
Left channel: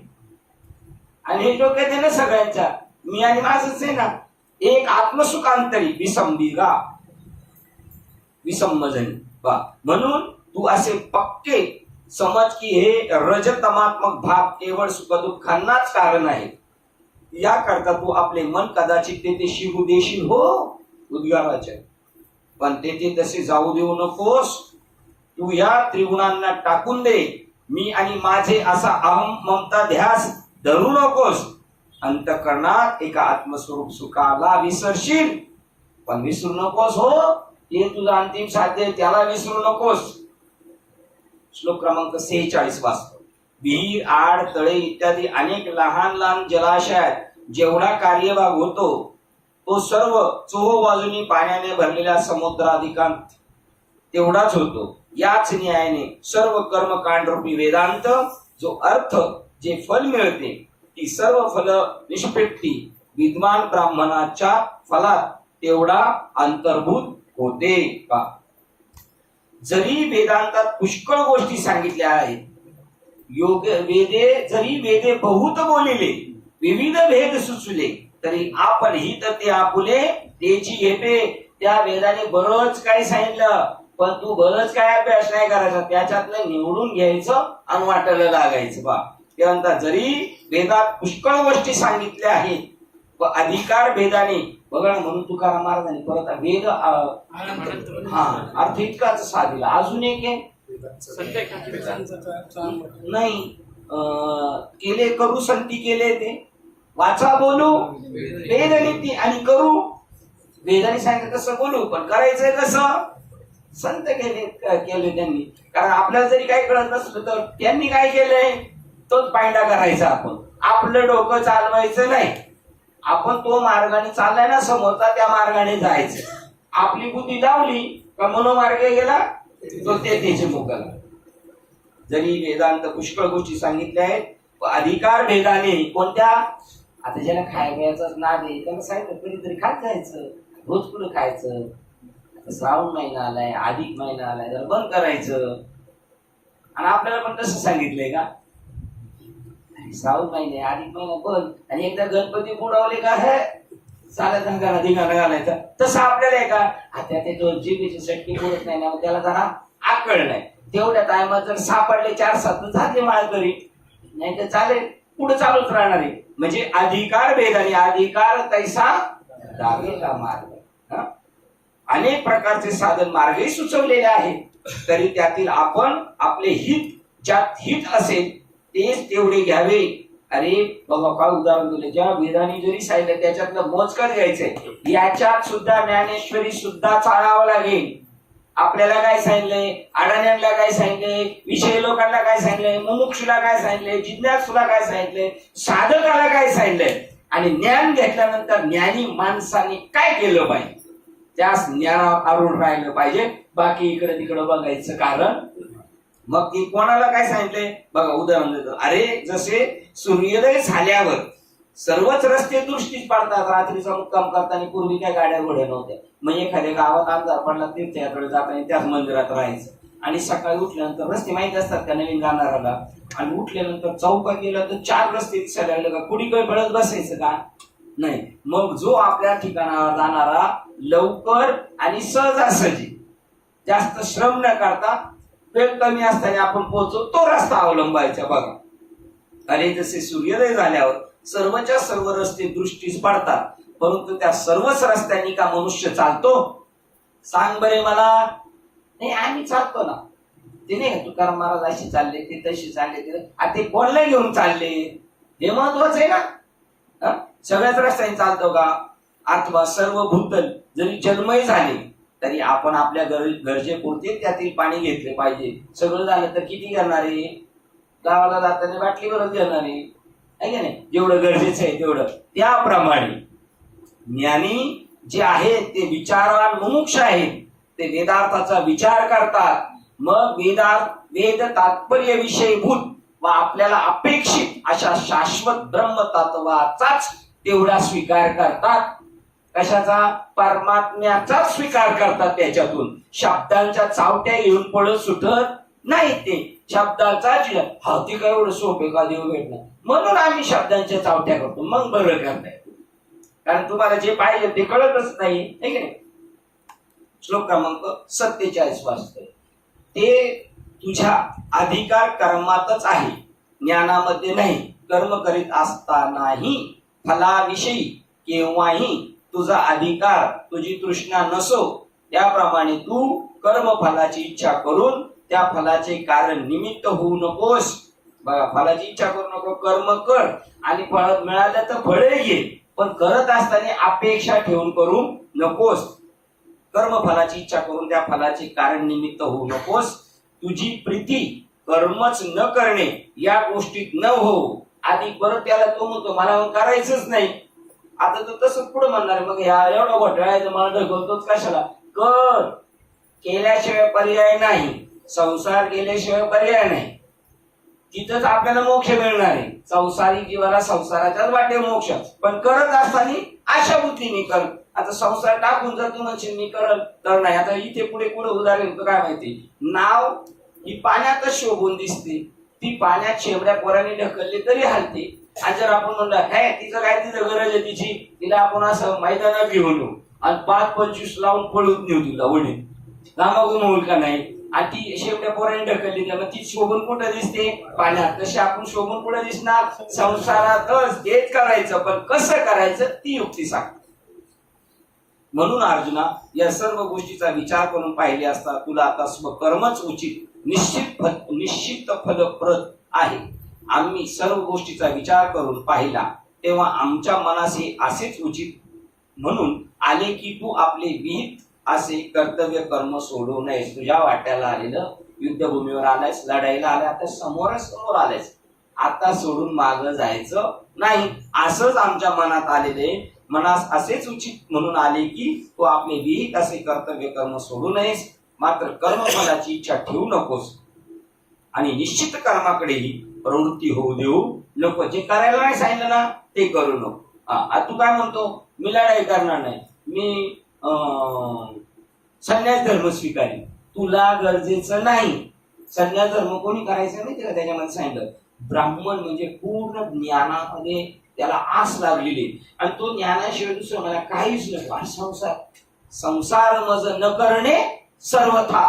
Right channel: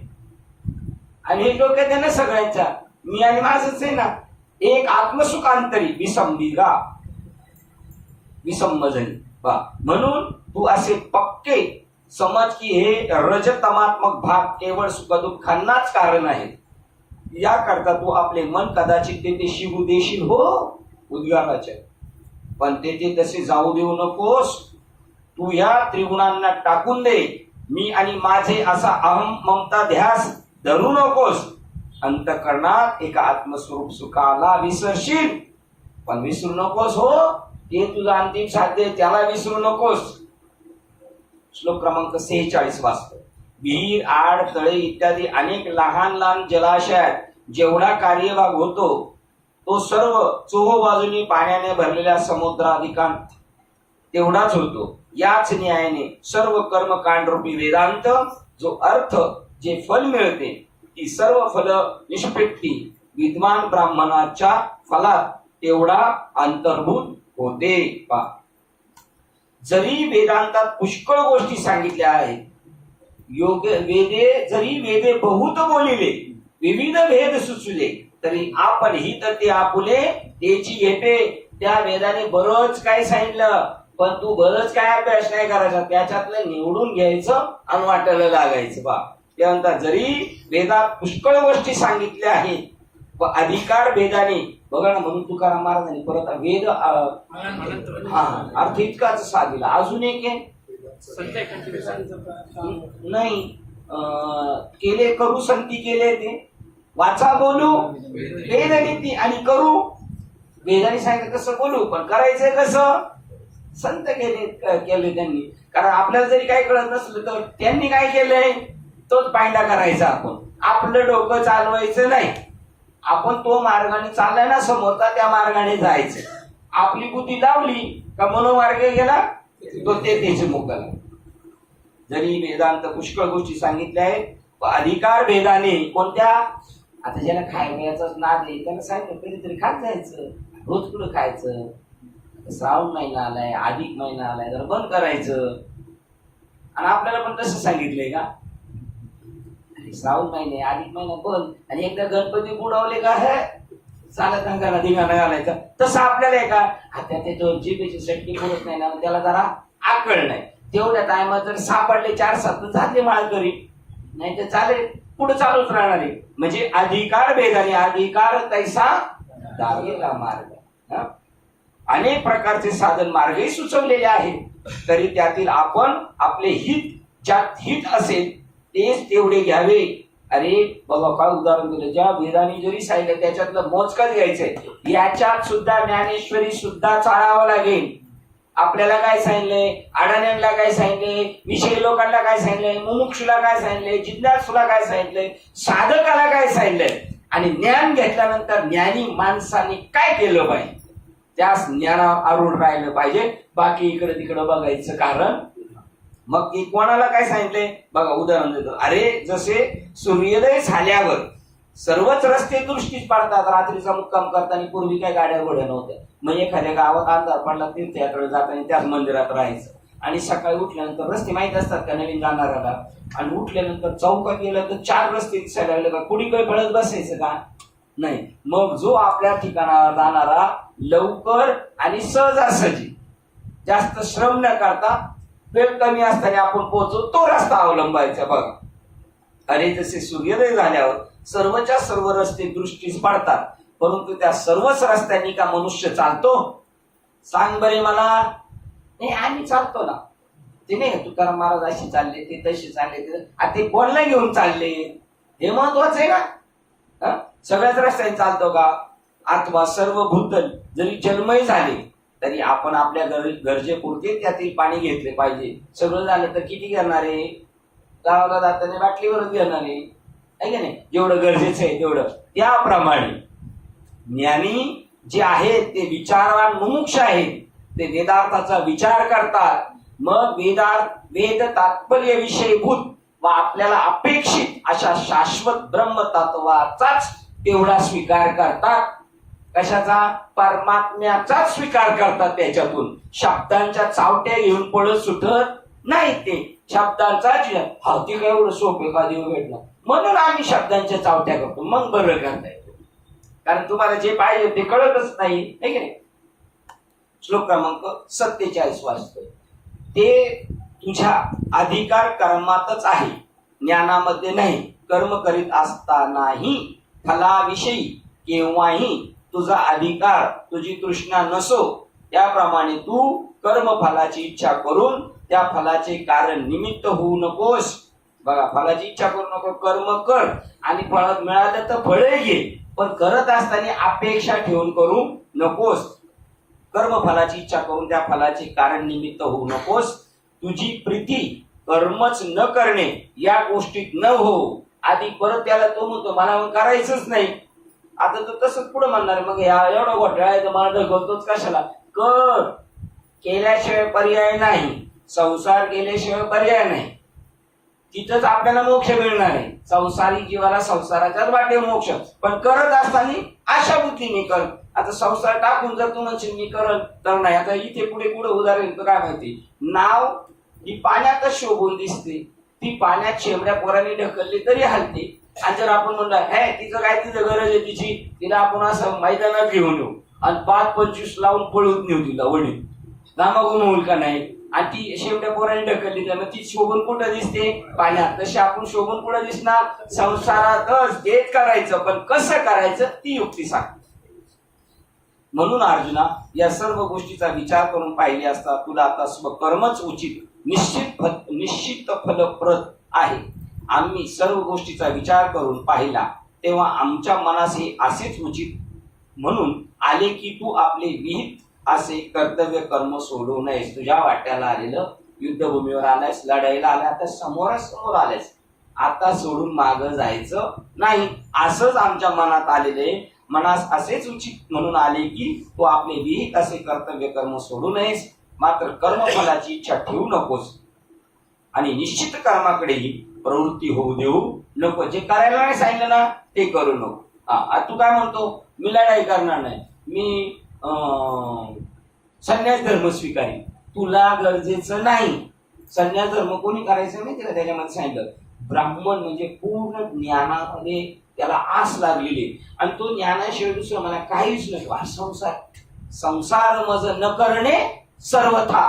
आणि हे डोक्यात आहे ना सगळ्यांच्या, मी आणि माझंच आहे ना. एक आत्मसुख अंतरी विसंबिगा विसंब झाली. म्हणून तू असे पक्के समज की हे रजतमात्मक भाग केवळ सुखदुःखांनाच कारण आहे. याकरता तू आपले मन कदाचित तेथे शिवू देशील हो उद्गाराचे, पण तेथे तसे जाऊ देऊ नकोस. तू या त्रिगुणांना टाकून दे. मी आणि माझे असा अहम ममता ध्यास धरू नकोस. अंतकरणात एका आत्मस्वरूप सुखाला विसरशील, पण विसरू नकोस हो. ते तुझं अंतिम साध्य त्याला विसरू नकोस. श्लोक क्रमांक 46 वाचतो. विहीर, आड, तळे इत्यादी अनेक लहान लहान जलाशयात जेवढा कार्यभाग होतो तो सर्व चोहो बाजूनी पाण्याने भरलेल्या समुद्राधिकांत तेवढाच होतो. याच न्यायाने सर्व कर्मकांड रूपी वेदांत जो अर्थ जे फल मिळते ती सर्व फल निष्पत्ती विद्वान ब्राह्मणाच्या फलात तेवढा अंतर्भूत होते का. जरी वेदांतात पुष्कळ गोष्टी सांगितल्या आहेत, जरी वेदे बहुत बोलिले विविध भेद सुचले तरी आपण हित ते आपुले त्याची घेते. त्या वेदाने बरंच काय सांगितलं, पण तू बरंच काय अभ्यास नाही करायचा, त्याच्यातलं निवडून घ्यायचं आणि वाटायला लागायचं बा. त्यानंतर जरी वेदात पुष्कळ गोष्टी सांगितल्या आहेत व अधिकार भेदाने बघा ना, म्हणून तुकाराम महाराजांनी परत वेद अर्थ इतकाच साधिला. अजून एक आहे नाही केले करू संती केले ते वाचा बोलू वेद नीती आणि करू. वेदाने सांगितलं कसं बोलू, पण करायचंय कसं संत केले त्यांनी. कारण आपल्याला जरी काही कळत नसलं तर त्यांनी काय केलंय तोच पायंडा करायचा. आपण आपलं डोकं चालवायचं नाही, आपण तो मार्गाने चाललाय ना समोरचा त्या मार्गाने जायचं. आपली बुद्धी लावली का मनोमार्गे गेला तो त्याचे मुकाला. जरी वेदांत पुष्कळ गोष्टी सांगितल्या आहेत, अधिकार भेदाने कोणत्या. आता ज्याला खायचं नाद आहे त्याला सांगितलं कधीतरी खात जायचं, रोज कुठं खायचं. श्रावण महिना आलाय, अधिक महिना आलाय, जरा बंद करायचं. आणि आपल्याला पण तसं सांगितलंय का, श्रावण महिने अधिक महिना बंद, आणि एकदा गणपती बुडवले का हे चालत अंगाला धिंगाणा घालायचं. तसं आपल्याला आहे का, आता ते जो जिभेची सटकी होत नाही ना, त्याला जरा आकळ नाही. तेवढ्या टायमात जर सापडले 4-7 झाले माळकरी, नाही तर चालेल पुढे चालूच राहणार आहे. म्हणजे अधिकार भेदाने अधिकार तैसा दावेला मार्ग. अनेक प्रकारचे साधन मार्गही सुचवलेले आहेत, तरी त्यातील आपण आपले हित ज्यात हित असेल तेच तेवढे घ्यावे. अरे बाबा काय उदाहरण दिलं, ज्या वेदाने जरी सांगितलं त्याच्यातलं मोजकच घ्यायचंय. याच्यात सुद्धा ज्ञानेश्वरी सुद्धा चाळावं लागेल. आपल्याला काय सांगितलंय, अडाण्यांना काय सांगितलंय, विषय लोकांना काय सांगितलंय, मुमुक्षुला काय सांगितलंय, जिज्ञासूला काय सांगितलंय, साधकाला काय सांगितलंय, आणि ज्ञान घेतल्यानंतर ज्ञानी माणसाने काय केलं पाहिजे, त्या ज्ञानावर आरूढ राहिलं पाहिजे. बाकी इकडे तिकडे बघायचं कारण. मग की कोणाला काय सांगितलंय बघा, उदाहरण देतो. अरे जसे सूर्योदय झाल्यावर सर्वच रस्ते दृष्टीस पडतात. रात्रीचा मुक्काम करताना पूर्वी काय गाड्या घोड्या नव्हत्या, मग एखाद्या गावात अंधार पडला तीर्थयात्रेकडे जाताना त्याच मंदिरात राहायचं. आणि सकाळी उठल्यानंतर रस्ते माहित असतात का नवीन जाणाऱ्याला, आणि उठल्यानंतर चौकात गेलं तर 4 रस्ते दिसायला लागले का, कुणी काही पळत बसायचं का नाही. मग जो आपल्या ठिकाणावर जाणारा लवकर आणि सहजासहजी जास्त श्रम न करता वेळ कमी असताना आपण पोहोचतो तो रस्ता अवलंबायचा. बघा अरे जसे सूर्योदय झाल्यावर सर्वच्या सर्व रस्ते दृष्टीस पडतात, परंतु त्या सर्वच रस्त्यांनी का मनुष्य चालतो सांग बरे मला. नाही आम्ही चालतो ना, ते नाही तुकाराम महाराज अशी चालले, ते तशी चालले, ते कोणाला घेऊन चालले हे महत्वाचं आहे ना. सगळ्याच रस्त्याने चालतो का, अथवा सर्व भूतल जरी जन्मही झाले तरी आपण आपल्या गरजेपुरते त्यातील पाणी घेतले पाहिजे. सगळं झालं तर किती घेणार आहे, गावाला जाताना बाटलीवरच घेणार आहे की नाही, जेवढं गरजेचं आहे तेवढं. त्याप्रमाणे ज्ञानी जे आहेत ते विचारवान मुमुक्ष आहेत, ते वेदार्थाचा विचार करतात. मग वेद तात्पर्य विषयभूत व आपल्याला अपेक्षित अशा शाश्वत ब्रह्मतत्वाचाच तेवढा स्वीकार करतात. कशाचा, परमात्म्याचा स्वीकार करतात. त्याच्यातून शब्दांच्या चावट्या घेऊन पळत सुटत नाही. ते शब्दांचा ते काय एवढं सोपे का देव भेटणं, म्हणून आम्ही शब्दांच्या चावट्या करतो. मग बरं करता येतो, कारण तुम्हाला जे पाहिजे ते कळतच नाही, है की नाही. श्लोक क्रमांक 47 वाचतोय. ते तुझ्या अधिकार कर्मातच आहे, ज्ञानामध्ये नाही. कर्म करीत असतानाही फलाविषयी केव्हाही तुझा अधिकार, तुझी तृष्णा नसो, त्याप्रमाणे तू कर्म फलाची इच्छा करून त्या फलाचे कारण निमित्त होऊ नकोस. बघा फलाची इच्छा करू नको, कर्म कर आणि फळ मिळालं तर फळे घे, पण करत असताना अपेक्षा ठेवून करू नकोस. कर्म फलाची इच्छा करून त्या फलाचे कारण निमित्त होऊ नकोस. तुझी प्रीती कर्मच न करणे या गोष्टीत न हो. आधी परत त्याला तो म्हणतो मला करायचंच नाही, आता तो तसंच पुढे म्हणणार. मग ह्या एवढा घोटाळा आहे तर मला ढकलतोच कशाला. कर केल्याशिवाय पर्याय नाही, संसार केल्याशिवाय पर्याय नाही. तिथंच आपल्याला मोक्ष मिळणार आहे. संसारी जीवाला संसाराच्याच वाटे मोक्ष, पण करत असताना अशा बुद्धीने कर. आता संसार टाकून जर तू म्हणशील मी करल तर नाही. आता इथे पुढे उदाहरण काय माहिती, नाव ही पाण्यातच शोभून दिसते, ती पाण्यात शेमड्या पोरांनी ढकलली तरी हलते. आणि जर आपण म्हणलं हे तिचं काय, तिचं गरज आहे तिची, तिला आपण असं मैदानात घेऊन येऊ आणि 5-25 लावून पळून नेऊ तिला वडील गामागुम होईल का नाही. आणि ती शेवट्या पोरांनी ढकलली तर मग ती शोभून कुठं दिसते, पाण्यात. तशी आपण शोभून कुठं दिसणार, संसारातच. हेच करायचं, पण कसं करायचं ती युक्ती सांग. म्हणून अर्जुना, या सर्व गोष्टीचा विचार करून पाहिले असता तुला आता स्वकर्मच उचित निश्चित फलप्रद आहे. आम्ही सर्व गोष्टीचा विचार करून पाहिला तेव्हा आमच्या मनास हे असेच उचित म्हणून आले की तू आपले विहित असे कर्तव्य कर्म सोडू नयेस. तुझ्या वाट्याला आलेलं, युद्धभूमीवर आलायस, लढाईला आलाय, आता समोरासमोर आलायस, आता सोडून मागं जायचं नाही. असंच आमच्या मनात आलेले, मनास असेच उचित म्हणून आले की तू आपले विहित असे कर्तव्य कर्म सोडू नयेस. मात्र कर्मफलाची इच्छा ठेवू नकोस आणि निश्चित कर्माकडेही प्रवृत्ती होऊ देऊ नको. जे करायला नाही सांगितलं ना ते करू नको. तू काय म्हणतो, मी लढाई करणार नाही, मी संन्यास धर्म स्वीकारेन. तुला गरजेचं नाही. संन्यास धर्म कोणी करायचं नाही त्याला त्याच्यामध्ये सांगितलं. ब्राह्मण म्हणजे पूर्ण ज्ञानामध्ये त्याला आस लागलेली, आणि तो ज्ञानाशिवाय दुसरं मला काहीच नको. संसार मज न करणे सर्वथा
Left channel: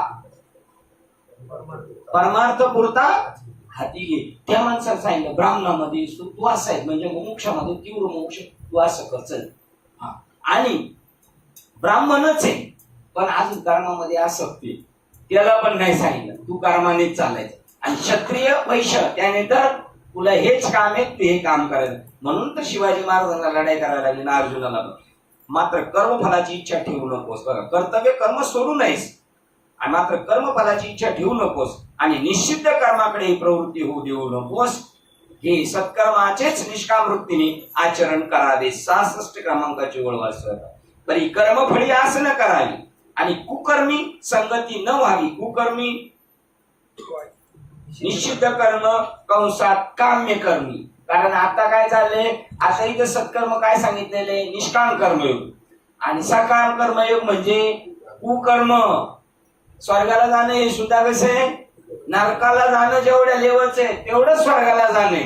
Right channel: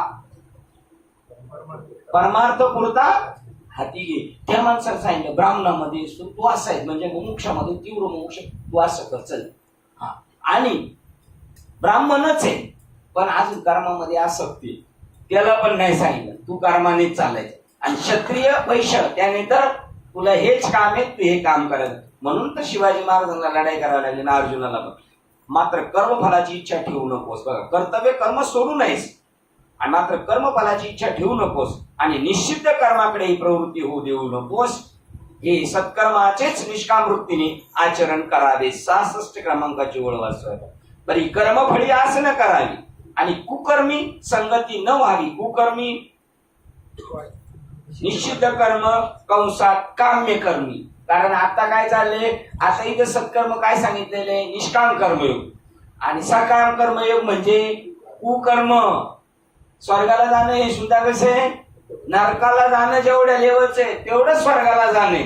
परमार्थ पुरता हाती घे. त्या माणसाला सांगितलं ब्राह्मणामध्ये तू असं आहे, म्हणजे मोक्षामध्ये तीव्र मोक्ष तू असं कर चल. आणि ब्राह्मणच आहे पण अजून कर्मामध्ये आसक्ती, त्याला पण नाही सांगितलं, तू कर्मानेच चालायचं. आणि क्षत्रिय वैश्य त्याने तर तुला हेच काम आहे, तू हे काम करायचं. म्हणून तर शिवाजी महाराजांना लढाई करायला लागली ना अर्जुनाला पण. मात्र कर्मफलाची इच्छा ठेवू नकोस. बघा, कर्तव्य कर्म सोडू नयेस आणि मात्र कर्मफलाची इच्छा ठेवू नकोस आणि निश्चित कर्माकडे प्रवृत्ती होऊ देऊ नकोस. हे सत्कर्माचेच निष्काम वृत्तीने आचरण करावे. 66 क्रमांकाची ओळ वाचत. बरी कर्मफळी आस न करावी आणि कुकर्मी संगती न व्हावी. कुकर्मी निश्चित कर्म कंसात काम्य कर्मी. कारण आता काय चाललंय, आता इथं सत्कर्म काय सांगितलेले, निष्काम कर्मयोग, आणि सकाम कर्मयोग म्हणजे कुकर्म. स्वर्गाला जाणं हे सुद्धा कसे, नरकाला जाणं जेवढ्या लेवलचं आहे तेवढं स्वर्गाला जाणे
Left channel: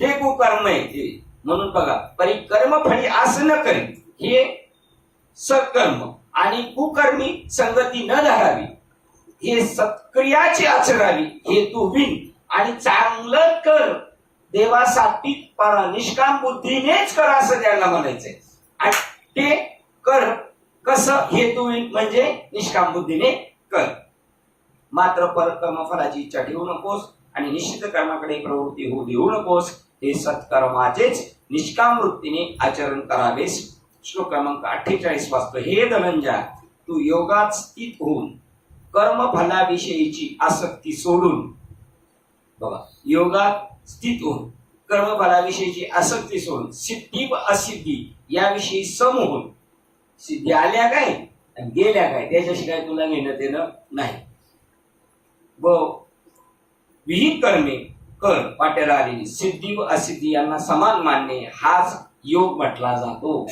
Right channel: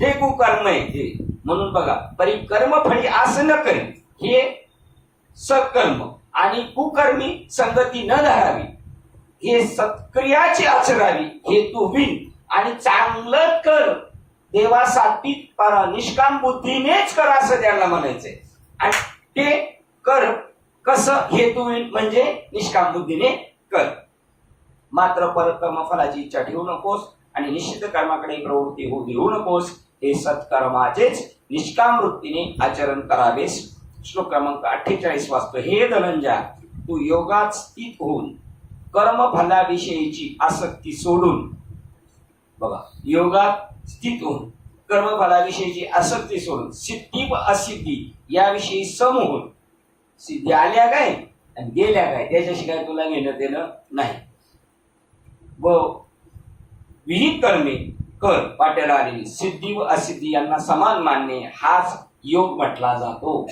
ते कुकर्म आहे. म्हणून बघा, परी कर्मफळी असं न करी हे सत्कर्म, आणि कुकर्मी संगती न धरावी हे सत्क्रियाची आचरावी हे तू विन. आणि चांगलं कर देवासाठी निष्काम बुद्धीनेच कर असं त्याला म्हणायचंय. आणि ते कर कसं, हेतू म्हणजे निष्काम बुद्धीने कर. मात्र कर्मफलाची इच्छा ठेवू नकोस आणि निश्चित कर्माकडे प्रवृत्ती होऊ देऊ नकोस. हे सत्कर्माचेच निष्काम वृत्तीने आचरण करावेस. श्लोक क्रमांक 48 वाचतो. हे धनंजय, तू योगात स्थित होऊन कर्मफलाविषयीची आसक्ती सोडून, बघा, योगात स्थित होऊन कर्मफलाविषयीची आसक्ती सोडून सिद्धी व असिद्धी याविषयी सम होऊन, सिद्धी आल्या काय आणि गेल्या काय त्याच्याशी काय तुला घेणं देणं नाही. व विहित कर्मे कर वाट्याला आलेली सिद्धी व असिद्धी यांना समान मानणे हाच योग म्हटला जातो.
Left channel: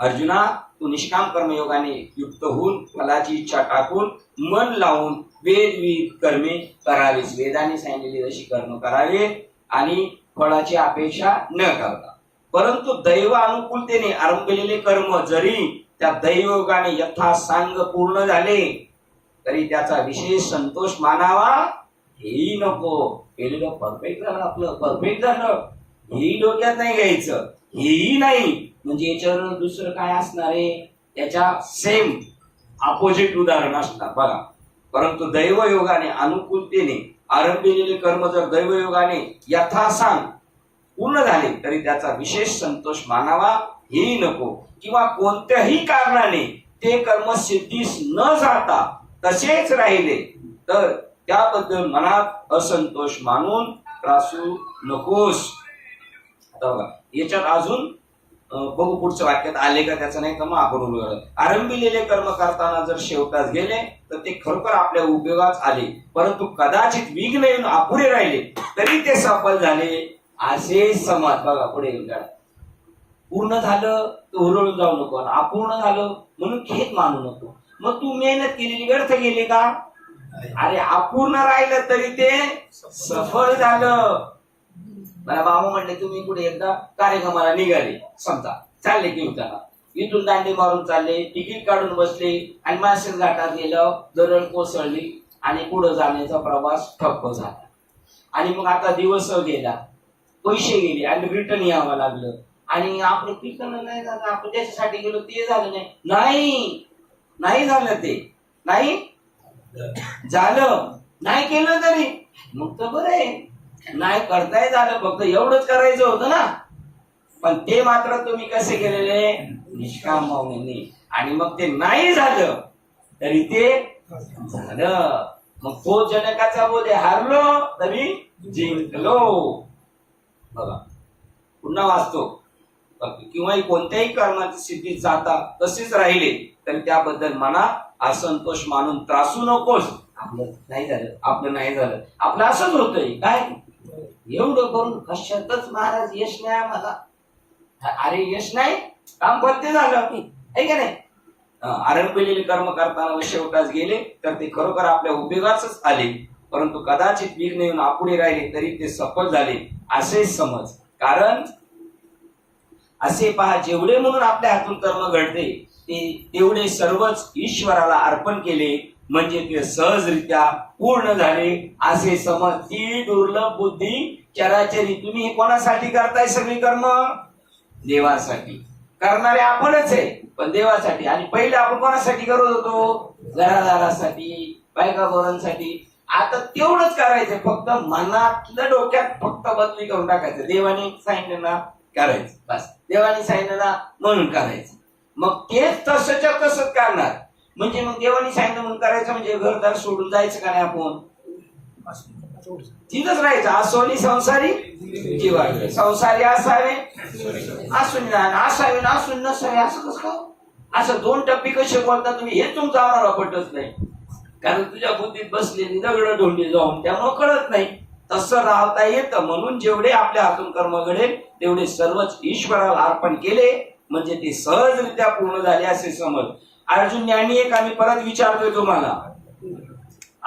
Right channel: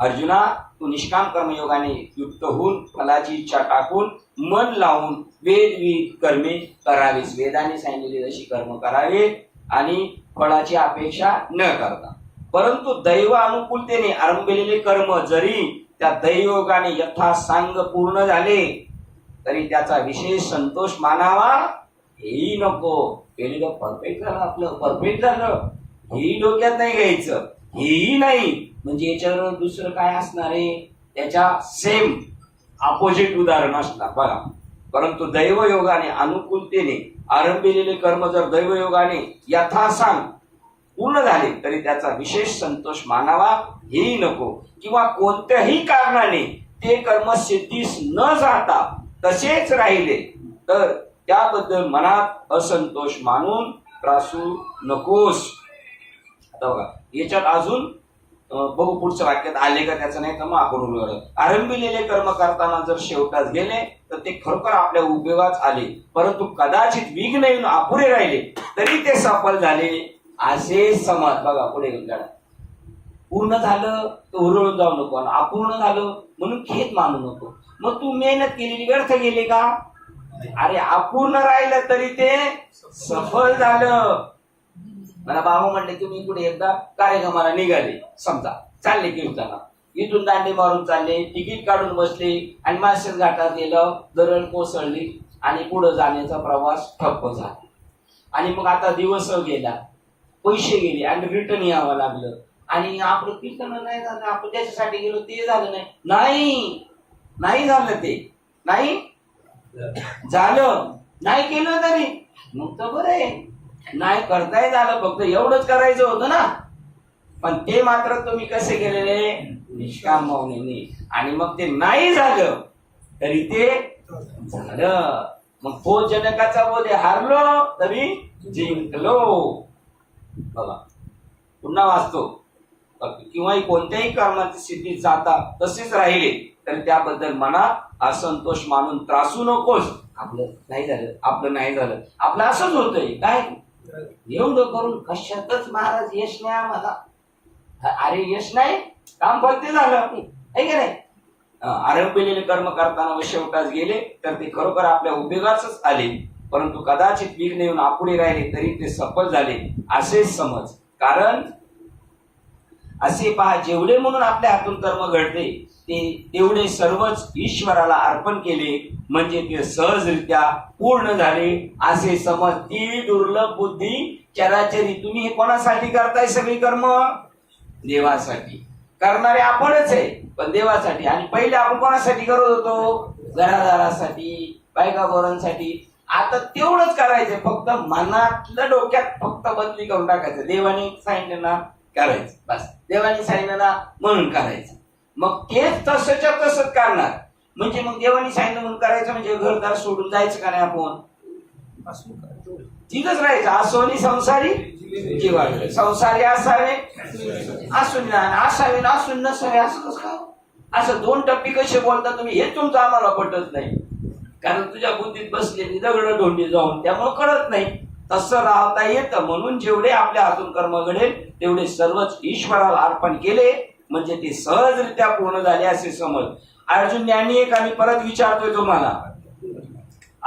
अर्जुना, तू निष्काम कर्मयोगाने युक्त होऊन फलाची इच्छा टाकून मन लावून वेदविहित कर्मे करावीस. वेदाने सांगितलेली अशी कर्म करावीत आणि फळाची अपेक्षा न करता. परंतु दैव अनुकूलतेने आरंभलेले कर्म जरी त्या दैवयोगाने यथासांग पूर्ण झाले तरी त्याचा विशेष संतोष मानावा हेही नको. केलेलं परफेक्ट झालं, आपलं परफेक्ट झालं हेही डोक्यात नाही घ्यायचं, हेही नाही. म्हणजे याच्यावर दुसरं काय असणार आहे, त्याच्या सेम अपोजिट उदाहरण असणार. बघा, परंतु दैवयोगाने अनुकूलतेने आरंभलेले कर्म जर दैवयोगाने यथासांग पूर्ण झाले तरी त्याचा विशेष संतोष मानावा हेही नको. किंवा कोणत्याही कारणाने ते कर्म सिद्धीस न जाता तसेच राहिले तर त्याबद्दल मनात असंतोष मानून त्रासू नकोस. आता बघा, याच्यात अजून बघू पुढच्या वाक्यात आले का त्याचं, नाही तर मग आपण उलगडू. आरंभिलेले कर्म करताना जर शेवटास गेले तर ते खरोखर आपल्या उपयोगात आले, परंतु कदाचित विघ्न येऊन अपुरे राहिले तरी ते सफल झाले असे समज. बघा पुढे उलगडा. पूर्ण झालं तर हुरळून जाऊ नको, अपूर्ण झालं म्हणून खेद मानू नको. मग तू मेहनत केलेली व्यर्थ गेली का? अरे अपूर्ण राहिलं तरी ते सफल झालं. मला बाबा म्हणले तुम्ही कुठे एकदा कार्यक्रमाला निघाले, समजा चालले कीर्तना, इथून दांडी मारून चालले, तिकीट काढून बसले आणि माळशेज घाटात गेलं, दरड कोसळली आणि पुढे जाण्याचा प्रवास ठप्प झाला. आणि मग आता दिवस गेला, पैसे गेले आणि रिटर्न यावं लागलं. आणि आपलं पिकणं नाही झालं, आपण त्याच्यासाठी गेलो ते झालं नाही, नाही झालं, ते नाही झालं, नाही केलं तरी मग तर बरं आहे, नाही करताय झालं, फक्त एवढंच करायचं होतं ना. पण ते मात्र तुम्ही कसे केलेले? निष्काम भावनेने. आणि मग ते नाही झालं तरी ते झालं. मग तो जनकाचा बोधे हारलो तरी जिंकलो. बघा पुन्हा वाचतो. किंवा कोणत्याही कर्माची सिद्धीत जाता तसेच राहिले तरी त्याबद्दल मनात असंतोष मानून त्रासू नकोस. आपलं नाही झालं, आपलं नाही झालं, आपलं असंच होतंय काय, एवढं करून कशातच महाराज यश नाही आम्हाला. अरे यश नाही, काम फलते झालं आहे की नाही. आरंभिलेले कर्म करताना व शेवटास गेले तर ते खरोखर आपल्या उपयोगाच आले, परंतु कदाचित विघ्न येऊन अपुरे राहिले तरी ते सफल झाले असे समज. कारण असे पहा, जेवढे म्हणून आपल्या हातून कर्म घडते ते तेवढे सर्वच ईश्वराला अर्पण केले म्हणजे ते सहजरित्या पूर्ण झाले असे समज. ती दुर्लभ बुद्धी चराचरी. तुम्ही हे कोणासाठी करताय सगळी कर्म? देवासाठी. करणारे आपणच आहे पण देवासाठी. आणि पहिले आपण कोणासाठी करत होतो? घरादारासाठी, बायका पोरांसाठी. आता तेवढंच करायचंय, फक्त मनातलं डोक्यात फक्त बदली करून टाकायचं. देवाने सांगितलं ना करायचं, बस. देवाने सांगितलं ना म्हणून करायचं. मग तेच तसंच्या तसंच करणार. म्हणजे मग देवाने सांगितलं म्हणून करायचं म्हणजे घरदार सोडून जायचं का नाही? आपण तिथंच राहायचं. असोनी संसारी जीवाडले. संसारी असावे असून असावे ना असून नसावे, असं कसं काय? असं दोन टप्पी कसे बोलता तुम्ही? हे तुमचं आम्हाला पटत नाही, कारण तुझ्या बुद्धीत बसलेली दगड ढोंडी जाऊन त्यामुळे कळत नाही. तसं राहता येतं. म्हणून जेवढे आपल्या हातून कर्म घडेल तेवढे सर्वच ईश्वराला अर्पण केले म्हणजे ते सहजरित्या पूर्ण झाले असे समज. अर्जुन ज्ञानी एक आम्ही परत विचारतोय तुम्हाला,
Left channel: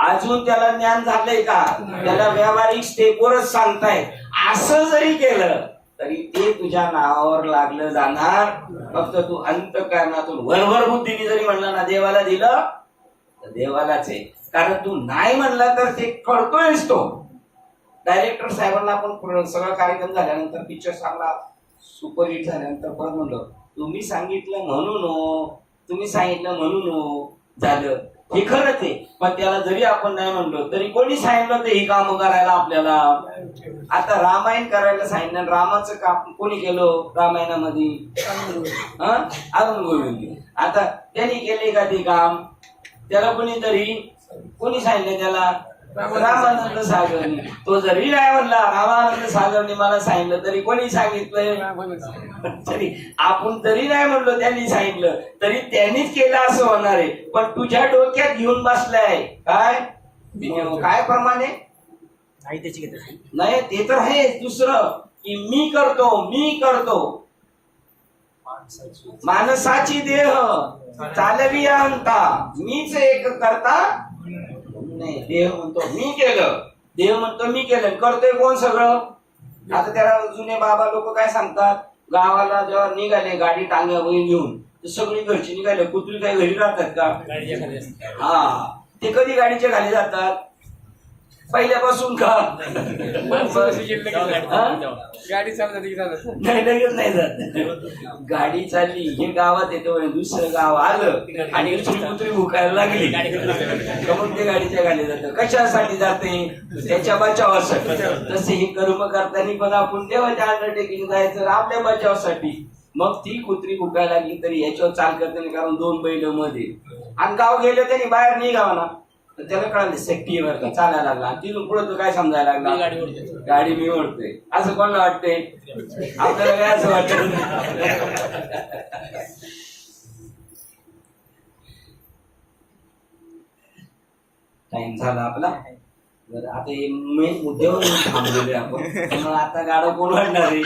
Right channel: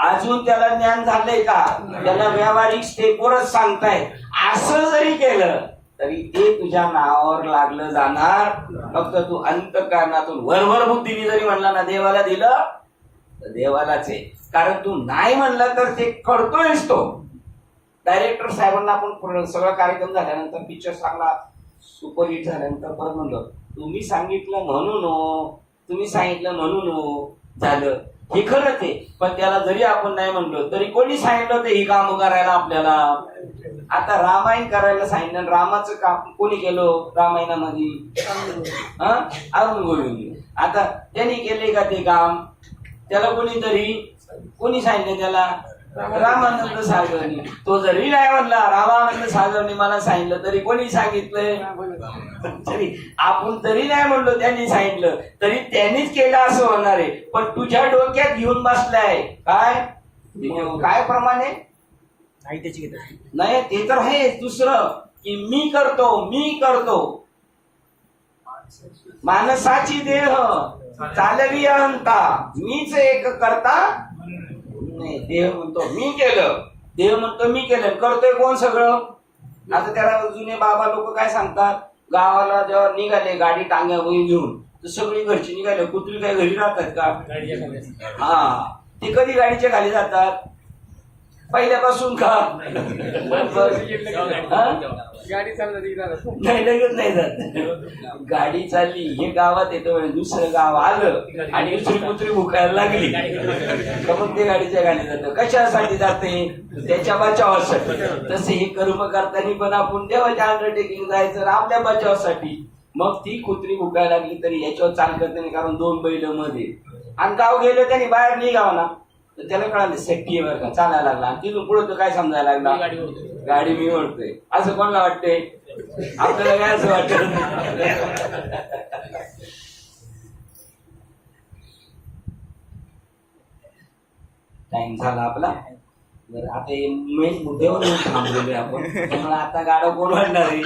अजून त्याला ज्ञान झालंय का? त्याला व्यावहारिक स्टेपवरच सांगताय. असं जरी केलं तरी ते तुझ्या नावावर लागलं जाणार. फक्त तू अंतःकरणातून वरवर बुद्धीने जरी म्हणला ना देवाला दिलं तर देवालाच आहे. कारण तू नाही म्हणलं तर ते करतोयस तो. डायरेक्टर साहेबांना आपण सगळा कार्यक्रम झाल्यानंतर, पिक्चर चांगला सुपरहिट झाल्यानंतर परत म्हणलं तुम्ही सांगितलं म्हणून हो, तुम्ही सांगितलं म्हणून हो झालं. हे खरंच आहे. पण त्याला जरी आपण नाही म्हणलो तरी कोणी सांगितलं होतं ही काम करायला आपल्याला? आता रामायण करायला सांगितलं, रामाचं काम कोणी केलं रामायणामध्ये? अरुण गोविंद. आता त्यांनी केले का ते काम? त्याला कोणी सांगितलं त्याला? रामानंद सागरनी. तो जरी नाही म्हणला रामानंद सागरनी मला सांगितलं तरी कोणी सांगितलंय? तरी आपण जरी नाही म्हणलो त्यांनी सांगितलं तरी त्यांनीच केलं असं होणार आहे. पण तुझ्या डोक्यात घेऊन बसलाय काय प्रमाणे नाही ते तर आहे. दुसरं की मी करतो माणसाची देह चालवी अंता, मीच एक करता नाही. देह म्हणतो मी केलं, देह म्हणतो मी केलं, करतोय कोण सगळं? आता त्याला जुने बाबा लोक काय सांगतात, गावाला जेव्हा निघाले गाडी टांग्यावर घेऊन तर सगळी घरची निघाले, कुत्री काय घरी राहतात का? हा, ते कधी गाडीच्या खाली जातात? पहिल्यापासून का? गाडी चालली नाही, लगेच नाही जात. गाडी चालली हे गावात येतं, दुसरं गाव आलं आणि दुसरी कुत्री भुकायला लागली मग ते गाडीच्या खाली जातं. कशासाठी जाते? त्याच्या बचावासाठी. तसे हे कर्म करताना पण आपण देवाच्या अंडरटेकिंग जायचं आपल्या बचावासाठी. मग ती कुत्री भुकायला लागली तरी याच्यावर चाल करते नाही, कारण दोन बैल मध्ये आणि गाव गेले त्यांनी बाहेर निघावा ना. तर त्याला कळालं सेफ्टी आहे बरं का, चालायला लागला. आणि तिथून पुढे तो काय समजायला मी लागला, गाडी ओढतोय. गाडी मी ओढतोय. असं कोणाला वाटतंय? आपल्याला काय असं वाटत? टाइम झाला आपला. बरं आता मेन मुद्द्यावर थांबलेलो आपण, त्यामुळे आता गाडा कोण वाढणार आहे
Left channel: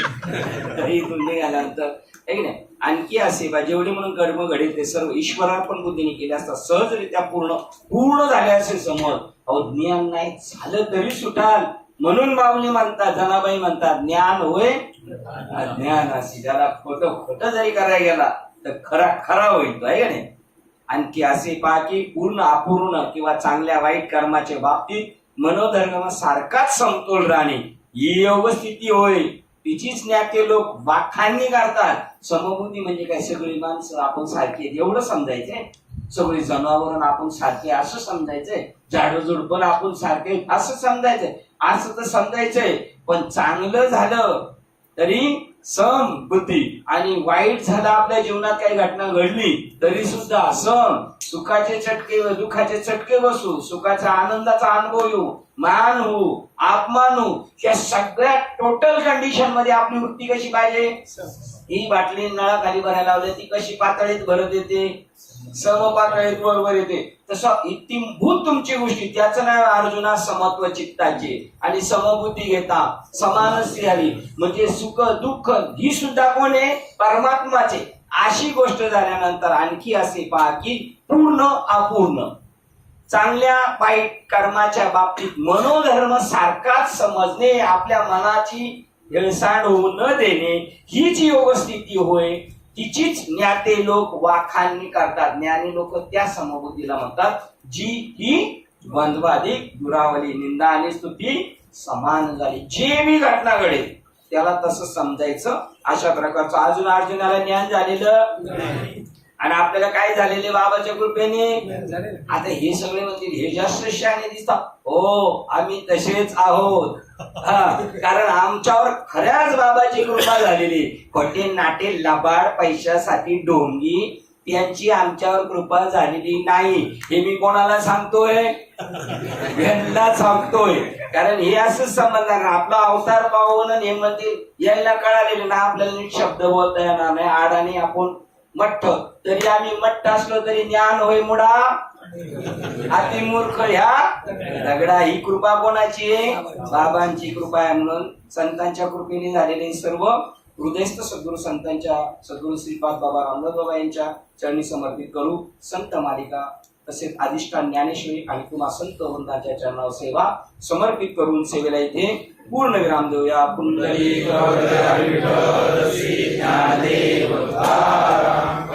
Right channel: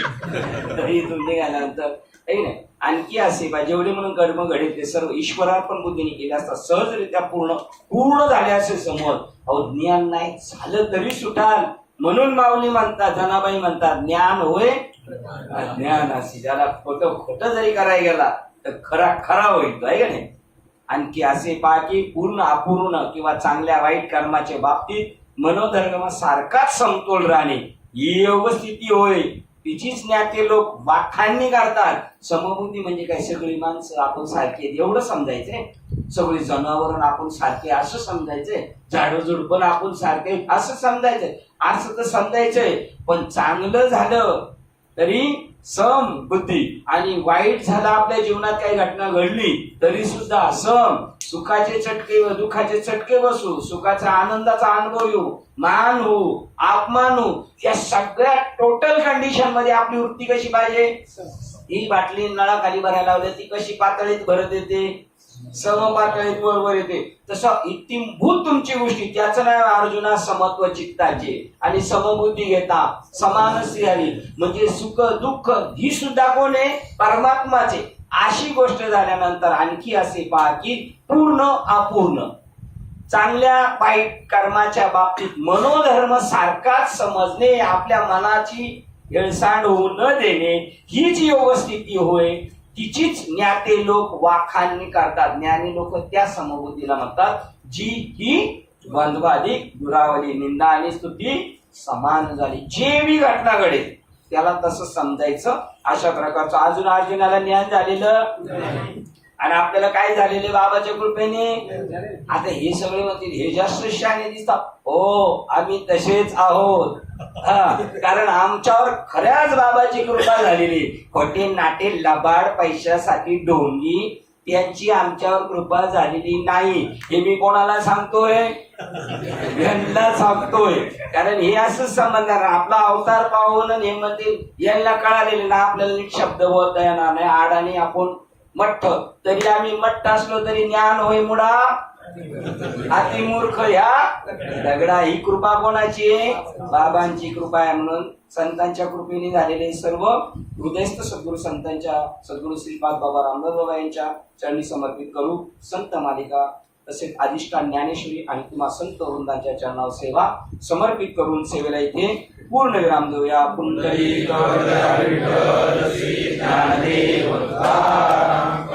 तरी इथून निघाल्यानंतर आहे नाही. आणखी असे बा जेवढे म्हणून कर्म घडे ते सर्व ईश्वरार्पण बुद्धीने केले असतात, सहजरित्या पूर्ण झाले असे समज. अहो ज्ञान नाही झालं तरी सुटाल. म्हणून माऊली म्हणतात, जनाबाई म्हणतात, ज्ञान होय अज्ञान असे. त्याला खोटं जरी करायला गेला तर खरा होईल तो, आहे का नाही. आणखी असे पहा की पूर्ण अपूर्ण किंवा चांगल्या वाईट कर्माच्या बाबतीत मनोधर्म सारखाच समतोल राहणे ही योगस्थिती होय. तिचीच ज्ञाते लोक वाखाणणी करतात. समबुद्धी म्हणजे काय, सगळी माणसं आपण सारखी एवढं समजायचंय, सगळी जनावरण आपण सारखे असं समजायचंय, झाडझुड पण आपण सारखे असं समजायचंय. असं तर समजायचंय, पण चांगलं झालं तरी सम बुद्धी आणि वाईट झालं आपल्या जीवनात काही घटना घडली तरी सुद्धा सम. सुखाचे चटके व दुःखाचे चटके बसू, सुखाचा आनंदाचा अनुभव येऊ, मान होऊ, अपमान होऊ, या सगळ्या टोटल कंडिशन मध्ये आपली वृत्ती कशी पाहिजे. ही बाटली नळाखाली भरायला लावली ती कशी पातळीत भरत येते, सम पातळीत बरोबर येते. तसं इतिमभूत तुमची गोष्टी, त्याचं नाव अर्जुना समत्व चित्ताचे. आणि समबुद्धी घेता समानसी आली म्हणजे सुख दुःख ही सुद्धा कोण आहे, परमात्माचे. अशी गोष्ट झाल्यानंतर आणखी असे पहा की पूर्ण अपूर्ण चांगल्या वाईट कर्माच्या बाबतीत मनोधर्म सारखाच समजणे, आपल्या मनाची हेळसांड होऊ न देणे हीच योगस्थिती होय. तिचीच ज्ञाते लोक वाखाणणी करतात. ज्ञानी लोक त्या समबुद्धीला म्हणतात जी ही द्वंद्वाधिक दुरावली, निंदा आणि स्तुती समान झाली. जे मी घटना घडेल त्याला तसं समजायचं. अशा प्रकारचं अजून अर्जुनाला ज्ञान झालेलं आणि आपल्याला काय झालेले बाबाच्या कृपेने. आता हे सगळे म्हणतील हे जास्त शहाणे दिसतात. हो आम्ही तसेच आहोत, कारण आमच्यावर खऱ्याच बाबाची कृपा झालेली. खोटे नाटे लबाड पैशासाठी ढोंगी त्यांची आमच्यावर कृपा झालेली नाही. हे मी कोणाला सांगतोय, यांना सांगतोय. कारण हे असं समजणार आपला अवतार पाहून हे म्हणतील यांना कळालेले ना आपल्याला नीट शब्द बोलता येणार नाही. आडाने आपण मठ्ठ, तरी आम्ही मठ्ठ असलो तरी ज्ञान होय मुडा अतिमूर्ख ह्या दगडा. ही कृपा कोणाची आहे, बाबांची कृपा आहे. म्हणून संतांच्या कृपेने झालेले सर्व हृदयस्थ सद्गुरु संतांच्या सद्गुरु श्रीपाद बाबा रामदास बाबा यांच्या चरणी समर्पित करू. संत मालिका तसेच अधिष्ठान ज्ञानेश्वरी आणि तुम्हा संत वृंदाच्या चरणावर सेवा समर्पित करून सेवेला इथे पूर्ण विराम देऊया. पुंडलिक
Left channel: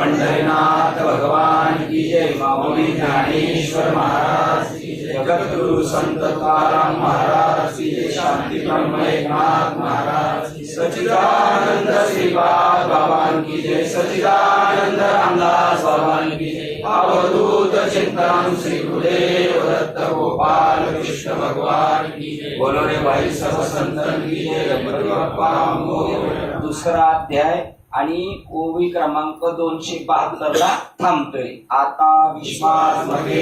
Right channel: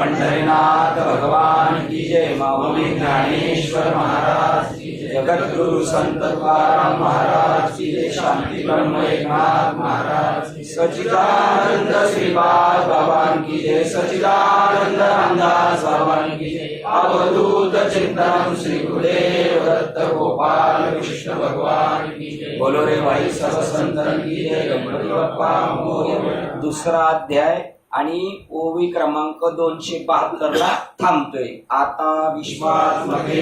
पंढरीनाथ भगवान की जय. माऊली ज्ञानेश्वर महाराज की जय. जगद्गुरु संत तुकाराम महाराज की जय. शांती एकनाथ महाराज की. सच्चिदानंद श्रीपाद बाबा की जय. सच्चिदानंद रामदास बाबा की जय. अवधूत चिंतन श्री गुरुदेव दत्त गोपाल कृष्ण भगवान की जय. बोलो रे भाई सर्व संतन की जय. गणपती बाप्पा मोरया. दुसरा अध्याय आणि ओवी क्रमांक 272 ला थांबतोय. आता विश्वास मध्ये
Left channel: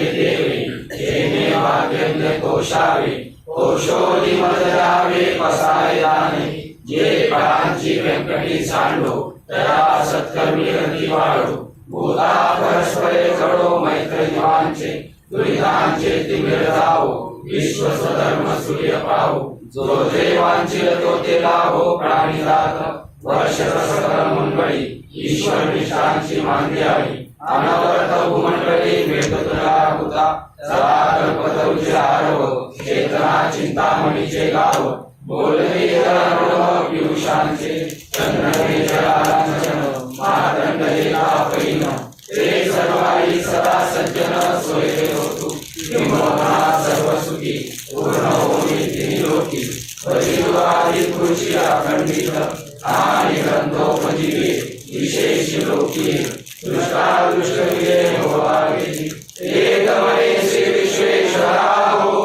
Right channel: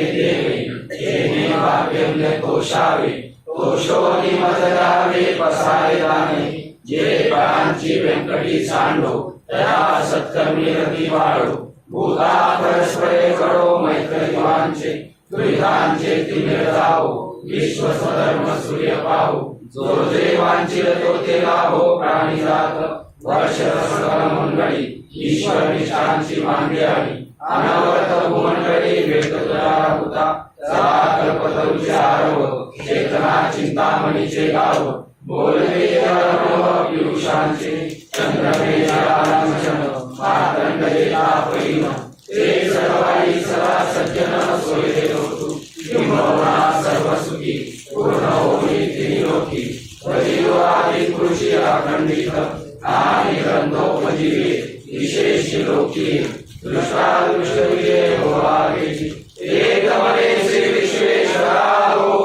देवे भाग्य तोषावे, तोषोनी मदरावे पसारे दाणे. जे प्राणांची व्यंकटी सांडो त्या सत्कर्मी रती वाढो. भूता परस्परे कडो मैत्र जीवांचे, दुरितांचे तिमिर जावो. विश्व स्वधर्म सूर्य पाहो. जो देवांची तो ते लाभो. प्राणी जात वर्ष सकल मंडळी ईश्वर निष्ठांची मांडली आहे. अनवरत भूमंडळी भेट तुला होता. सदा कल्पतरुचे आरव, चेतना चिंतामणीचे गाव. बोलले पियुषांचे चंद्रमे जलांचन. मातंडे तापईन ते सर्वाई सदा सज्जन सोयरे होतु. किंबहुना सर्व सुखी पूर्ण होई त्रिलोकी. परिवारी कृषी अखंडित आणि ग्रंथोपजीवी विशेष लोकी. दृष्टादृष्ट विजय होवागे. एक मने श्री विश्वेश्वरा हो.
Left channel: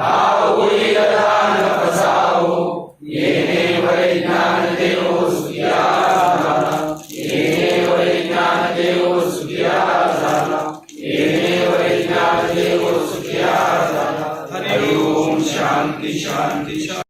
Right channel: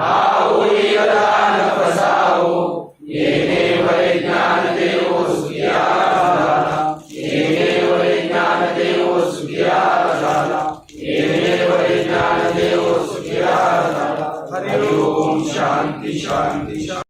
आहुरी दान पसाहो. येणे वै ज्ञान देवो सुखिया झाला. येणे वै ज्ञान देवो सुखिया झाला. येणे वै ज्ञान देवो सुखिया शांती शांती शांती